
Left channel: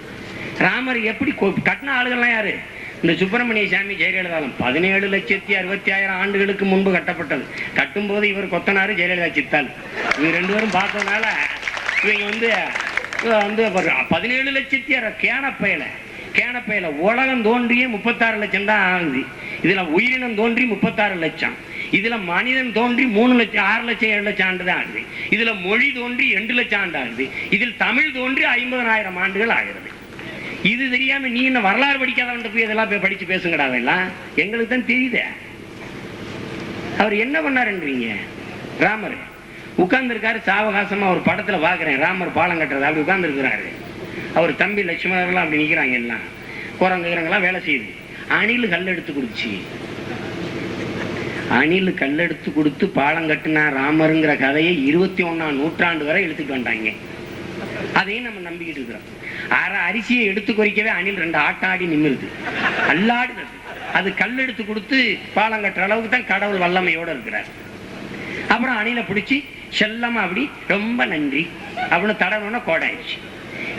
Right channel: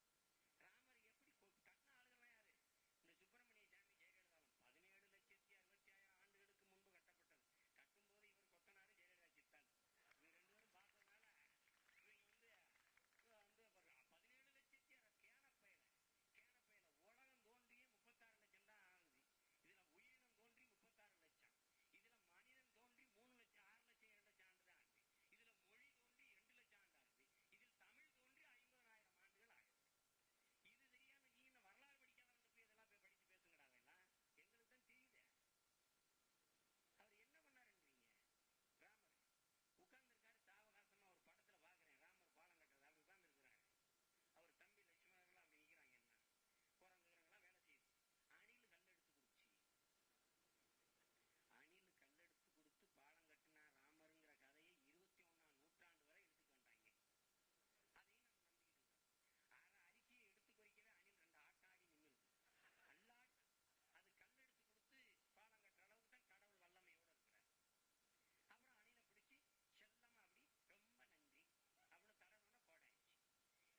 ராமர் எப்படி கட்டின ஆளுகள்லாம் யாரு? இந்த சுப்பிரமணிய சாமி ஜெயலலிதாலம் 17,60,000 ஆண்டுகளுக்கு முன்பு கட்டப்பட்டது. கட்டும் போது இவர் கொத்தனாரு, ஜெயலலிதா சித்தாள். இவங்க 2 பேரும் பார்த்ததுனால இவங்க வந்து 17,60,000 கேனப்பையில உலகம் தோன்றியே 36 லட்சம் தான் ஆகுது. இதுல உயிரினம் தோன்றி 36 லட்சம். இதுல மனிதன் தோன்றி 3 லட்சம், 6 லட்சம், 7 லட்சம் ஆண்டு தான் ஆகுது. இதுல மொழி தோன்றி 2 லட்சம் ஆண்டு ஆகுது. இதில் தமிழ் தோன்றி 50,000 ஆண்டுகள் ஆகிறது. இது தெரியாம நீ என்ன வரலாறு படிக்காதவன் போய் இதெல்லாம் போய் படிச்சு பேசுங்கடா. எல்லாம் எங்களுக்கு தான் தெரியுது. அவர் என்ன பண்ணாருன்றீங்க? ராமர் உட்கார்ந்து இருக்காரு சாவகாசமா. ஒரு படத்துல பாக்குறேன், ராமர் பாலம் கட்டுறது அப்படி உட்கார்ந்து இருக்கிறாரு. அவர் தம்பி லட்சுமணர்லாம் அப்படி நிக்கிறாங்க. எல்லாம் குரங்குறங்கெல்லாம் வேலை செய்யுது. அணில் கல் எடுத்து கொடுச்சு. அணில் கல்லெடுத்து கொடுத்து பாலம் கட்டினா ராமருங்கிற கதையை 21ஆம் நூற்றாண்டு வரை எடுத்துட்டு வந்தாங்க. அதையும் நம்ம நம்பிக்கிட்டு இருக்கிறோம். அரிசியை எடுத்து குறிக்கவே அணில் 2 ஆட்டாடி நிமிருது, அல்லாடுது. அது கல் எடுத்து கொடுத்து பாலம் கட்டுற அளவுக்கு தான் கடவுள் வல்லமையோட இருக்கிறார். அப்புறம் அணிலை பிடிச்சி செல்லமா அப்படி ரொம்ப நன்றி அப்படின்னு தடவுனா கோடாயிடுச்சு.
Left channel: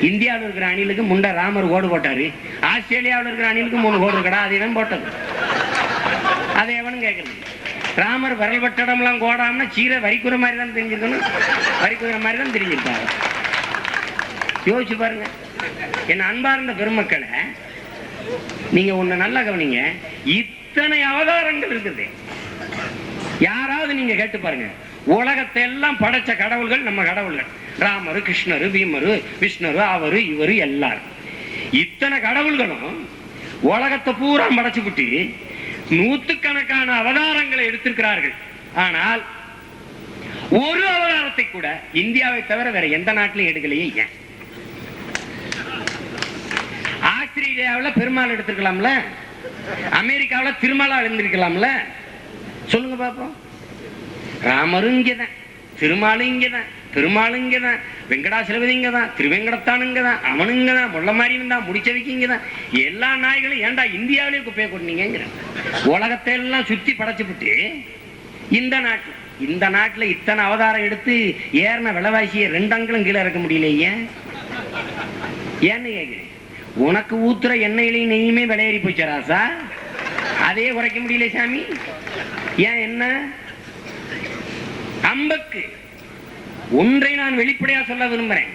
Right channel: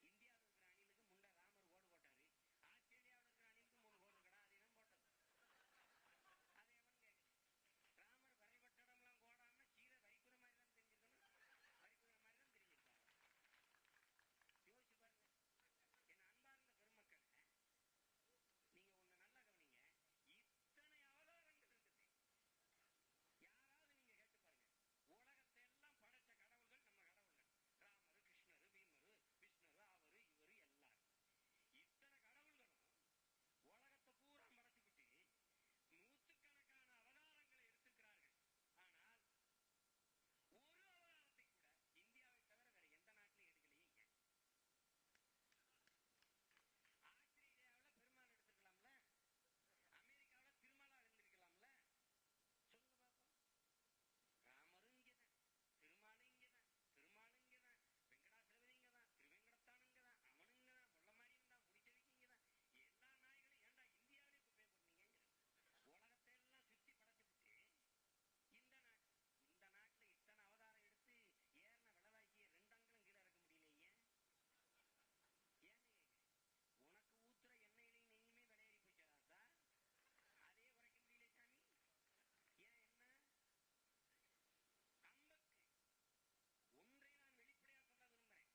இந்தியாவில் இருக்கிற அணிலுக்கு முண்டை ராமர் ஓடு போட்டாரு. ஆஸ்திரேலியாவில் இருக்கிற அணிலுக்கு 3 கோடு இருக்கடா, அது எவன் போட்டது? அதை எவனும் கேட்கறது. ராமர் விரல் பட்டடம்லாம் கோடாமனா சீரை வரிக்குற மாதிரி தான் தெரிஞ்சிருக்கணும், வரிக்குற மாதிரி தான் தெரிஞ்சிருப்பாரு. யோசிச்சு பாருங்க. என் அன்பார்ந்த பெருமக்களை, நீங்க ஒண்ணு நல்லா கவனிங்க. இத்தனை அவதாரங்கள் இருக்குது. யாராவது நீங்க கேட்டு பாருங்க, உலகத்தை எல்லாம் படைச்ச கடவுள்கள் நம்ம கடவுள்கள். ராமரு, கிருஷ்ணரு, பீமரு, விஷ்ணரு, அவரு, இவரு, எல்லாரும். இத்தனை கடவுள்களும் உலகத்தை பூரா படைச்சு விட்டு 100கணக்கான அவதாரங்களை எடுத்திருக்கிறார்கள். ஆனால் ஒரு அவதாரத்தை கூட இந்தியாவை தவிர வேற எந்த நாட்டிலும் எடுக்கலையே. ஏன்? ஆஸ்திரேலியாவில் பெருமாள் எடுத்திருக்கலாம்ல, அமெரிக்காவில் திருமாலா எழுந்திருக்கலாம்ல. சொல்லுங்க பாப்போம். ராமரும் இங்கதான், திருமாலும் இங்கதான், பெருமாளும் இங்கதான், வெங்கடாசலபதி இங்கதான், திருவேங்கடத்தான் இங்கதான், அவனு இங்கதான், முள்ள மாதிரி இருந்தா முடிச்சவைக்கு இங்கதான். எல்லா நாய்களும் ஏன்டா இந்தியாவிலேயே குப்பையை கொண்டீங்க? உலகத்தை எல்லாம் சுத்தி படைச்சுட்டு இந்த நாட்டுல இத்தனை அவதாரம் எடுத்து ஏறின விலைவாசியை 2 அங்குலம் கீழே இறக்க முடியல. ஏன்னு கேக்குறேன். உனக்கு ஊத்துற எண்ணெயிலையும் நெய்யுமே விலையேறி போச்சு ராசா, அதையே குறைக்க முடியல சாமி. ஏன்? என்ன அம்பக்கு ஒன்றை நான் வெளிப்படையா சொல்ல விரும்புறேன்.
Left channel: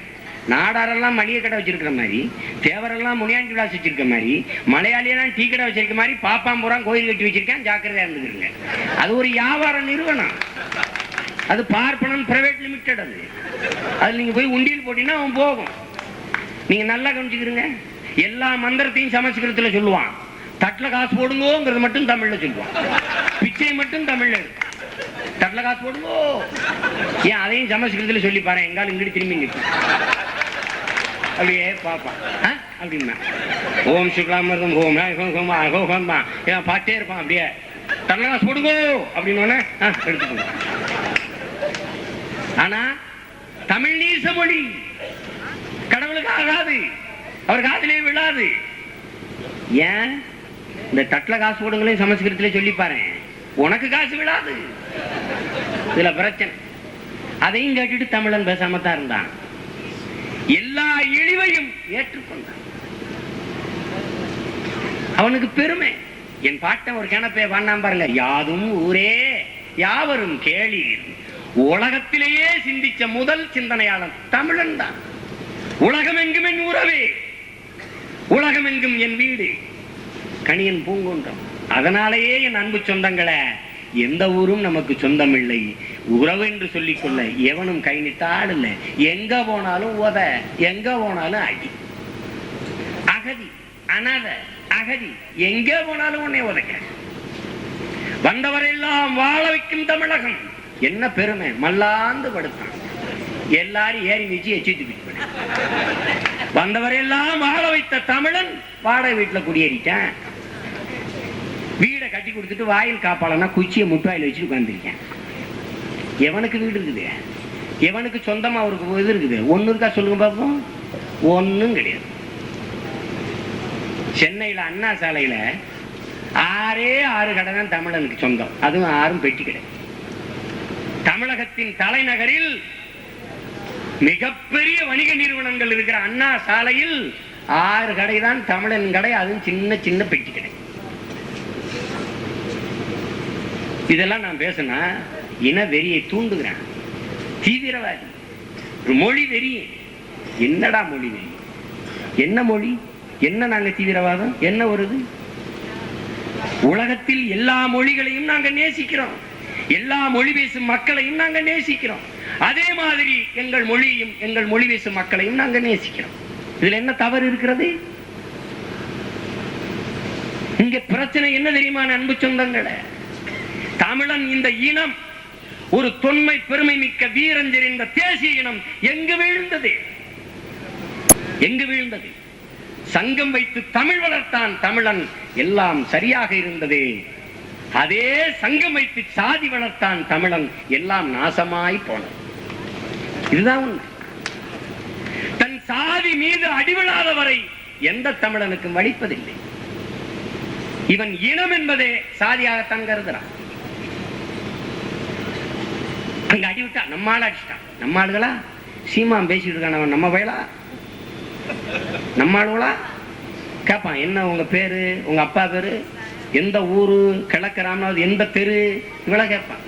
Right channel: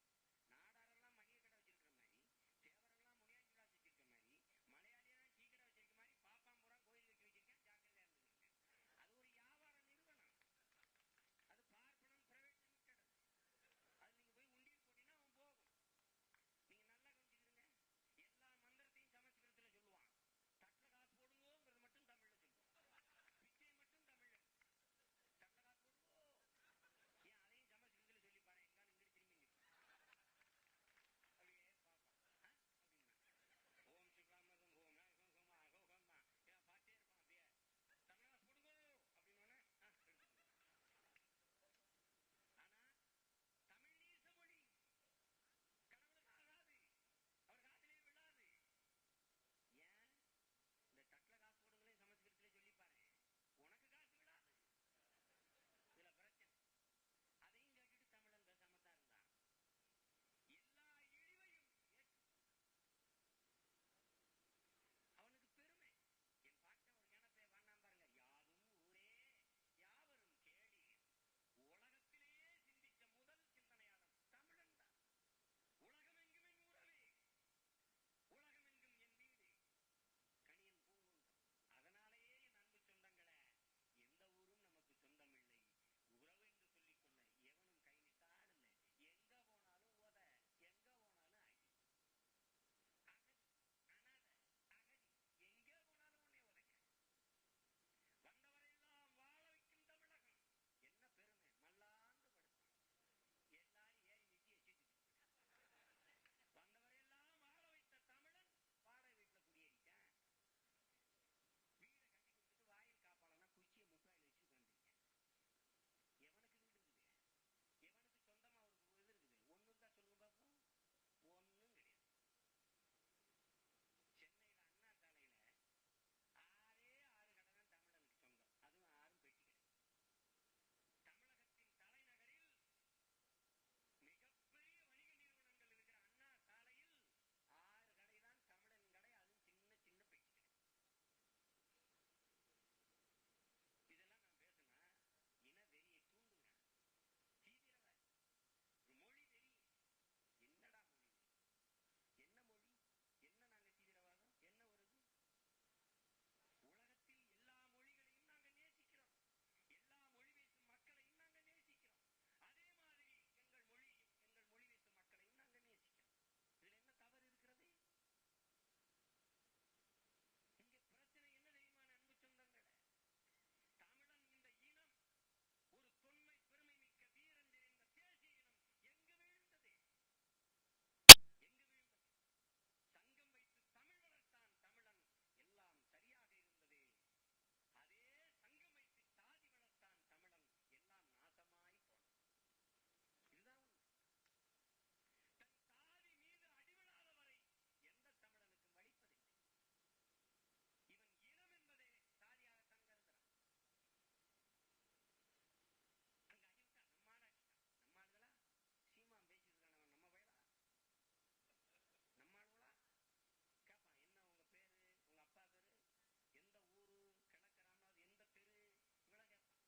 நாடாரெல்லாம் மளிகை கடை வச்சிருக்கிற மாதிரி, தேவரெல்லாம் முனியாண்டி விலாஸ் வச்சிருக்க மாதிரி, மலையாளியெல்லாம் டீ கடை வச்சிருக்க மாதிரி, பாப்பாம்பூரான் கோயில் கட்டி வச்சிருக்கேன். ஜாக்கிரதையா இருந்துக்கிறீங்க. அது ஒரு வியாபார நிறுவனம். அது பார்ப்பனம் பிரைவேட் லிமிடெட். அது நீங்க போய் உண்டியல் போட்டீங்கன்னா அவன் போகும். நீங்க நல்லா கவனிச்சுக்கிறீங்க. எல்லா மந்திரத்தையும் சமஸ்கிருதத்துல சொல்லுவான். தட்டுல காசு போடுங்கோங்கிறது மட்டும் தமிழ்ல சொல்லுவான். பிச்சை மட்டும் தமிழ்ல இருக்கு. தட்டுல காசு போடுங்கோ ஏன் அதையும் சமஸ்கிருதத்துல சொல்லி பாரு. எங்காலும் இங்கிட்டு திரும்பி நிற்கும். அப்படியே பாப்பா அப்படின்னா ஓம் சுக்லாமிருதம் ஹோம் பாட்டே இருப்பான். அப்படியே தட்டுல காசு போடுங்கோ அப்படின்னு எடுத்துக்கோங்க. ஆனா தமிழ் நீச மொழி, கடவுளுக்கு ஆகாது, அவர் காதிலே விழாது. ஏன் இந்த தட்டுல காசு போடுங்களே சமஸ்கிருதத்திலே சொல்லி பாரு, உனக்கு காசு விழாது. இதுல பிரச்சனை. அதையும் கேட்டுட்டு தமிழன் பேசாமத்தான் இருந்தான். எல்லா இழிவையும் ஏற்றுக்கொண்டான். அவனுக்கு பெருமை. என் பாட்டன் ஒரு கிணப்பே வாண்டாம் பாருங்க. யாதும் ஊரே யாவரும் கேளீர். உலகத்திலேயே சிந்திச்ச முதல் சிந்தனையாளன் தமிழன் தான். உலகம் எங்கும் என் உறவே, உலகம் எங்கும் என் வீடு, கணியன் பூங்குன்றம். அதனாலேயே என் அன்பு சொந்தங்களை, எந்த ஊரும் நமக்கு சொந்தம் இல்லை, உறவு என்று சொல்லிக்கொள்ள எவனும் கை நிட்டால் இல்லை. எங்க போனாலும் உத, எங்க போனாலும் அடி. அகதி அனாத அகதி, எங்க போனாலும் உன்னை உதைக்க. வந்தவரெல்லாம் வாழ வைக்கும் தமிழகம். என்ன பெருமை. மல்லாந்து படுத்தான். எல்லாரும் ஏறி மிச்சு எச்சிட்டு வந்தவரெல்லாம் வாழ வைத்த தமிழன் வாடகை வீட்டுல குடியேறிட்டான். வீடை கட்டி கொடுத்துட்டு வாயில் காப்பாளனா குச்சியை முட்டாயில் வச்சுட்டு உட்கார்ந்துருக்கேன். எவனுக்கு வீடு இருக்குது? எவனுக்கு சொந்தமா அவருக்கு இது இருக்குது? ஒண்ணு இருக்கா சொல்லுங்க பாப்போம். ஒண்ணும் கிடையாது. சென்னையில அண்ணா சாலையில 6 கடை தான் தமிழனுக்கு சொந்தம். அதுவும் 6 பெட்டி கடை. தமிழகத்தின் தலைநகரில் மிகப்பெரிய வணிக நிறுவனங்கள் இருக்கிற அண்ணா சாலையில் 6 கடை தான் தமிழன் கடை. அதுவும் சின்ன சின்ன பெட்டி கடை. இதெல்லாம் நான் பேசினா இன வெறியை தூண்டுகிறேன். தீவிரவாதி, ஒரு மொழி வெறி. என்னடா மொழி வெறி? என்ன மொழி? என்ன நாங்க தீவிரவாதம்? என்ன வருது? உலகத்தில் எல்லா மொழிகளையும் நாங்க நேசிக்கிறோம். எல்லா மொழி பேசும் மக்களையும் நாங்க நேசிக்கிறோம். அதே மாதிரி எங்கள் மொழியையும் எங்கள் மொழி பேசும் மக்களையும் நாங்க நேசிக்கிறோம். இதுல என்ன தவறு இருக்கிறது? இங்க பிரச்சனை என்ன தெரியுமா அன்பு சொந்தங்களே? தமிழன் இந்த இனம் ஒரு தொன்மை பெருமை மிக்க வீரஞ்சர் இந்த தேசிய இனம் எங்கு வீழ்ந்தது? எங்கு வீழ்ந்தது? சங்கம் வைத்து தமிழ் வளர்த்தான் தமிழன், எல்லாம் சரியாக இருந்தது. அதே சங்கம் வைத்து சாதி வளர்த்தான் தமிழன், எல்லாம் நாசமாய் போனது. இதுதான் உண்மை. தன் சாதி மீது அடிவிழாத வரை எந்த தமிழனுக்கும் வலிப்பதில்லை. இவன் இனம் என்பதே சாதியாகத்தான் கருதுறான். அங்க அடிவிட்டா நம்மால அடிச்சிட்டான். நம்ம ஆளுகளா சீமான் பேசிட்டு இருக்கான். நம்ம வயலா நம்ம ஆளுகளா கேட்பான். என்ன உங்க பேரு, உங்க அப்பா பேரு, எந்த ஊரு, கிழக்கு ராமநாதன், எந்த தெரு, இவ்வளவு கேட்பான்.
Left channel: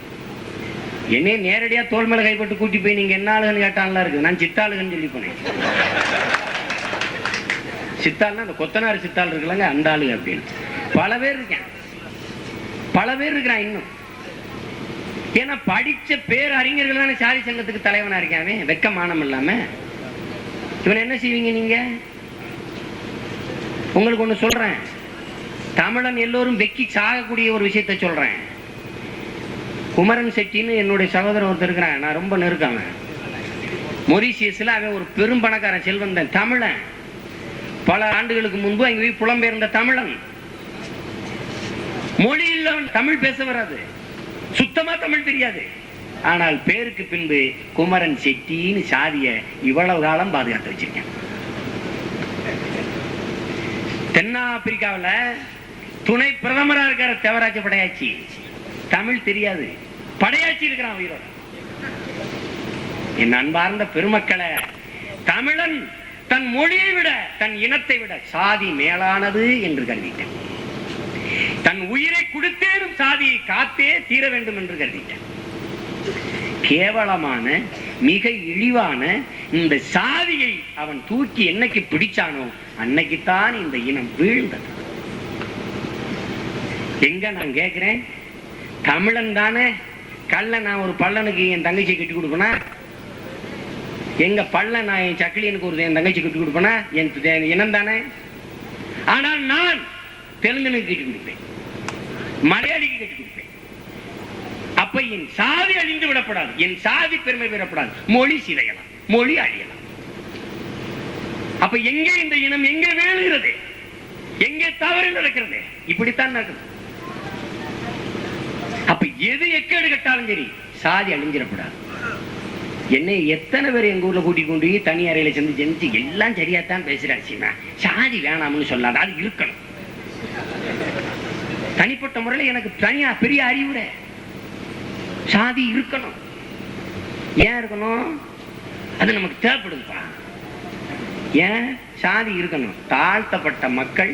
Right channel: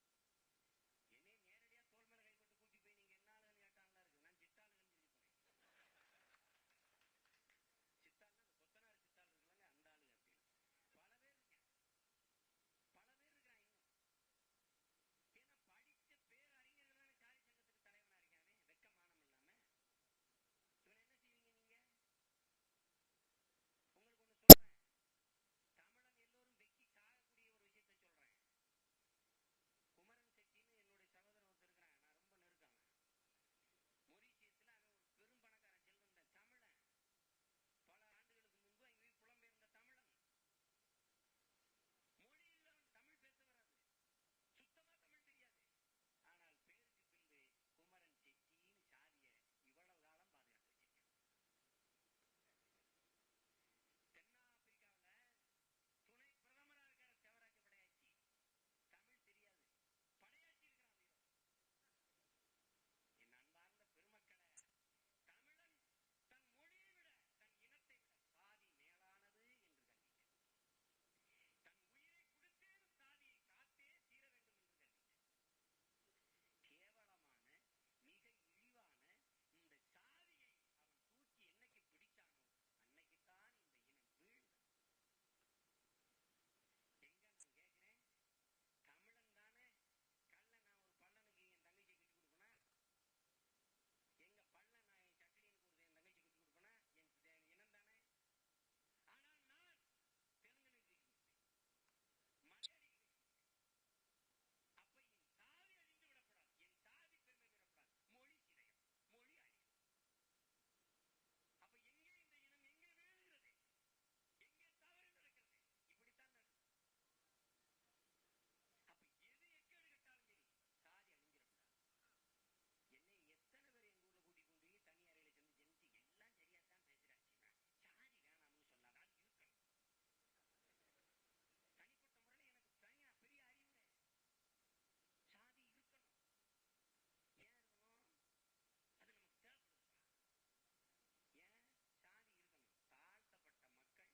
என்னையே நேரடியா தோல் மேல கைப்பட்டு கூட்டி போய் நீங்க என்ன ஆளுகன்னு கேட்டான்லாம் இருக்கு. நான் சித்தாளுகன்னு சொல்லி போனேன். சித்தாள்னா அந்த கொத்தனார் சித்தாள் இருக்குல்லங்க, அந்த ஆளுங்க அப்படின்னு பல பேர் இருக்கேன். பல பேர் இருக்கிறான் இன்னும். ஏன்னா படிச்ச பேர் அறிஞர்கள் தானே சாதி சங்கத்துக்கு தலைவனா இருக்காவே. வெக்க மானம் இல்லாம இவன் என்ன செய்வீங்க நீங்க? உங்களுக்கு ஒண்ணு சொல்றேன். தமிழன் எல்லோரும் வெக்கி சாகக்கூடிய ஒரு விஷயத்த சொல்றேன். குமரன் செட்டின்னு என்னுடைய சகோதரன் ஒருத்தர் இருக்கிறான். நான் ரொம்ப நெருக்காம மொரிசியஸ்ல அவன் ஒரு பெரும் பணக்காரன், செல்வந்தன், தமிழன். பல ஆண்டுகளுக்கு முன்பு அங்க போய் புலம்பெயர்ந்த தமிழன். மொழி இல்லவன், தமிழ் பேச வராது, சுத்தமா தமிழ் தெரியாது. ஆனால் பேருக்கு பின்பு குமரன் செட்டின்னு சாதிய இவ்வளவு காலம் பாதுகாத்து வச்சிருக்கேன். தென்னாப்பிரிக்காவில் துணை பிரதமரா இருக்கிற தேவராஜ படையாச்சி தமிழ் தெரியாது, படையாச்சி இருக்கிறான் உயிரோட. என் அன்பார்ந்த பெருமக்களை, தமிழன் தன் மொழியை விட தன் இனத்தை விட சாதி மேலானது என்று கருதிட்டேன். தன் உயிரை கொடுத்தேனும் சாதியை காத்தே தீர வேண்டும் என்று கருதிட்டேன். கேவலமான மிக இழிவான இந்த சாதியை அவன் தூக்கி என்னைக்கு பிடிச்சானோ அன்னைக்குத்தான் இந்த இனம் வீழ்ந்தது. எங்க நான் கேட்கிறேன், தமிழன் தானே கல்ல நான் ஒரு பள்ளனுக்கு என் தங்கச்சி கட்டி கொடுப்பேனா? எங்க பள்ள நான் என் சக்கிலியனுக்கு ஒரு என் தங்கச்சி கட்டி கொடுப்பேனா? என் இனம் தானே. ஆனால் நான் தெலுங்கனுக்கு கட்டி கொடுப்பேன், மலையாளிக்கு கட்டி கொடுப்பேன். அப்ப என் சாதி அழிந்து விடப்படாது, என் சாதி பெருமை பெறப்படாது. மொழி சிதையலாம், மொழி அழியலாம். அப்ப எங்கே இந்த இனம் எங்கே வேணுகிறது, எங்கே தவறு நடக்கிறது? இப்படித்தான் நடக்குது. அப்ப எது எக்கேடு கட்டாலும் சரி சாதி அழிஞ்சிடப்படாது. என்னை எத்தனை பேர் எங்க ஊர்ல கூட்டிக் கொண்டு தனி அறையில செஞ்சு எல்லாம் சரியாத்தான் பேசுறாச்சுன்னா சாதி வேணாம்னு சொல்லாத, அது இருக்கணும். தனிப்பட்ட முறையில் எனக்கு தனியா பெரிய அறிவுரை, சாதி இருக்கணும். ஏன் இருக்கணும்? அது நமக்கு தேவைப்படுதுப்பா. ஏன் சாதி இருக்கணும்? தாழ்த்தப்பட்ட மக்கள்,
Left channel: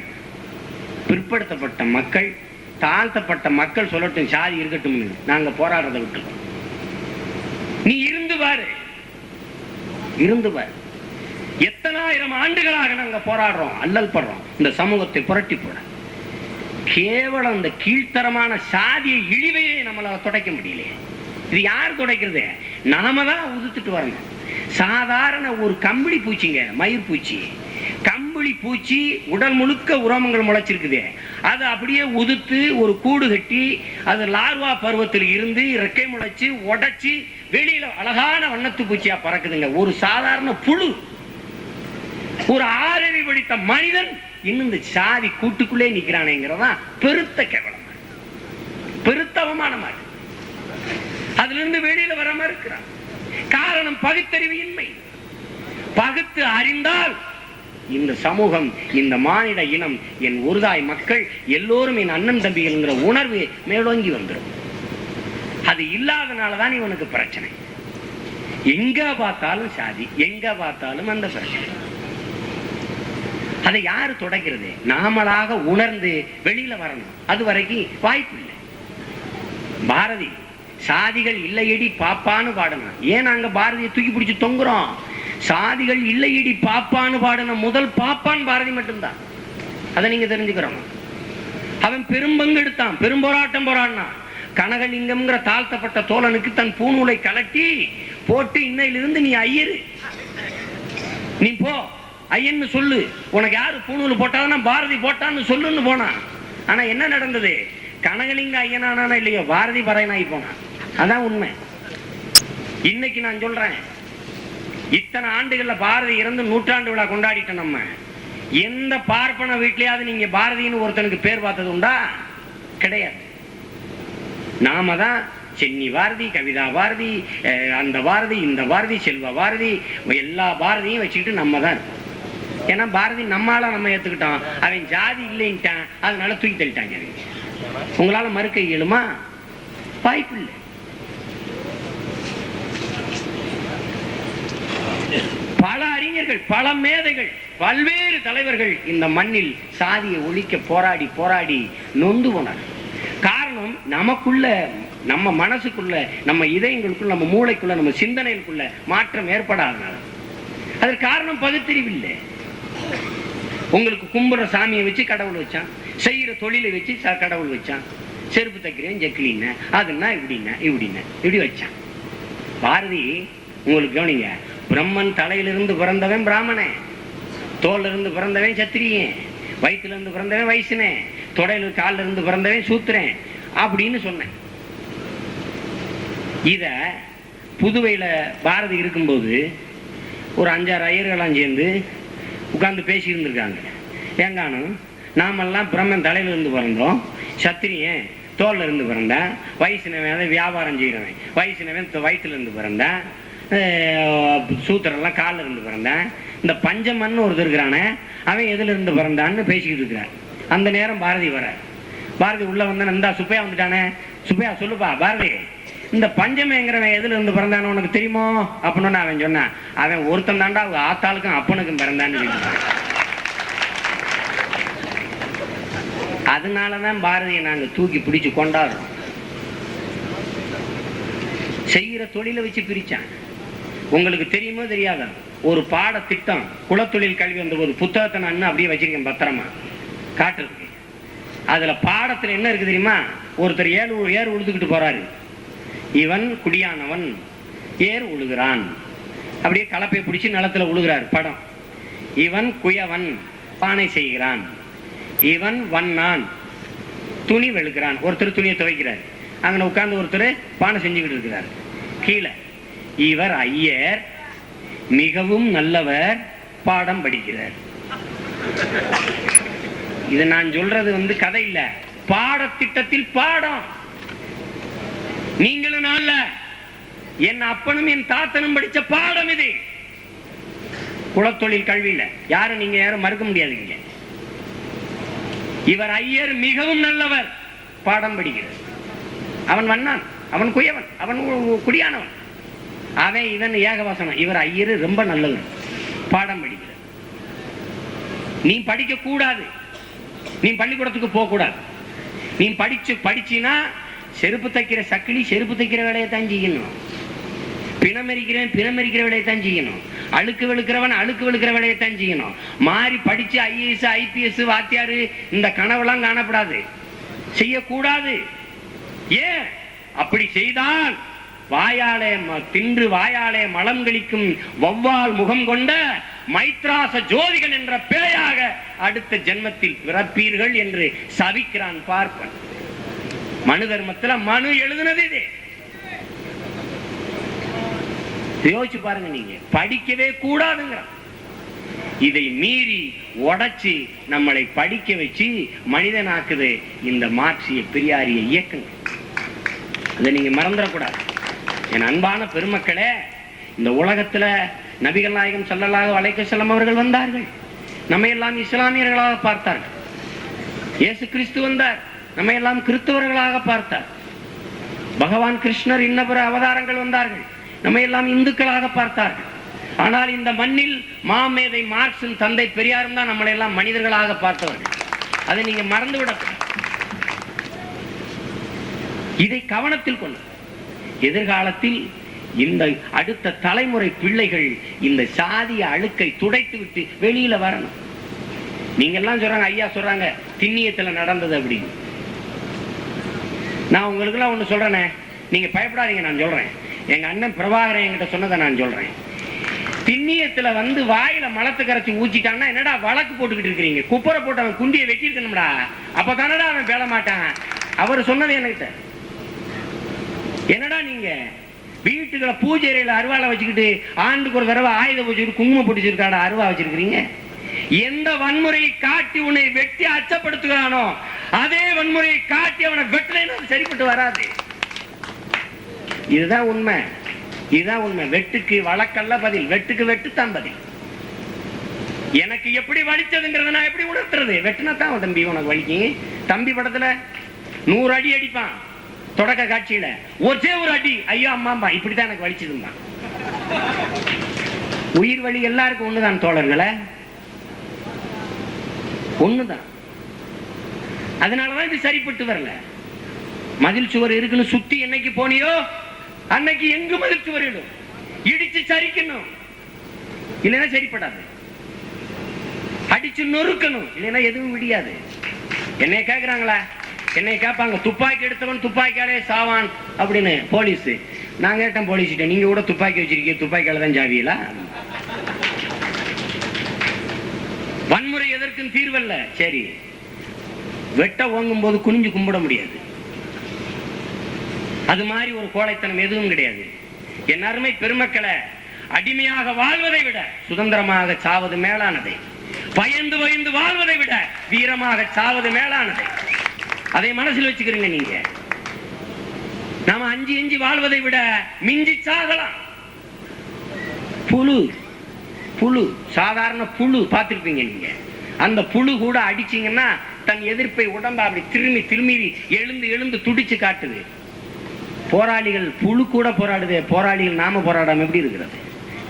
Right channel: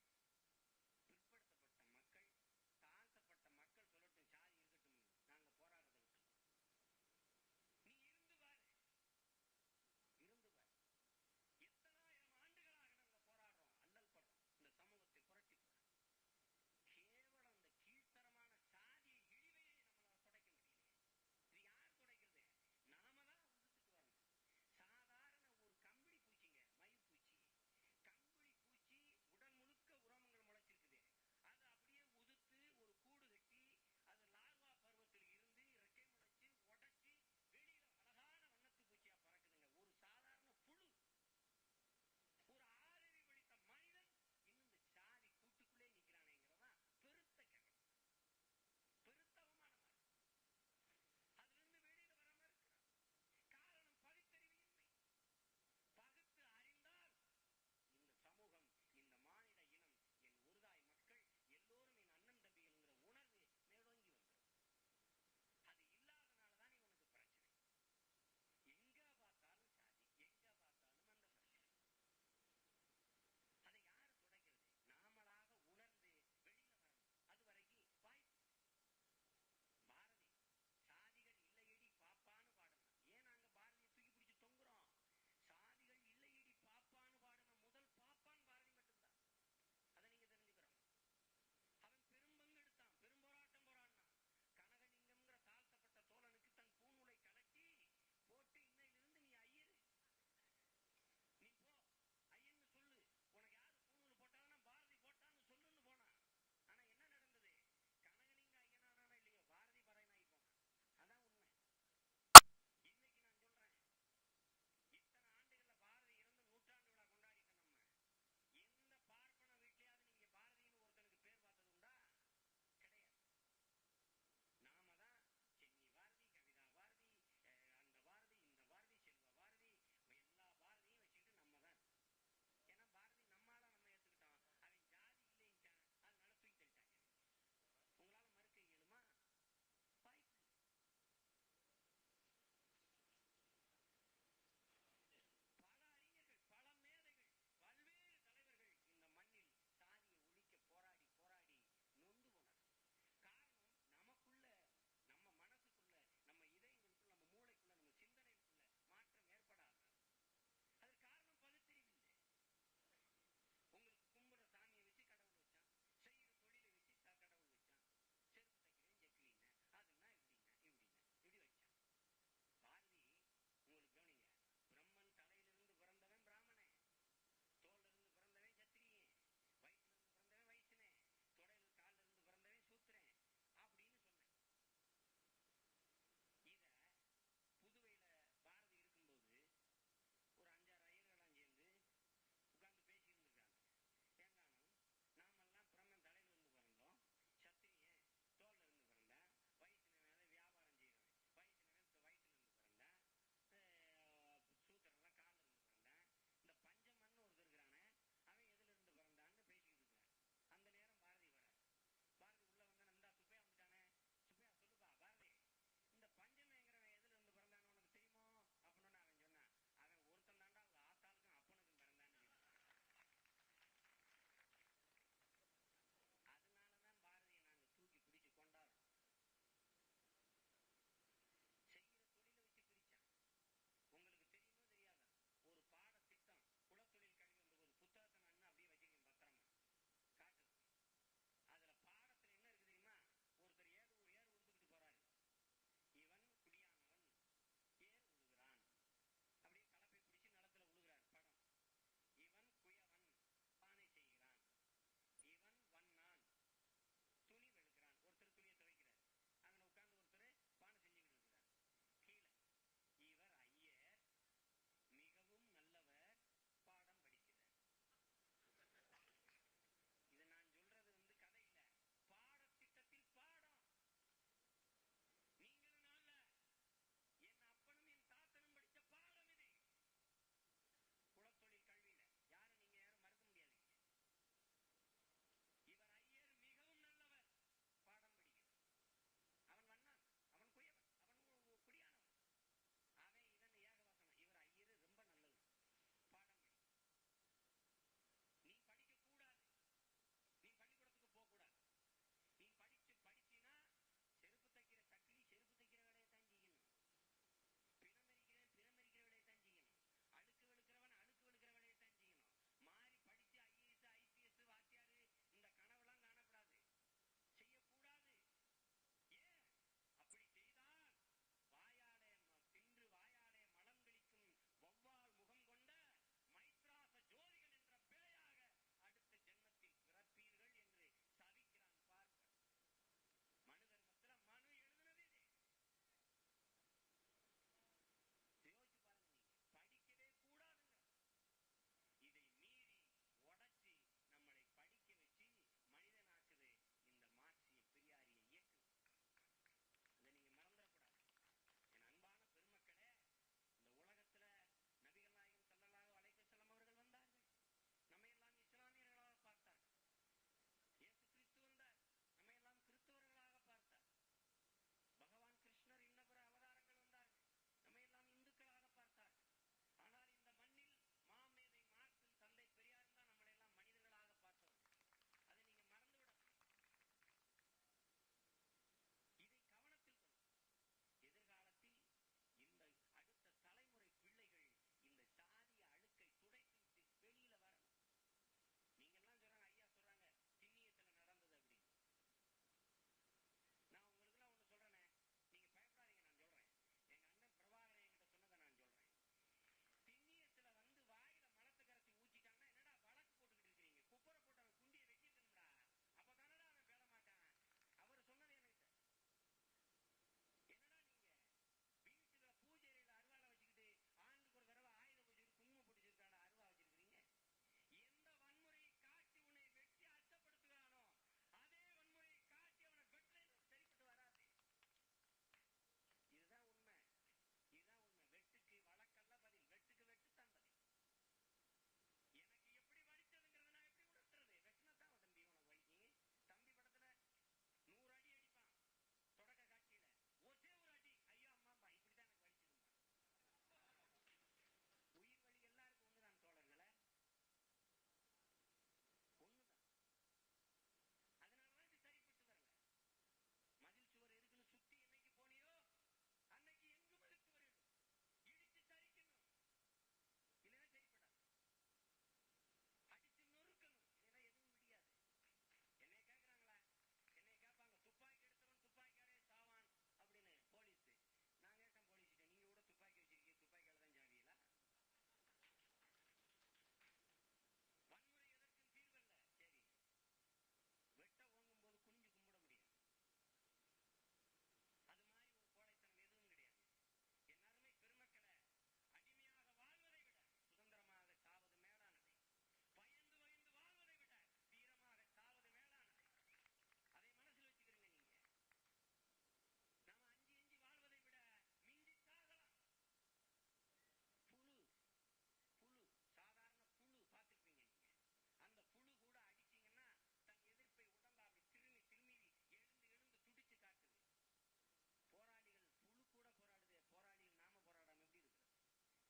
பிற்படுத்தப்பட்ட மக்கள், தாழ்த்தப்பட்ட மக்கள் சொல்லட்டும் சாதி இருக்கட்டும், நாங்க போராடுறதை விட்டுருக்கோம். நீ இருந்து பாரு, இருந்து பாரு. எத்தனாயிரம் ஆண்டுகளாக நாங்க போராடுறோம், அல்லல் படுறோம் இந்த சமூகத்தை புரட்டி போட. கேவலம் இந்த கீழ்த்தரமான சாதிய இழிவையே நம்மளால துடைக்க முடியலையே. இது யார் துடைக்கிறது? நாம தான் உதுத்துட்டு வரணும். சாதாரண ஒரு கம்பளி பூச்சிங்க, மயிர் பூச்சி, கம்பளி பூச்சி உடல் முழுக்க உரோமங்கள் முளைச்சிருக்குது. அது அப்படியே உதுத்து ஒரு கூடு கட்டி அது லார்வா பருவத்தில் இருந்து ரெக்கை முளைச்சு உடைச்சு வெளியில அழகான வண்ணத்து பூச்சியா பறக்குதுங்க. ஒரு சாதாரண புழு, ஒரு ஆறறி படித்த மனிதன் இன்னும் இந்த சாதி கூட்டுக்குள்ளே நிக்கிறானேங்கிறதா பெருத்த கேவலமா, பெருத்த அவமானமா. அதுல இருந்து வெளியில வராம இருக்கிறான். காரணம் பகுத்தறிவு இன்மை. பகுத்து அறிந்தால் இந்த சமூகம், இந்த மானிட இனம், என் ஒருதாய் மக்கள் எல்லோரும் என் அண்ணன் தம்பிகள்ங்கிற உணர்வு மேலோங்கி வந்துடும். அது இல்லாதனாலதான் இவனுக்கு பிரச்சனை. எங்க பார்த்தாலும் சாதி, எங்க பார்த்தாலும் அந்த பிரச்சனை. அதை யாரு தொடக்கிறது? நாமளாக உணர்ந்து வெளியில வரணும். அது வரைக்கும் வாய்ப்பு இல்லை. பாரதி சாதிகள் இல்லையடி பாப்பான்னு பாடணும். ஏன் நாங்க பாரதியை தூக்கி பிடிச்சு தொங்குறோம்? சாதிகள் இல்லையடி பாப்பான்னு பாடின முதல் பாப்பான் பாரதி மட்டும்தான். அதை நீங்க தெரிஞ்சுக்கிறோம். அவன் பெரும்பங்கெடுத்தான், பெரும் போராட்டம் போராடினான். கனகலிங்கம்ங்கிற தாழ்த்தப்பட்ட தோழனுக்கு தன் பூநூலை கலட்டி போட்டு இன்னையிலிருந்து நீ ஐயரு, நீ போ ஐயன்னு சொல்லு, உனக்கு யாரு பூநூல் போட்டாதுன்னா பாரதி போட்டான்னு சொல்லுன்னு போனான். ஆனா என்ன நடந்தது? கனகலிங்க ஐயனானா இல்லையோ, பாரதி பறையனாகி போனான். அதான் உண்மை. இன்னைக்கு நான் சொல்றேன், இத்தனை ஆண்டுகள்ல பாரதி இறந்து 100ஆண்டு விழா கொண்டாடிட்டோம். நம்ம எந்த பார்ப்பன வீட்லயாவது நீங்க பாரதின்னு ஒருத்தனுக்கு பேர் பார்த்தது உண்டா? கிடையாது. நாம தான் சென்னி பாரதி, கவிதா பாரதி, அந்த பாரதி, இந்த பாரதி, செல்வ பாரதி, எல்லா பாரதியும் வச்சுக்கிட்டு நம்ம தான் இருக்கோம். ஏன்னா பாரதி நம்மளால நம்ம ஏத்துக்கிட்டோம். அவன் ஜாதி இல்லைன்ட்டான், அதனால தூக்கி தள்ளிட்டாங்க. உங்களால மறுக்க இயலுமா? வாய்ப்பு இல்லை. பல அறிஞர்கள், பல மேதைகள், பல்வேறு தலைவர்கள் இந்த மண்ணில் சாதியை ஒழிக்க போராடி போராடி நொந்து போனார். காரணம், நமக்குள்ள, நம்ம மனசுக்குள்ள, நம்ம இதயங்களுக்குள்ள, நம்ம மூளைக்குள்ள, நம்ம சிந்தனைக்குள்ள மாற்றம் ஏற்படாதனால. அதற்கு காரணம் பகுத்தறிவில்லை. உங்களுக்கு கும்புற சாமியை வச்சு கடவுள் வச்சான், செய்யற தொழிலை வச்சு கடவுள் வச்சான். செருப்பு தைக்கிறேன் ஜெக்கிலின்னு, அதுன்னா இப்படின்னா இப்படின்னா இப்படி வச்சான். பாரதி உங்களுக்கு கவனிங்க, பிரம்மன் தலையிலிருந்து பிறந்தவன் பிராமணன், தோல்ல இருந்து பிறந்தவன் சத்திரியன், வயிற்றுல இருந்து பிறந்தவன் வைசினேன், தொடையில காலில் இருந்து பிறந்தவன் சூத்திரன் அப்படின்னு சொன்னேன். இத புதுவையில பாரதி இருக்கும்போது ஒரு 5-6 ஐயர்களாம் சேர்ந்து உட்கார்ந்து பேசி இருந்திருக்காங்க. ஏங்கானும் நாமெல்லாம் பிரம்மன் தலையில இருந்து பிறந்தோம், சத்திரியன் தோல்ல இருந்து பிறந்தான், வைசினவன் வியாபாரம் செய்யறவன், வைசினவன் வயிற்றுல இருந்து பிறந்தான், சூத்திரெல்லாம் காலில் இருந்து பிறந்தான், இந்த பஞ்சமன்னு ஒருத்தர் இருக்கிறானே அவன் எதுல இருந்து பிறந்தான்னு பேசிக்கிட்டு இருக்கிறான். அந்த நேரம் பாரதி வர, பாரதி உள்ள வந்தான். இந்த சுப்பையா வந்துட்டானே, சுப்பையா சொல்லுப்பா பாரதி, இந்த பஞ்சமேங்கிறவன் எதுல இருந்து பிறந்தானு உனக்கு தெரியுமோ அப்படின்னு அவன் சொன்னான். அவன் ஒருத்தன் தாண்டா அவங்க ஆத்தாளுக்கும் அப்பனுக்கும் பிறந்தான்னு சொல்லிட்டான். அதனாலதான் பாரதியை நாங்க தூக்கி பிடிச்சு கொண்டாடுறோம். செய்கிற தொழிலை வச்சு பிரிச்சான். உங்களுக்கு தெரியுமோ தெரியாதா, ஒரு பாட திட்டம் குலத்தொழில் கல்வி வந்த போது புத்தகத்தை நான் அப்படியே வச்சிருக்கேன் பத்திரமா காட்டுறதுக்கு. அதுல பாடத்துல என்ன இருக்கு தெரியுமா? ஒருத்தர் ஏர் உழுதுகிட்டு போறாரு. இவன் குடியானவன், ஏர் உழுகிறான். அப்படியே கலப்பை பிடிச்சி நிலத்துல உழுகிறார் படம். இவன் குயவன், பானை செய்கிறான். இவன் வண்ணான், துணி வெளுக்கிறான். ஒருத்தர் துணியை துவைக்கிறார். அங்கே உட்கார்ந்து ஒருத்தர் பானை செஞ்சுக்கிட்டு இருக்கிறார். கீழே இவர் ஐயர், மிகவும் நல்லவர், பாடம் படிக்கிறார். இது நான் சொல்றது கதை இல்ல, பாடத்திட்டத்தில் பாடம். நீங்களும் அல்ல, என் அப்பனும் என் தாத்தனும் படிச்ச பாடம் இது. குலத்தொழில் கல்வியில யாரும் நீங்க யாரும் மறுக்க முடியாதுங்க. இவர் ஐயர், மிகவும் நல்லவர், பாடம் படிக்கிறார். அவன் வண்ணான், அவன் குயவன், அவன் குடியானவன், அவன் இவன் ஏகவாசனம். இவர் ஐயர் ரொம்ப நல்லவர், பாடம் படிக்கிறார். நீ படிக்க கூடாது, நீ பள்ளிக்கூடத்துக்கு போக கூடாது. நீ படிச்சினா செருப்பு தைக்கிற சக்கிலி செருப்பு தைக்கிற வேலையை தான் செய்யணும். பிணமரிக்கிற வேலையை தான் செய்யணும். அழுக்கு வெளுக்கிறவன் அழுக்கு வெளுக்கிற வேலையை தான் செய்யணும். மாறி படிச்சு ஐஏஎஸ் ஐபிஎஸ் வாத்தியாரு இந்த கனவெல்லாம் காணப்படாது, செய்யக்கூடாது. ஏன் அப்படி செய்தால் வாயாலே தின்று வாயாலே மலம் கழிக்கும் வௌவால் முகம் கொண்ட மைத்ராச ஜோதிகள் என்ற பேயாக அடுத்த ஜென்மத்தில் பிறப்பீர்கள் என்று சபிக்கிறான் பார்ப்பன். மனு தர்மத்துல மனு எழுதுனது இது. யோசிச்சு பாருங்க, நீங்க படிக்கவே கூடாதுங்கிறான். இதை மீறி உடைச்சு நம்மளை படிக்க வச்சு மனிதனாக்குது இந்த மார்க்சிய பெரியாரிய இயக்கங்கள். அதை நீங்க மறந்துடக்கூடாது. என் அன்பான பெருமக்களே, இந்த உலகத்துல நபிகள் நாயகம் ஸல்லல்லாஹு அலைஹி வஸல்லம் அவர்கள் வந்தார்கள், நம்ம எல்லாம் இஸ்லாமியர்களாக பார்த்தார்கள். இயேசு கிறிஸ்து வந்தார், நம்ம எல்லாம் கிறிஸ்தவர்களாக பார்த்தார். பகவான் கிருஷ்ணர் இன்னபிற அவதாரங்கள் வந்தார்கள், நம்ம எல்லாம் இந்துக்களாக பார்த்தார்கள். ஆனால் இந்த மண்ணில் மாமேதை மார்க்சின் தந்தை பெரியாரும் தான் நம்மளை எல்லாம் மனிதர்களாக பார்த்தவர்கள். அதை நீங்க மறந்துவிட, இதை கவனத்தில் கொண்டு எதிர்காலத்தில் இந்த அடுத்த தலைமுறை பிள்ளைகள் இந்த சாதிய அழுக்கை துடைத்து விட்டு வெளியில வரணும். நீங்க எல்லாம் சொல்றாங்க, ஐயா சொல்றாங்க திண்ணியத்துல நடந்தது அப்படின்னு. நான் உங்களுக்கு எல்லாம் ஒண்ணு சொல்றேனே, நீங்க பயப்படாதீங்க. நான் சொல்றேன், எங்க அண்ணன் பிரபாகரன் என்கிட்ட சொன்னதை நான் சொல்றேன். திண்ணியத்துல வாயில மலத்தை கரைச்சி ஊச்சிட்டான்னா என்னடா வழக்கு போட்டுக்கிட்டு இருக்கிறீங்க? குப்பரை போட்டு அவன் குண்டியை வெட்டிருக்கணும்டா, அப்பதானடா அவன் பேள மாட்டான். அவர் சொன்னது என்கிட்ட. என்னடா நீங்க வீட்டுக்குள்ள பூஜை அறையில அருவாளை வச்சுக்கிட்டு ஆண்டுக்கு ஒரு தடவை ஆயுத பூஜைக்கு குங்குமம் பிடிச்சிருக்காடா அருவா வச்சிருக்கிறீங்க? எந்த வன்முறையை காட்டி உன்னை வெட்டி அச்சப்படுத்துகிறானோ அதே வன்முறையை காட்டி அவனை வெட்டலைன்னு சரிப்பட்டு வராது. இதுதான் உண்மை, இதுதான் உண்மை. வெட்டுக்கு வழக்கல்ல பதில், வெட்டுக்கு வெட்டுத்தான் பதில். எனக்கு எப்படி வலிச்சதுங்கிறத நான் எப்படி உணர்த்துறது? வெட்டினா தான் தம்பி உனக்கு வலிக்கும். தம்பி படத்துல 100 அடி அடிப்பான், தொடக்க காட்சியில ஒரே ஒரு அடி ஐயோ அம்மாம்பா, இப்படித்தான் எனக்கு வலிச்சதுமா. உயிர் வலி எல்லாருக்கும் ஒண்ணுதான் தோழர்களே, ஒண்ணுதான். அதனாலதான் இது சரிப்பட்டு வரல. மதில் சுவர் இருக்குன்னு சுத்தி என்னைக்கு போனியோ அன்னைக்கு எங்கு மதில் சுவர் இடிச்சு சரிக்கணும், இல்லைன்னா சரிப்படாது. அடிச்சு நொறுக்கணும், இல்லைன்னா எதுவும் விடியாது. என்னைய கேக்குறாங்களா, என்னை கேட்பாங்க துப்பாக்கி எடுத்தவன் துப்பாக்கியாலே சாவான் அப்படின்னு போலீஸ். நான் கேட்டேன் போலீஸ்கிட்ட, நீங்க கூட துப்பாக்கி வச்சிருக்கீங்க, துப்பாக்கியால தான் ஜாவியலா? வன்முறை எதற்கும் தீர்வல்ல. சரி, வெட்ட ஓங்கும் போது குனிஞ்சு கும்பிட முடியாது, அது மாதிரி ஒரு கோழைத்தனம் எதுவும் கிடையாது. என் அருமை பெருமக்களை, அடிமையாக வாழ்வதை விட சுதந்திரமாக சாவது மேலானதை, பயந்து பயந்து வாழ்வதை விட வீரமாக சாவது மேலானதை. அதை மனசில் வச்சுக்கிறீங்க நீங்க. நாம அஞ்சி எஞ்சி வாழ்வதை விட மிஞ்சி சாகலாம். புழு புழு சாதாரண புழு பார்த்திருப்பீங்க நீங்க. அந்த புழு கூட அடிச்சீங்கன்னா தன் எதிர்ப்பை உடம்பா அப்படி திரும்பி திரும்பி எழுந்து எழுந்து துடிச்சு காட்டுது. போராளிகள் புழு கூட போராடுது, போராளிகள் நாம போராடாம எப்படி இருக்கிறது?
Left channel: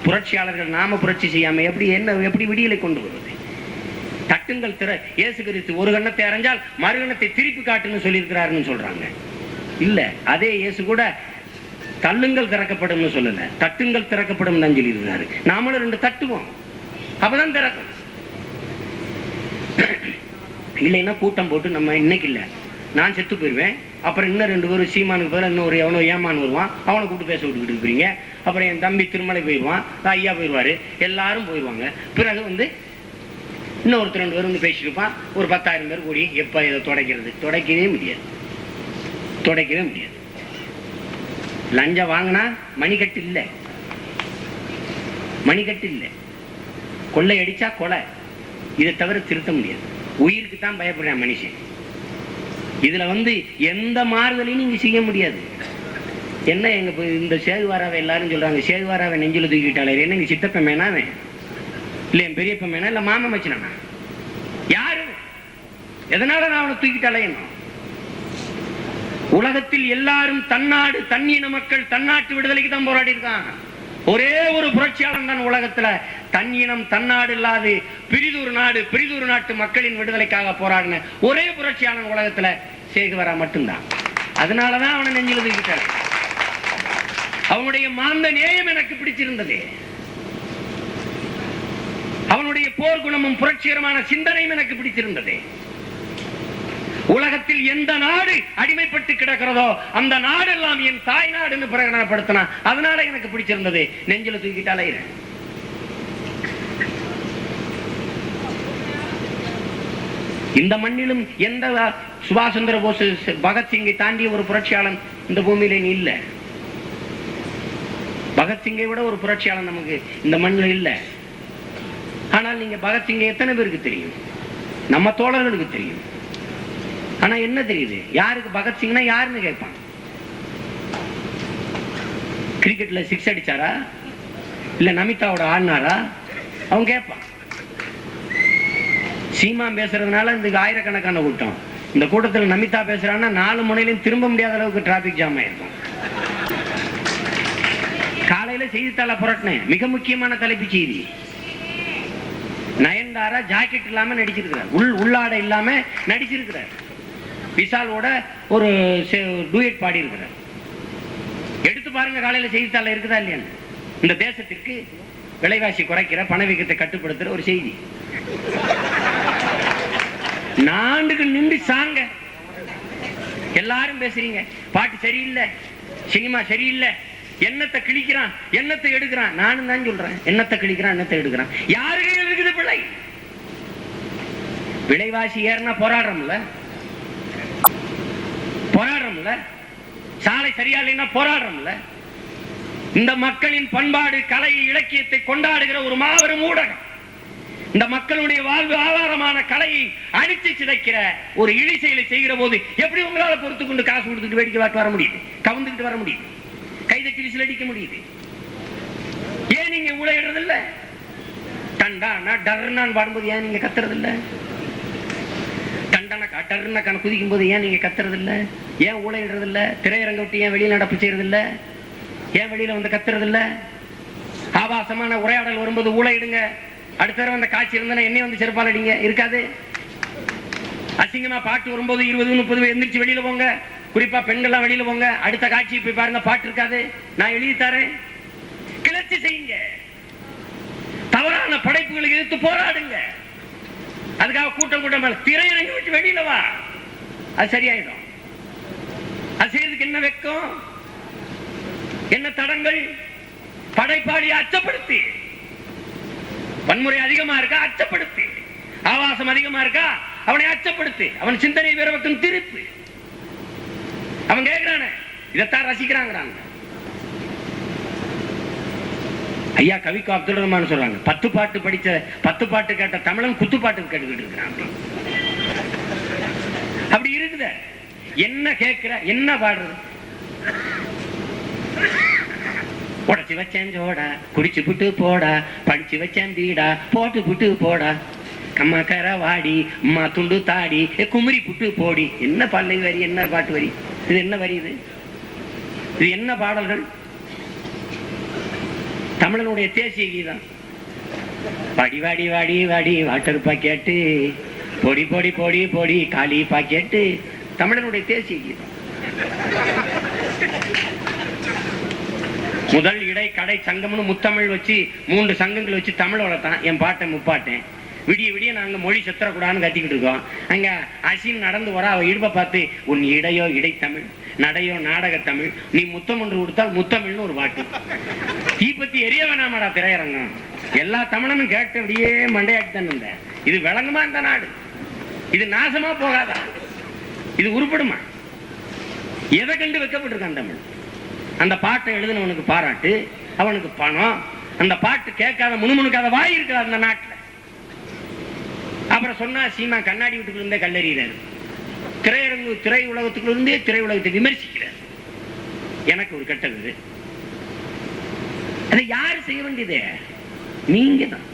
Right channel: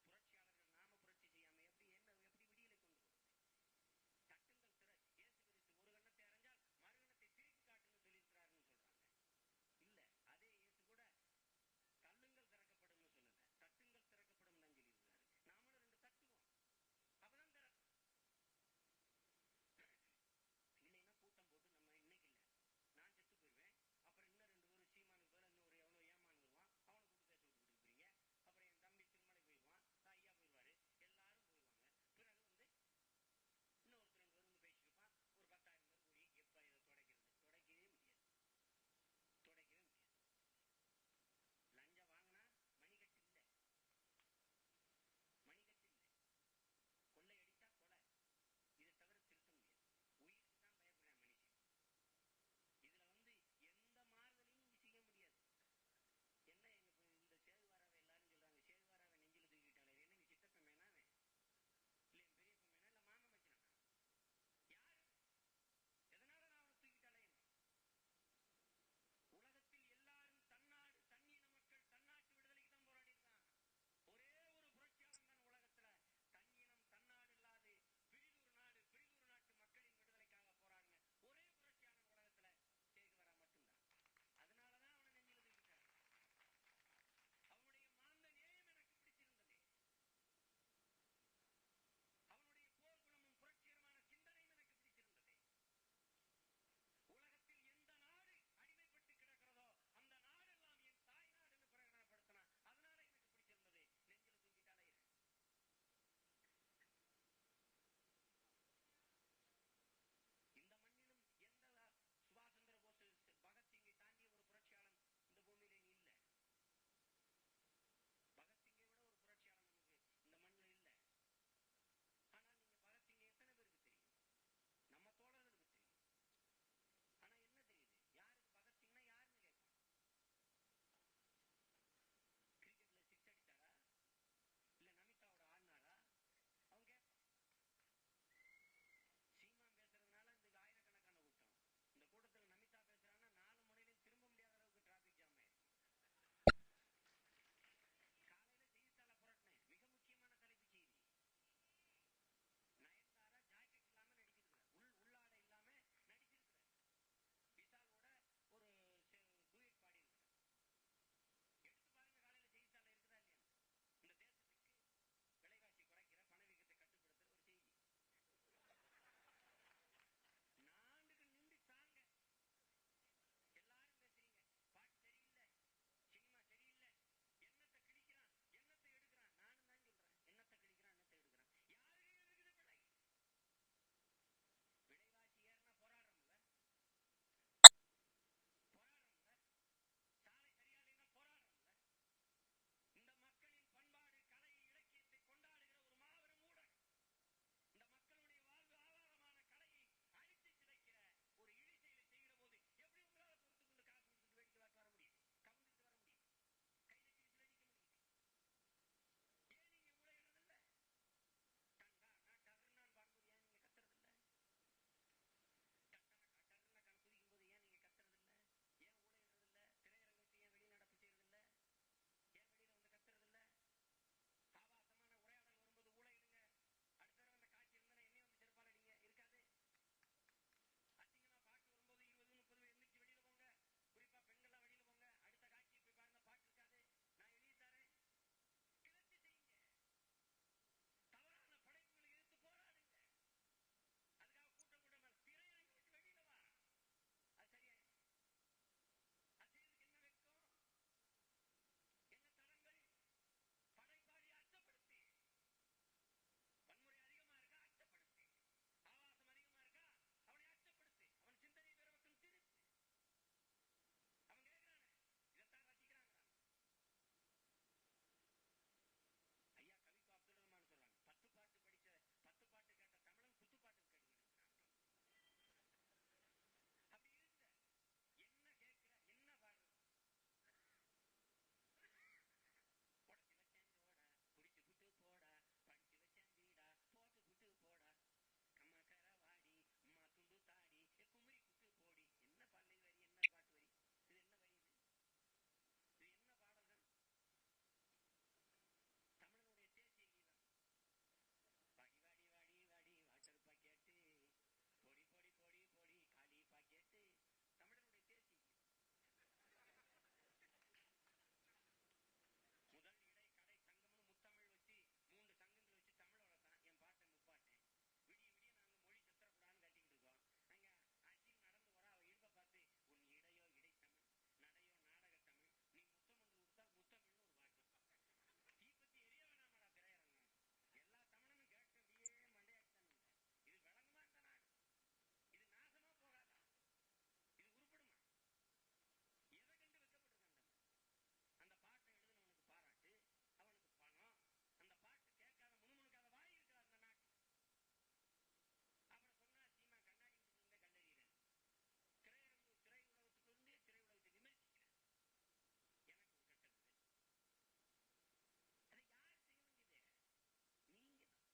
புரட்சியாளர்கள் நாம புரட்சி செய்யாம எப்படி விடியலை கொண்டு வருவது? தட்டுங்கள் திற இயேசு கிறிஸ்து ஒரு கண்ணத்தை அரைஞ்சால் மறு கண்ணத்தை திருப்பி காட்டுன்னு சொல்லியிருக்கிறாருன்னு சொல்றாங்க. இல்ல, அதே இயேசு கூட தள்ளுங்கள் திறக்கப்படும் சொல்லல, தட்டுங்கள் திறக்கப்படும் தான் சொல்லி இருந்தாரு. நாமளும் 2 தட்டுவோம், அப்பதான் திறக்கும். இல்லைன்னா கூட்டம் போட்டு நம்ம இன்னைக்கு இல்ல நான் செத்து போயிருவேன், அப்புறம் இன்னும் 2 பேரும் சீமானுக்கு பேர் இன்னும் எவனோ ஏமான் வருவான், அவனை கூப்பிட்டு பேச விட்டுக்கிட்டு இருக்கிறீங்க. அப்புறம் என் தம்பி திருமலை போயிடுவான், ஐயா போயிடுவாரு, எல்லாரும் போயிடுவாங்க. பிறகு இன்னொருத்தர் 2 பேர் பேசிட்டு இருப்பான். ஒரு 10,000 பேர் கூடி எப்ப இதை துடைக்கிறது? துடைக்கவே முடியாது, துடைக்கவே முடியாது. லஞ்சம் வாங்கினா மணிக்கட்டு இல்லை, மணிக்கட்டு இல்லை. கொள்ளை அடிச்சா கொலை, இதை தவிர திருத்த முடியாது. உயிருக்கு தான் பயப்படுறேன் மனுஷன். இதுல எந்த மாறுதலையும் நீங்க செய்ய முடியாது. என்ன எங்க இந்த சேகுவாராவை எல்லாரும் சொல்றாங்க, சேகுவாராவை நெஞ்சில தூக்கிட்டாலே என்ன எங்க சித்தப்ப மேனாவே இல்ல என் பெரியப்ப மேனா இல்ல மாமா மச்சினா யாரு? எதனால நான் அவனை தூக்கிட்டாலே? உலகத்தில் எல்லாரும் தன்னாடு தன்னின மக்கள் தன்னாட்டு விடுதலைக்கு தான் போராடி இருக்காங்க. ஒரே ஒரு புரட்சியாளன் தான் உலகத்துல தன்னினம் தன்னாடு இல்லாது பிரிதொரு நாடு பிரிதொரு நாட்டு மக்களின் விடுதலைக்காக போராடின ஒரே புரட்சியாளன் உலகத்துல சேகுவாரா மட்டும்தான். அதனாலதான் அவனை நெஞ்சில தூக்கிட்டார். அவனுடைய மாந்த நேயம் எனக்கு பிடிச்சிருந்தது. அவனுடைய போர் குணமும் புரட்சிகரமான சிந்தனையும் எனக்கு பிடிச்சிருந்தது. உலகத்தில் எந்த நாடு அடிமைப்பட்டு கிடக்கிறதோ அந்த நாடெல்லாம் என் தாய் நாடுன்னு பிரகடனப்படுத்தினா, அதனால எனக்கு பிடிச்சிருந்தது. நெஞ்சில தூக்கிட்டாலே இந்த மண்ணிலும் எந்த சுபாஷ் சந்திர போஸ் பகத்சிங்கை தாண்டிய ஒரு புரட்சியாளன் இந்த பூமியில இல்ல. பகத்சிங்கை விட ஒரு புரட்சியாளன் நமக்கு இந்த மண்ணில் இல்ல. ஆனால் நீங்க பகத்சிங்கை எத்தனை பேருக்கு தெரியும்? நம்ம தோழர்களுக்கு தெரியும். ஆனா என்ன தெரியுது? யாருக்கு பகத்சிங்னா யாருன்னு கேட்பான். கிரிக்கெட்ல 6 அடிச்சாரா இல்ல நமிதாவோட ஆடினாரா அவன் கேட்பான். சீமா பேசுறதுனால இந்த ஆயிரக்கணக்கான கூட்டம். இந்த கூட்டத்தில் நமிதா பேசுறான்னா 4 முனையிலும் திரும்ப முடியாத அளவுக்கு டிராபிக் ஜாம் ஆயிருக்கும். காலையில செய்தித்தாள புரட்டினேன், மிக முக்கியமான தலைப்பு செய்தி. நயன்தாரா ஜாக்கெட் இல்லாம நடிச்சிருக்கிறார், உள்ளாடை இல்லாம நடிச்சிருக்கிறார். விஷாலோட ஒரு டூயட் பாடி இருக்கிறார். எடுத்து பாருங்க காலையில செய்தித்தாள இருக்குதா இல்லையா? இந்த தேசத்திற்கு விலைவாசி குறைக்கிற பணவீக்கத்தை கட்டுப்படுத்துற ஒரு செய்தி. நாண்டுக்கு நின்று சாங்க எல்லாரும் பேசுறீங்க, பாட்டு சரியில்லை, சினிமா சரியில்லை, என்னத்தை கிழிக்கிறான் என்னத்தை எடுக்கிறான். நானும் தான் சொல்றேன், என்னத்தை கிழிக்கிறான் என்னத்தை எடுக்கிறான். யாரு கையில் இருக்குது பிள்ளை? விலைவாசி ஏறினா போராடுறோம்ல, போராடுறோம்ல. சாலை சரியா இல்லைன்னா போராடுறோம்ல. இந்த மக்களின் பண்பாடு கலை இலக்கியத்தை கொண்டாடுகிற ஒரு மாபெரும் ஊடகம், இந்த மக்களுடைய வாழ்வு ஆதாரமான கலையை அடித்து சிதைக்கிற ஒரு இழி செயலை செய்கிற போது எப்படி உங்களால பொறுத்து கொண்டு காசு கொடுத்துட்டு வேடிக்கை பார்த்து வர முடியுது? கவுந்துக்கிட்டு வர முடியுது? கைதட்டி விசில் அடிக்க முடியுது? ஏன் நீங்க ஊழையிடுறது இல்ல? டண்டானா டர்னான்னு பாடும்போது ஏன் நீங்க கத்துறது இல்ல? டண்டனக்கா டர்னக்கான குதிக்கும் போது ஏன் நீங்க கத்துறது இல்ல? ஏன் ஊழையிடுறது இல்ல? திரையரங்க விட்டு ஏன் வெளியில நடப்பு செய்யறது இல்ல? ஏன் வெளியில வந்து கத்துறது இல்ல? ஆபாசமான உரையாடல் வரும்போது ஊழையிடுங்க. அடுத்த தடவை அந்த காட்சி இருந்தா என்னைய வந்து செருப்பால் அடிங்க, இருக்காது. அசிங்கமா பாட்டு வரும்போது 20-30 எந்திரிச்சு வெளியில போங்க, குறிப்பா பெண்கள்லாம் வெளியில போங்க. அடுத்த காட்சி போய் பாருங்க, பாட்டு இருக்காது. நான் எழுதி தரேன், கிளர்ச்சி செய்யுங்க, தவறான படைப்புகளுக்கு எதிர்த்து போராடுங்க. அதுக்காக கூட்டம் கூட்டம் திரையரங்கி விட்டு வெளியில வா, அது சரியாயிடும். அது செய்யறதுக்கு என்ன வெக்கம், என்ன தடங்கள்? படைப்பாளி அச்சப்படுத்தி, வன்முறை அதிகமா இருக்கா அச்சப்படுத்து, ஆபாசம் அதிகமா இருக்கா அவனை அச்சப்படுத்து, அவன் சிந்தனை வேற பக்கம் திருப்பு. அவன் கேட்கிறான இதைத்தான் ரசிக்கிறாங்க. ஐயா கவிக்கு அப்துல் ரஹ்மான் சொல்றாங்க, 10 பாட்டு படிச்ச 10 பாட்டு கேட்ட தமிழன் குத்துப்பாட்டு கேட்டுக்கிட்டு இருக்கிறான். அப்படி இருக்குத. என்ன கேட்கிற, என்ன பாடுறது? உடச்சி வச்சேன் ஜோடா, குடிச்சு புட்டு போடா, படிச்சு வச்சேன் வீடா, போட்டு புட்டு போடா, கம்மா கர வாடி, அம்மா துண்டு தாடி, குமரி புட்டு போடி. என்ன பல்லை வரி, என்ன பாட்டு வரி இது? என்ன வரி இது? இது என்ன பாடல்கள்? தமிழனுடைய தேசிய கீதம். வாடி வாடி வாடி வாடி வாட்டர் பாக்கெட்டு, பொடி பொடி பொடி பொடி காலி பாக்கெட்டு, தமிழனுடைய தேசிய கீதம். முதல் இடை கடை சங்கம்னு முத்தமிழ் வச்சு 3 சங்கங்கள் வச்சு தமிழ் வளர்த்தான் என் பாட்டன் முப்பாட்டேன். விடிய விடிய நாங்க மொழி செத்துறக்கூடாதுன்னு கத்திக்கிட்டு இருக்கோம். அங்க அசின் நடந்து வர அவ இடுப்பை பார்த்து, உன் இடையோ இடைத்தமிழ், நடையோ நாடக தமிழ், நீ முத்தம் ஒன்று கொடுத்தால் முத்தமிழ்னு ஒரு பாட்டு. தீப்பத்தி எரிய வேணாமாடா திரையரங்கம். எல்லா தமிழனும் கேட்டு அப்படியே மண்டையாட்டி தான் இருந்தேன். இது விளங்குமா இந்த நாடு? இது நாசமா போகாதா? இது உருப்படுமா? எதை கண்டு வைக்கப்பட்டிருக்கான் தமிழ்? அந்த பாட்டை எழுதினவனுக்கு பாராட்டு, அவனுக்கு பணம், அந்த பாட்டு கேட்காத முணுமுணுக்காத வாய் இருக்கிறார் அந்த நாட்டில். அப்புறம் சொன்னா சீமா கண்ணாடி வீட்டுக்குள்ள இருந்தே கல்லறிகிறார், திரை உலகத்துக்குள்ள இருந்தே திரை உலகத்தை விமர்சிக்கிறார். எனக்கு ஒரு கெட்டது. அதை யாரு செய்ய வேண்டியது? நீங்க தான்.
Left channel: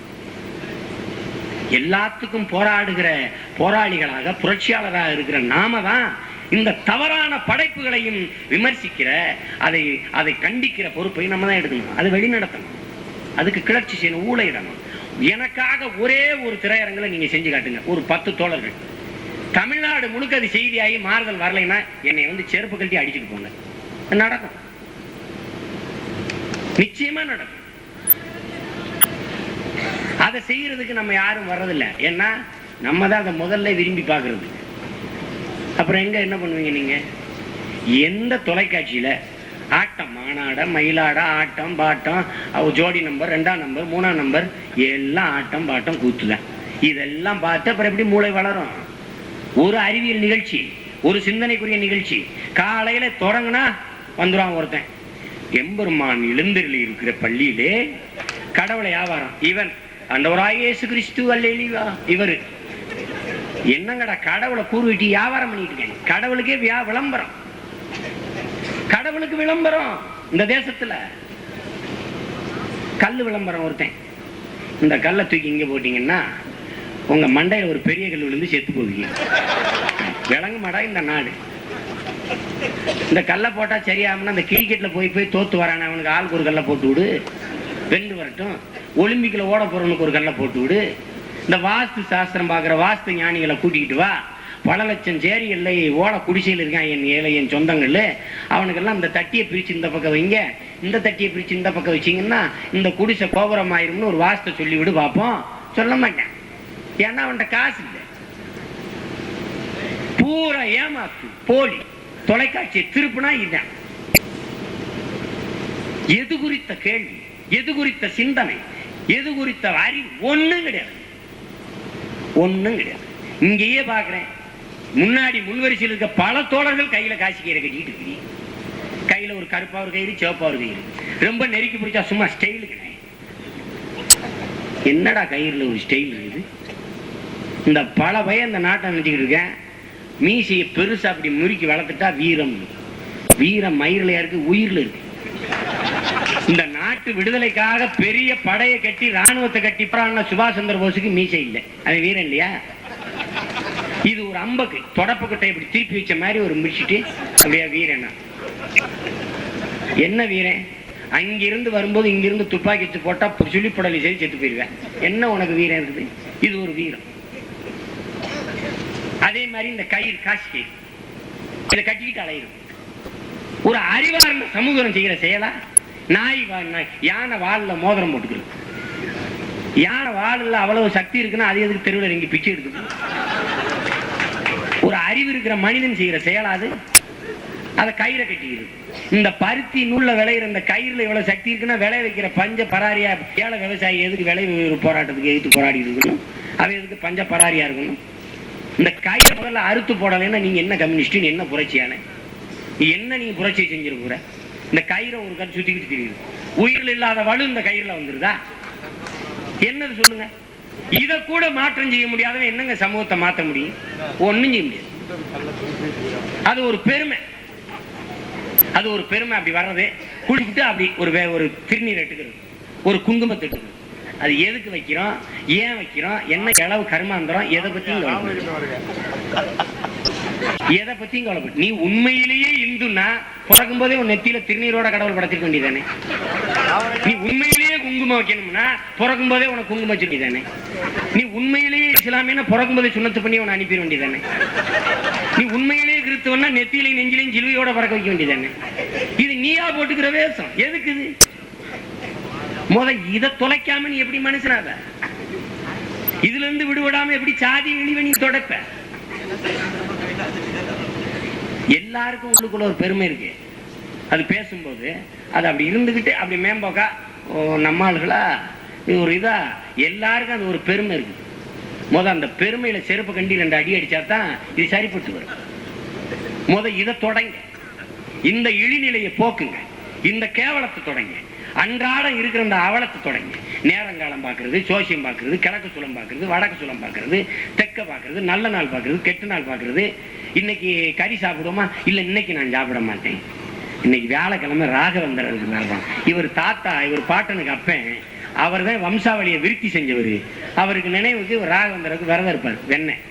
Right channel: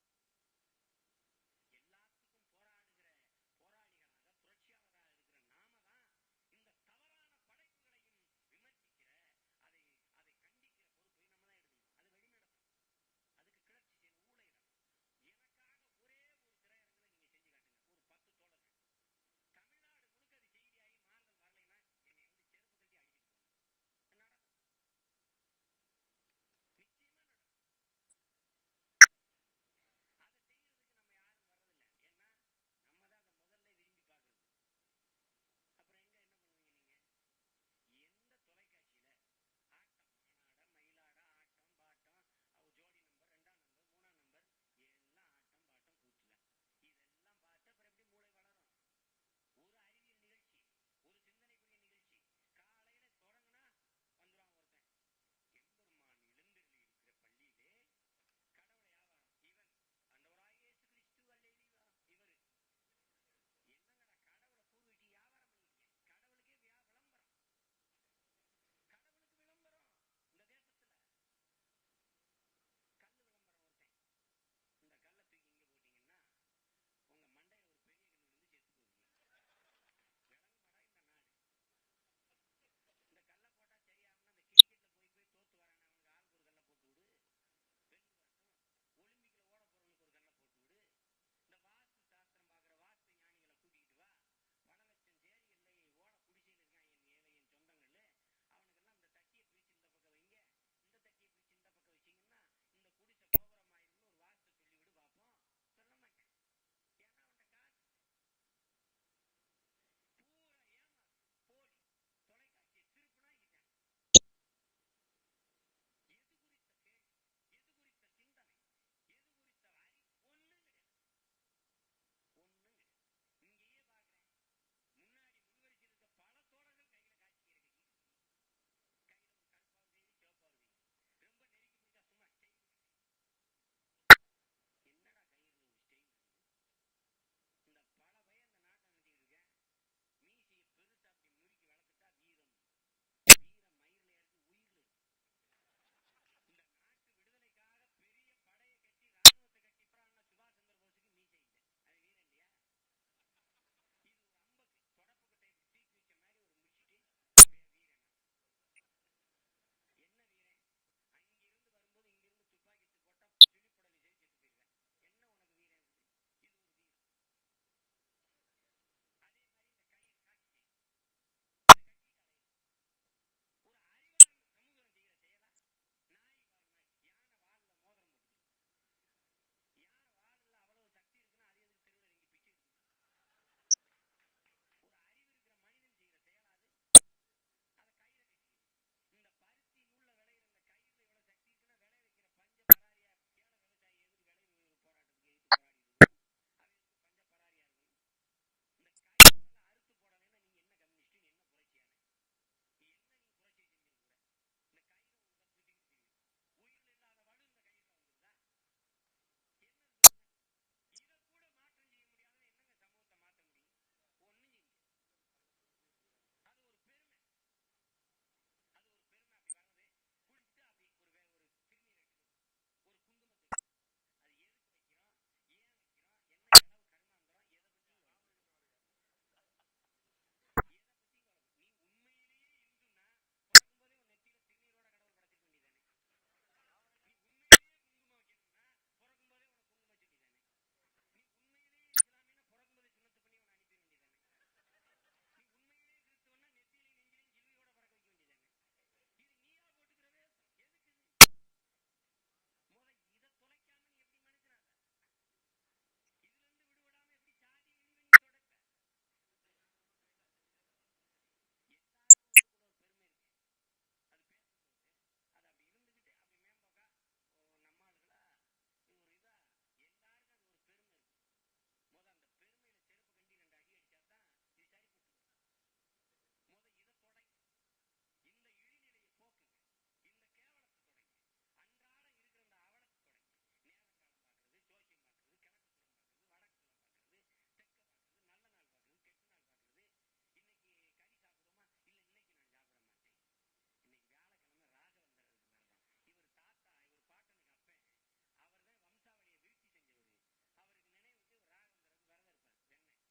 எல்லாத்துக்கும் போராடுகிற போராளிகளாக புரட்சியாளராக இருக்கிற நாம தான் இந்த தவறான படைப்புகளையும் விமர்சிக்கிற, அதை கண்டிக்கிற பொறுப்பை நம்ம தான் எடுக்கணும். அதை வெளிநடத்தணும், அதுக்கு கிளர்ச்சி செய்யணும், ஊழையிடணும். எனக்காக ஒரே ஒரு திரையரங்களை நீங்க செஞ்சு காட்டுங்க. ஒரு 10 தோழர்கள் தமிழ்நாடு முழுக்க அது செய்தியாகி மாறுதல் வரலைன்னா என்னை செருப்பு கழட்டி அடிச்சுட்டு போங்க. நடக்கும், நிச்சயமா நடக்கும். அதை செய்யறதுக்கு நம்ம யாரும் வர்றதில்லை. ஏன்னா நம்ம தான் அதை முதல்ல விரும்பி பார்க்கறது. அப்புறம் என்ன பண்ணுவீங்க நீங்க? எந்த தொலைக்காட்சியில ஆட்டம், மானாட மயிலாட, ஆட்டம் பாட்டம், ஜோடி நம்பர், 2ஆம் நம்பர், 3ஆம் நம்பர், எல்லாம் ஆட்டம் பாட்டம் கூத்துதான். இதெல்லாம் பார்த்து அப்புறம் எப்படி மூளை வளரும்? ஒரு அறிவியல் நிகழ்ச்சி, ஒரு சிந்தனைக்குரிய நிகழ்ச்சி காலையில தொடங்கினா வந்துடுவான் ஒருத்தன். எம்பெருமான் எழுந்தருளி இருக்கிற பள்ளியிலே கடவுளை வியாபாரம், இவன் ஆண்டவராகிய இயேசு கிறிஸ்து அல்லேலூயா. இவரு என்னங்கடா கடவுளை கூறுவிட்டு வியாபாரம் பண்ணிட்டு இருக்கேன். கடவுளுக்கே விளம்பரம், கடவுளுக்கு விளம்பரம். இந்த தேசத்துல கல்லு விளம்பரம். ஒருத்தன் இந்த கல்லை தூக்கி இங்க போட்டீங்கன்னா உங்க மண்டையில ஒரு பெரிய கல் விழுந்து செத்து போவீங்க. விளங்க மாடா இந்த நாடு. இந்த கல்லை போட்டா சரியாமனா இந்த கிரிக்கெட்ல போய் தோத்து வரான அவனுக்கு ஆளுக்கு ஒரு கல்லை போட்டு விடு, வென்று வரட்டும். ஒலிம்பிக்ல ஓட போறவனுக்கு ஒரு கல்லை போட்டு விடு. இந்த வாஸ்து சாஸ்திரம் பாக்குற வாஸ்து ஞானிகளை கூட்டிக்கிட்டு வா. பல லட்சம் சேரி இல்லை ஓட குடிசையில் இருக்கான் என் சொந்தங்கள். அவனுக்கெல்லாம் இந்த தட்டியை பிரிச்சு இந்த பக்கம் வைங்க, இந்த தட்டியை பிரிச்சு இந்த பக்கம் வச்சிங்கன்னா இந்த குடிசை கோபுரம் ஆயிரும்னு ஒரு வாஸ்து சொல்லி விடு பார்ப்போம். சொல்ல மாட்டேன், ஏன்னா அவன்கிட்ட காசு இல்லை. பூரா ஏமாத்து, போலி. தொலைக்காட்சியை திருப்பினா இதுதான். எது குறித்த கேள்வி, எது குறித்த சிந்தனை, எது குறித்த அறிவு ஒண்ணும் கிடையாது, ஒண்ணும் கிடையாது. இங்கேயே பாக்குறேன், முன்னாடி முன்வரிசையில் இருக்க பல தோழர்கள் கையில காசு கயிறை கட்டிட்டு இருக்கு. கையில ஒரு கருப்பா ஒரு கயிறு, சிவப்பா ஒரு கயிறு. ரொம்ப நெருக்கி பிடிச்சா சும்மா ஸ்டைலுக்கு. என்னடா கயிறுல ஒரு ஸ்டைல் இருக்குது? இந்த பல பையன் இந்த நாட்டை நினைச்சுக்கிட்டு இருக்கேன். மீசையை பெருசா அப்படி முறுக்கி வளர்த்துட்டா வீரம். வீரம் மயிரில் இருக்கு, உயிர்ல இருக்கு. இந்த நாட்டு விடுதலைக்காக பெரிய படையை கட்டி ராணுவத்தை கட்டி சுபாஷ் சந்திர போஸுக்கு மீசை இல்லை, அது வீரம் இல்லையா? இது ஒரு அம்பக்கு தொடப்பக்கட்டை இப்படி திருப்பி வச்ச மாதிரி ஒரு முடிச்சுட்டு அப்படியே வீரனா. என்ன வீரன்? அங்கிருந்து வரும்போது இங்கிருந்து துப்பாக்கி வச்சு போட்டா சுழிப்படலை சரி செத்து போயிருவேன். என்ன உனக்கு வீரம் இருக்குது? இது ஒரு வீரம். அதே மாதிரி இந்த கயிறு, காசு கயிறு, இதை கட்டிக்கிட்டு அலையிடும். ஒரு அறிவார்ந்த சமூகம் செய்கிற செயலா? நாய் யானை வாலில் மோதிரம் போட்டுக்கிறது. யானை வாலில் அவ்வளவு சக்தி இருக்குன்னா அது எதுக்கு தெருவில் இறங்கி பிச்சை எடுக்குது? ஒரு அறிவு இருக்கிற மனிதன் செய்கிற செயலாது? அதை கயிறை கட்டிக்கிறது. இந்த பருத்தி நூல்ல விளையிற இந்த கயிறுல இவ்வளவு சக்தி இருக்குன்னா விளை வைக்கிற பஞ்ச பராரியா ஏழை விவசாயி எதுக்கு விளை போராட்டத்துக்கு எதிர்த்து போராடி இருக்கணும்? அவன் எதுக்கு பஞ்ச பராரியா இருக்கணும்? இந்த கயிறை முதல்ல அறுத்து போடலைன்னா நீங்க என்ன கம்யூனிஸ்ட், என்ன புரட்சியான, என்ன நீங்க புரட்சியை செஞ்சிருக்கிற? இந்த கயிறை ஒரு கண் சுத்திக்கிட்டு தெரியுது. உயிரில் இல்லாத வலு இந்த கயிறுல வந்துருதா? என்னது சொல்லுங்க? இத கூட மாற்றம் செய்ய முடியாதவன் என்னங்க சமூகத்தை மாற்ற முடியும்? ஒண்ணும் செய்ய முடியாது. அது ஒரு பெருமை, அது ஒரு பெருமை. அப்படி வர்றது குளிச்சுட்டு அப்படி ஒரு திருநீர் எடுத்துக்கிறது, ஒரு குங்குமத்தை எடுத்துக்கிறது. அது எதுக்கு வைக்கிறோம், ஏன் வைக்கிறோம், என்ன அளவு கர்மாந்திரம், எதை பத்தியும் எதை பத்தியும் கவலைப்பட்டு. நீ உண்மையிலேயே இந்துன்னா பிறக்கும் போதே உன் நெத்தியில திருநீரோட கடவுள் படைச்சிருக்க வேண்டியதானே? நீ உண்மையிலேயே குங்குமம் வைக்கணும்னா பிறக்கும் போதே உனக்கு குங்குமம் வச்சிருக்க வேண்டியதானே? நீ உண்மையிலேயே இஸ்லாமியனா பிறக்கும் போதே சுண்ணத்து பண்ணி உன்னை அனுப்பிட வேண்டியதானே? நீ உண்மையிலேயே கிறிஸ்தவன்னா நெத்தியிலையும் நெஞ்சிலையும் சிலுவையோட பறக்க வைக்க வேண்டியதானே? இது நீயா போட்டுக்கிற வேஷம். எதுக்கு இது? இதை தொலைக்காம நீ எப்படி மனுஷனாத? இதுல இருந்து விடுபடாம எப்படி சாதி இழிவை நீ தொடப்ப? எல்லாருக்கும் உள்ளுக்குள்ள ஒரு பெருமை இருக்கு. அது பேசும்போது அது அப்படி இருந்துகிட்டு அப்படி மேம்போக்கா நம்ம ஆளுகளா இது ஒரு இதா எல்லாருக்கும் அது ஒரு பெருமை இருக்கு. அந்த பெருமையில செருப்பு கண்டி 2 அடி அடிச்சாதான் இது சரிப்பட்டு வரும். இதை தொடங்க, இந்த இழிநிலையை போக்குங்க, இந்த கேவலத்தை தொடங்க, அன்றாடம் இருக்கிற அந்த அவலத்தை தொடங்க. நேரங்காலம் பார்க்கறது, சோசியம் பார்க்கறது, கிழக்கு சுலம் பார்க்கறது, வடக்கு சுலம் பார்க்கறது, தெற்க பார்க்கறது, நல்ல நாள் பார்க்கறது, கெட்ட நாள் பார்க்கறது. இன்னைக்கு கறி சாப்பிடுவோமா? இல்ல இன்னைக்கு நான் சாப்பிட மாட்டேன், இன்னைக்கு வியாழக்கிழமை ராகவேந்திரருக்கு தான். இவர் தாத்தா, இவர் பாட்டனுக்கு அப்பன், அவர் தான் வம்சாவளியை விருத்தி செஞ்சவர். அவருக்கு நினைவுக்கு ராகவேந்திரருக்கு விரதம் இருப்பார் வெண்ணெய்.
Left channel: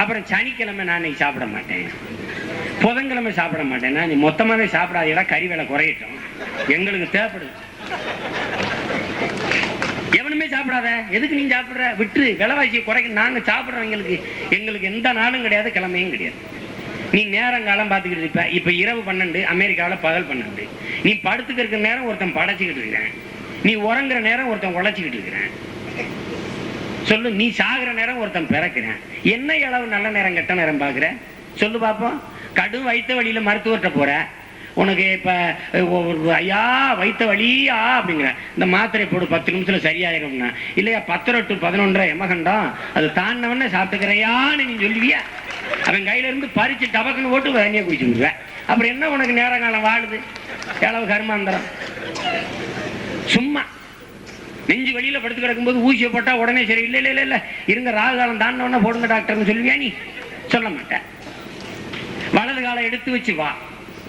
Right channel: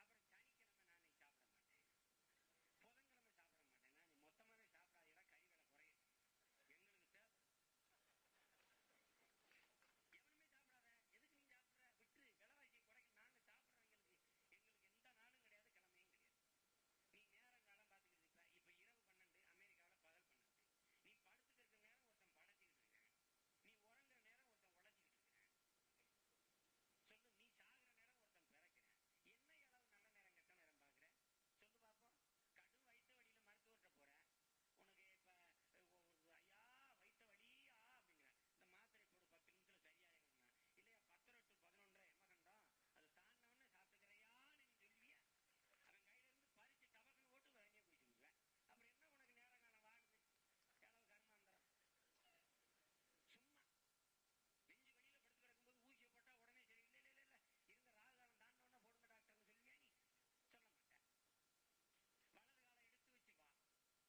அப்புறம் சனிக்கிழமை நான் இன்னைக்கு சாப்பிட மாட்டேன், புதன்கிழமை சாப்பிட மாட்டேன். நீ மொத்தமாவே சாப்பிடாதீடா, கறி வேலை குறையட்டும், எங்களுக்கு தேவைப்படுது. எவனுமே சாப்பிடாத, எதுக்கு நீ சாப்பிடுற? விட்டு விலைவாசியை குறைக்க. நாங்க சாப்பிடுறவங்களுக்கு எங்களுக்கு எந்த நாளும் கிடையாது, கிழமையும் கிடையாது. நீ நேரங்காலம் பார்த்துக்கிட்டு இருப்ப. இப்ப இரவு 12, அமெரிக்காவில் பகல் 12. நீ படுத்துக்க இருக்கிற நேரம் ஒருத்தன் படைச்சுக்கிட்டு இருக்கிறேன், நீ உறங்குற நேரம் ஒருத்தன் உழைச்சிக்கிட்டு இருக்கிறேன். சொல்லு, நீ சாகுற நேரம் ஒருத்தன் பிறக்கிறேன். என்ன அளவு நல்ல நேரம் கெட்ட நேரம் பாக்குற? சொல்லு பாப்போம். கடும் வைத்த வழியில மருத்துவர்கிட்ட போற, உனக்கு இப்ப ஐயா வைத்த வழியா அப்படிங்கிற, இந்த மாத்திரை போடு 10 நிமிஷத்துல சரியாயிரும்னா, இல்லையா 10 to 11 எமகண்டம் அது தாண்டவன சாப்பிட்டுக்கிறையான்னு நீ சொல்லுவியா? அவன் கையில இருந்து பறிச்சு டபக்குன்னு ஓட்டு தண்ணியை குடிச்சு விடுவேன். அப்புறம் என்ன உனக்கு நேரங்காலம் வாழுது? எளவு கர்மாந்தரம். சும்மா நெஞ்சு வெளியில படுத்து கிடக்கும்போது ஊசியை போட்டா உடனே சரி, இல்ல இல்ல இல்ல இருங்க ராகு காலம் தாண்டவன போடுங்க டாக்டர்னு சொல்லுவியா? நீ சொல்ல மாட்டேன். வலது காலம் எடுத்து வச்சு வா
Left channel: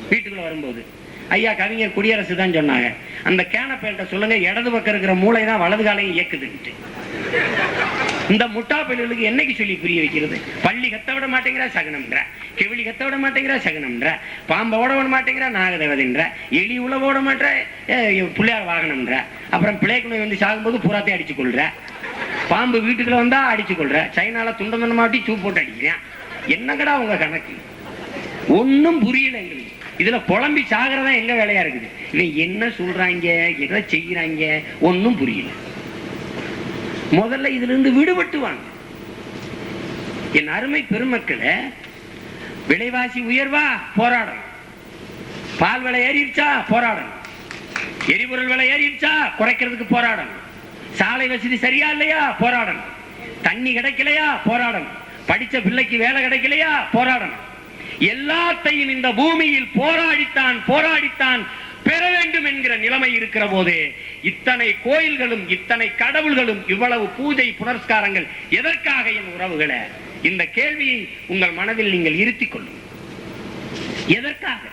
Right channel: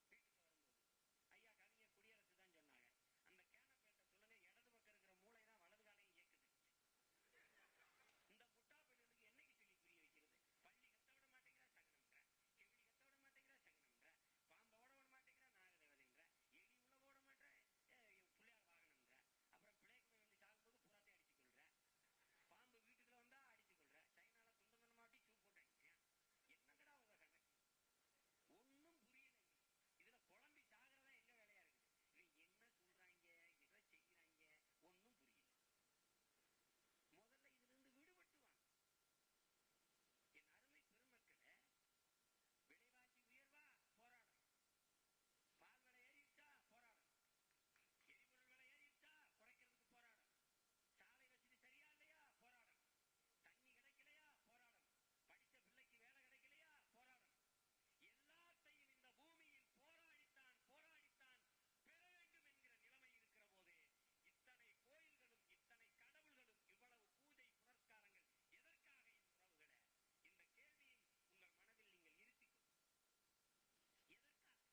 வீட்டுக்குள்ள வரும்போது. ஐயா கவிஞர் குடியரசு தான் சொன்னாங்க, அந்த கேனப்பேல்ட்ட சொல்லுங்க இடது பக்கம் இருக்கிற மூளை தான் வலது காலையும் இயக்குதுன்ட்டு. இந்த முட்டா பள்ளிகளுக்கு என்னைக்கு சொல்லி புரிய வைக்கிறது? பள்ளி கத்த விட மாட்டேங்கிற சகனம்ன்ற, கெவிலி கத்த விட மாட்டேங்கிற சகனம்ன்ற, பாம்பை ஓட விட மாட்டேங்கிற நாகதேவதைன்ற, எலி உழவு ஓட மாட்டேற பிள்ளையார் வாகனம்ன்ற, அப்புறம் பிள்ளைக்குணை வந்து சாகும்போது புறாத்தை அடிச்சு கொள்ற, பாம்பு வீட்டுக்குள்ள வந்தா அடிச்சு கொள்ற, சைனால துண்டம் துண்ட மாட்டி சூ போட்டு அடிக்கிறேன். என்னங்கடா உங்க கணக்கு? ஒன்னும் புரியல எங்களுக்கு. இதுல குழம்பி சாகிறதா எங்க வேலையா இருக்குது. இவன் என்ன சொல்றாங்க, எதை செய்யறாங்க, ஒன்னும் புரியல. முதல்ல இதுல இருந்து விடுபட்டுவாங்க. என் அருமை பெருமக்களை, விலைவாசி உயர்வா போராடணும், பால் விலை ஏறிடுச்சா போராடணும், எரிபொருள் விலை ஏறிடுச்சா குறைக்கிறதுக்கு போராடணும், சாலை வசதி சரியா இல்லையா போராடணும், தண்ணி கிடைக்கலையா போராடணும், படிச்ச பிள்ளைக்கு வேலை கிடைக்கலையா போராடணும். எல்லாத்தையும் இந்த பூமியில் போராடித்தான் பெற வேண்டும் என்கிற நிலைமை இருக்கிற போது இத்தனை கோயில்களும் இத்தனை கடவுள்களும் இவ்வளவு பூஜை புனஸ்காரங்கள் எதற்காக? என் உறவுகளை, இந்த கேள்வியை உங்கள் மனதில் நீங்கள் இருத்திக் கொள்ளும். எதற்காக?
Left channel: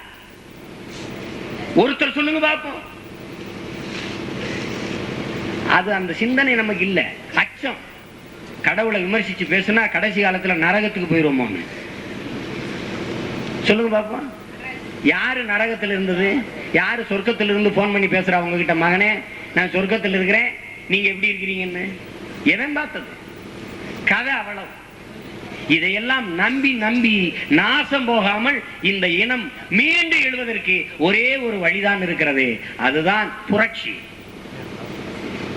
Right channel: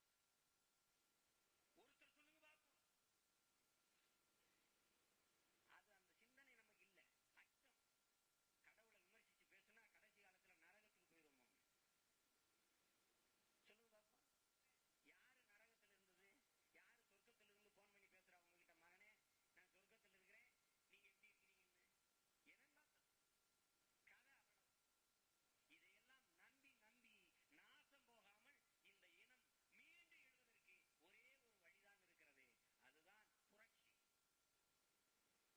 ஒருத்தர் சொல்லுங்க பார்ப்போம். அது அந்த சிந்தனை நமக்கு இல்ல. அச்சம். கடவுளை விமர்சிச்சு பேசுனா கடைசி காலத்துல நரகத்துக்கு போயிருவோமோ? சொல்லுங்க பாப்போம். யாரு நரகத்தில் இருந்தது? யாரு சொர்க்கத்தில் இருந்து போன் பண்ணி பேசுறா உங்ககிட்ட? மகனே நான் சொர்க்கத்தில் இருக்கிறேன், நீங்க எப்படி இருக்கிறீங்கன்னு எவன் பார்த்தது? கதை அவ்வளவு. இதையெல்லாம் நம்பி நம்பி நாசம் போகாமல் இந்த இனம் மீண்டு எழுவதற்கு ஒரே ஒரு வழிதான் இருக்கிறது. அதுதான் புரட்சி.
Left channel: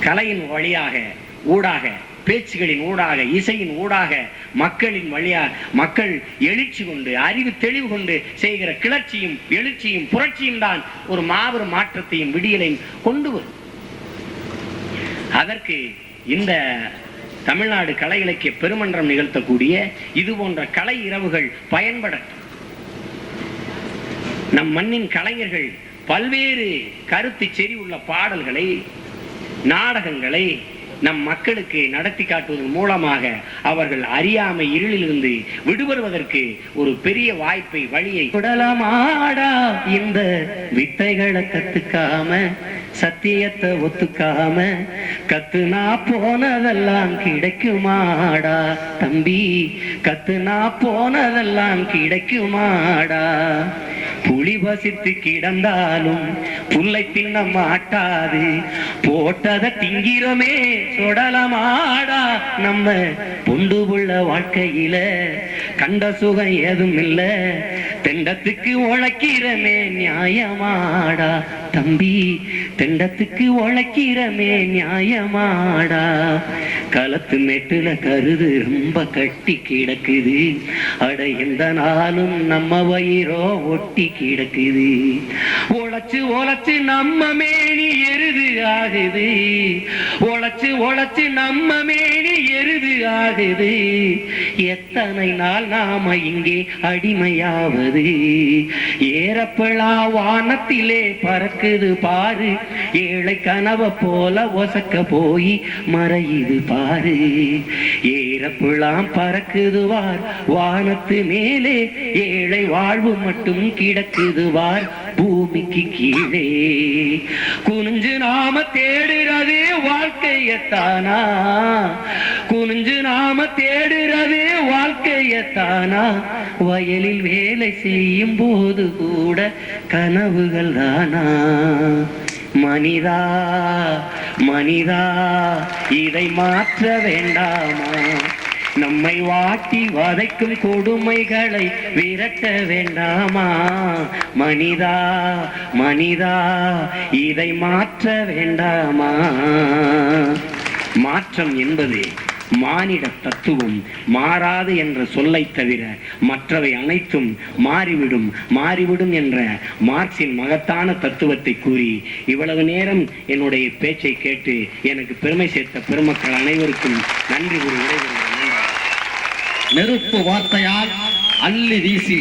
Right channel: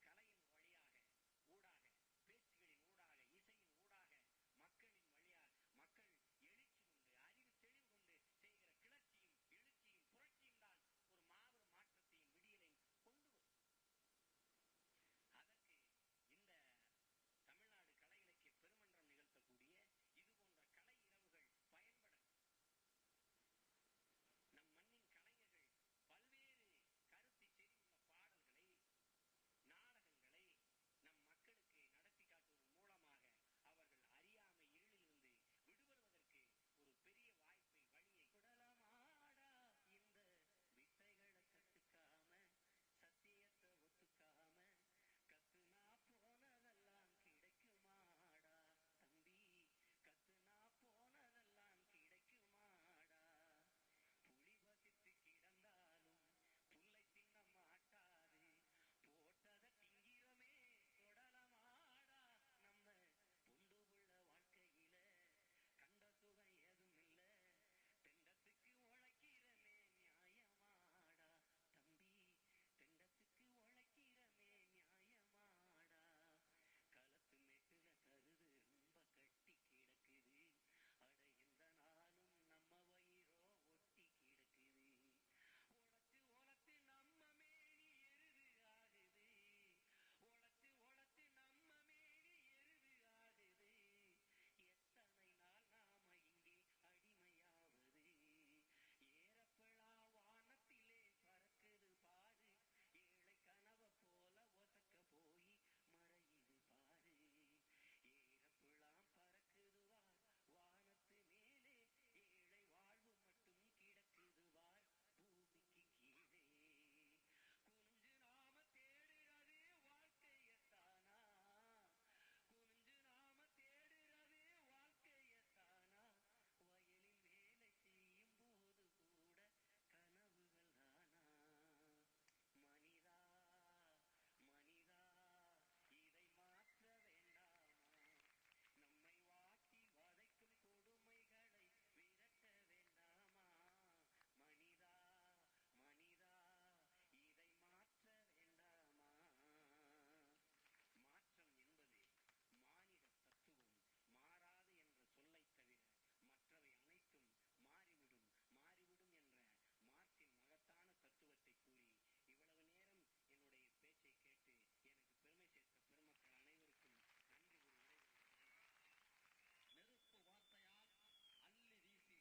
கலையின் வழியாக, ஊடாக, பேச்சுகளின் ஊடாக, இசையின் ஊடாக, மக்களின் வழியா மக்கள் எழுச்சி கொண்டு, அறிவு தெளிவு கொண்டு செய்கிற கிளர்ச்சியும் எழுச்சியும் புரட்சியும் தான் ஒரு மாபெரும் மாற்றத்தையும் விடியலையும் கொண்டு வரும். அதற்கு இந்த தமிழ்நாடு கலை இலக்கிய பெருமன்றம் நிகழ்த்தக்கூடிய இது போன்ற கலை இரவுகள் பயன்படட்டும். நம் மண்ணின் கலைஞர்கள் பல்வேறு கருத்து செறி உள்ள பாடல்களை, நாடகங்களை நம் மக்களுக்கு நடத்தி காட்டுவதன் மூலமாக அவர்கள் அறியாமை இருளிலிருந்து விடுபடுவதற்கு ஒரு பெரிய வாய்ப்பை, வழியை. குடலமாடா இந்த வித்தைகளை கத்துக்காம சத்தியத்தை ஒத்துக்காம கத்துனா போனதெல்லாம் கிடைக்குமாடா தம்பி, கத்துனா போனதெல்லாம் கிடைக்குமாடா. புலி வசித்து கிடந்தாலும் புல்லை தின்ன மாட்டாது, போட்டதை திங்கிறமே சொடலமாடா. நம்ம பொண்டு புள்ள வாழ்க்கையில கண்ட சுகம் ஏதும் இல்ல, தெண்டத்துக்கு உழைக்கிறமே நியாயமாடா தம்பி, தெண்டத்துக்கு உழைக்கிறமே நியாயமாடா. களத்து மேட்டுல கருது ரொம்ப கட்டி கிடக்குது, அட எந்த நாளும் நம்ம வயிறோ ஒட்டி கிடக்குது. உழைச்சு உழைச்சு நம்ம மேனி எருது ஆகுது, உழைச்சு உழைச்சு நம்ம மேனி எருது ஆகுது. எத்தனை நாள் நாம இங்கே அடிமையாவது, ஏறப்பழா வானத்திலே பறக்குது பாரு, ஏழை கனவை போல ஒசக்க போய் மறையுது பாரு. ஏறப்பழாம் பறக்குதுவார் வானத்து மேலே, ஏழை வாழ்வு மட்டும் கிடக்குதுவார் பூமிக்கு கீழே. குனிஞ்சு நாம தேடுறது வாழ்க்கையத்தானா, குனிஞ்சு நாம தேடுறது வாழ்க்கையத்தானா. வயலில் வேலை செய்யும் போது கூட கனவுகள் தானா. மனிதா மனிதா இதை மாற்ற வேண்டாமா, நம்மை வாட்டி வதைக்கும் கொடுமைகளை விரட்ட வேண்டாமா. மனிதா மனிதா இதை மாற்ற வேண்டாமா. மாற்றம் என்பது மானிட தத்துவம், மாறாது என்ற சொல்லை தவிர மற்றவை அனைத்தும் மாறிவிடும் மாறிவிடும் என்ற மார்க்சின் மகத்தான தத்துவத்தை கூறி இவ்வளவு நேரம் என்னுடைய பேச்சை கேட்டு எனக்கு பெருமை சேர்த்த பெருமக்கள் அனைவருக்கும் நன்றி கூறி விடைபெறுகிறேன். நெருப்பு வார்த்தையால் அள்ளி வீசி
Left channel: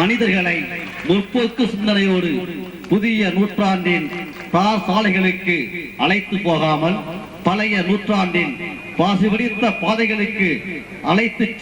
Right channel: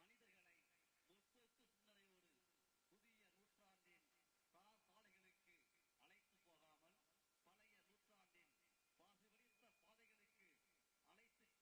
மனிதர்களை முற்போக்கு சிந்தனையோடு புதிய நூற்றாண்டின் சாலைகளுக்கு அழைத்து போகாமல் பழைய நூற்றாண்டின் பாசிபிடித்த பாதைகளுக்கு அழைத்து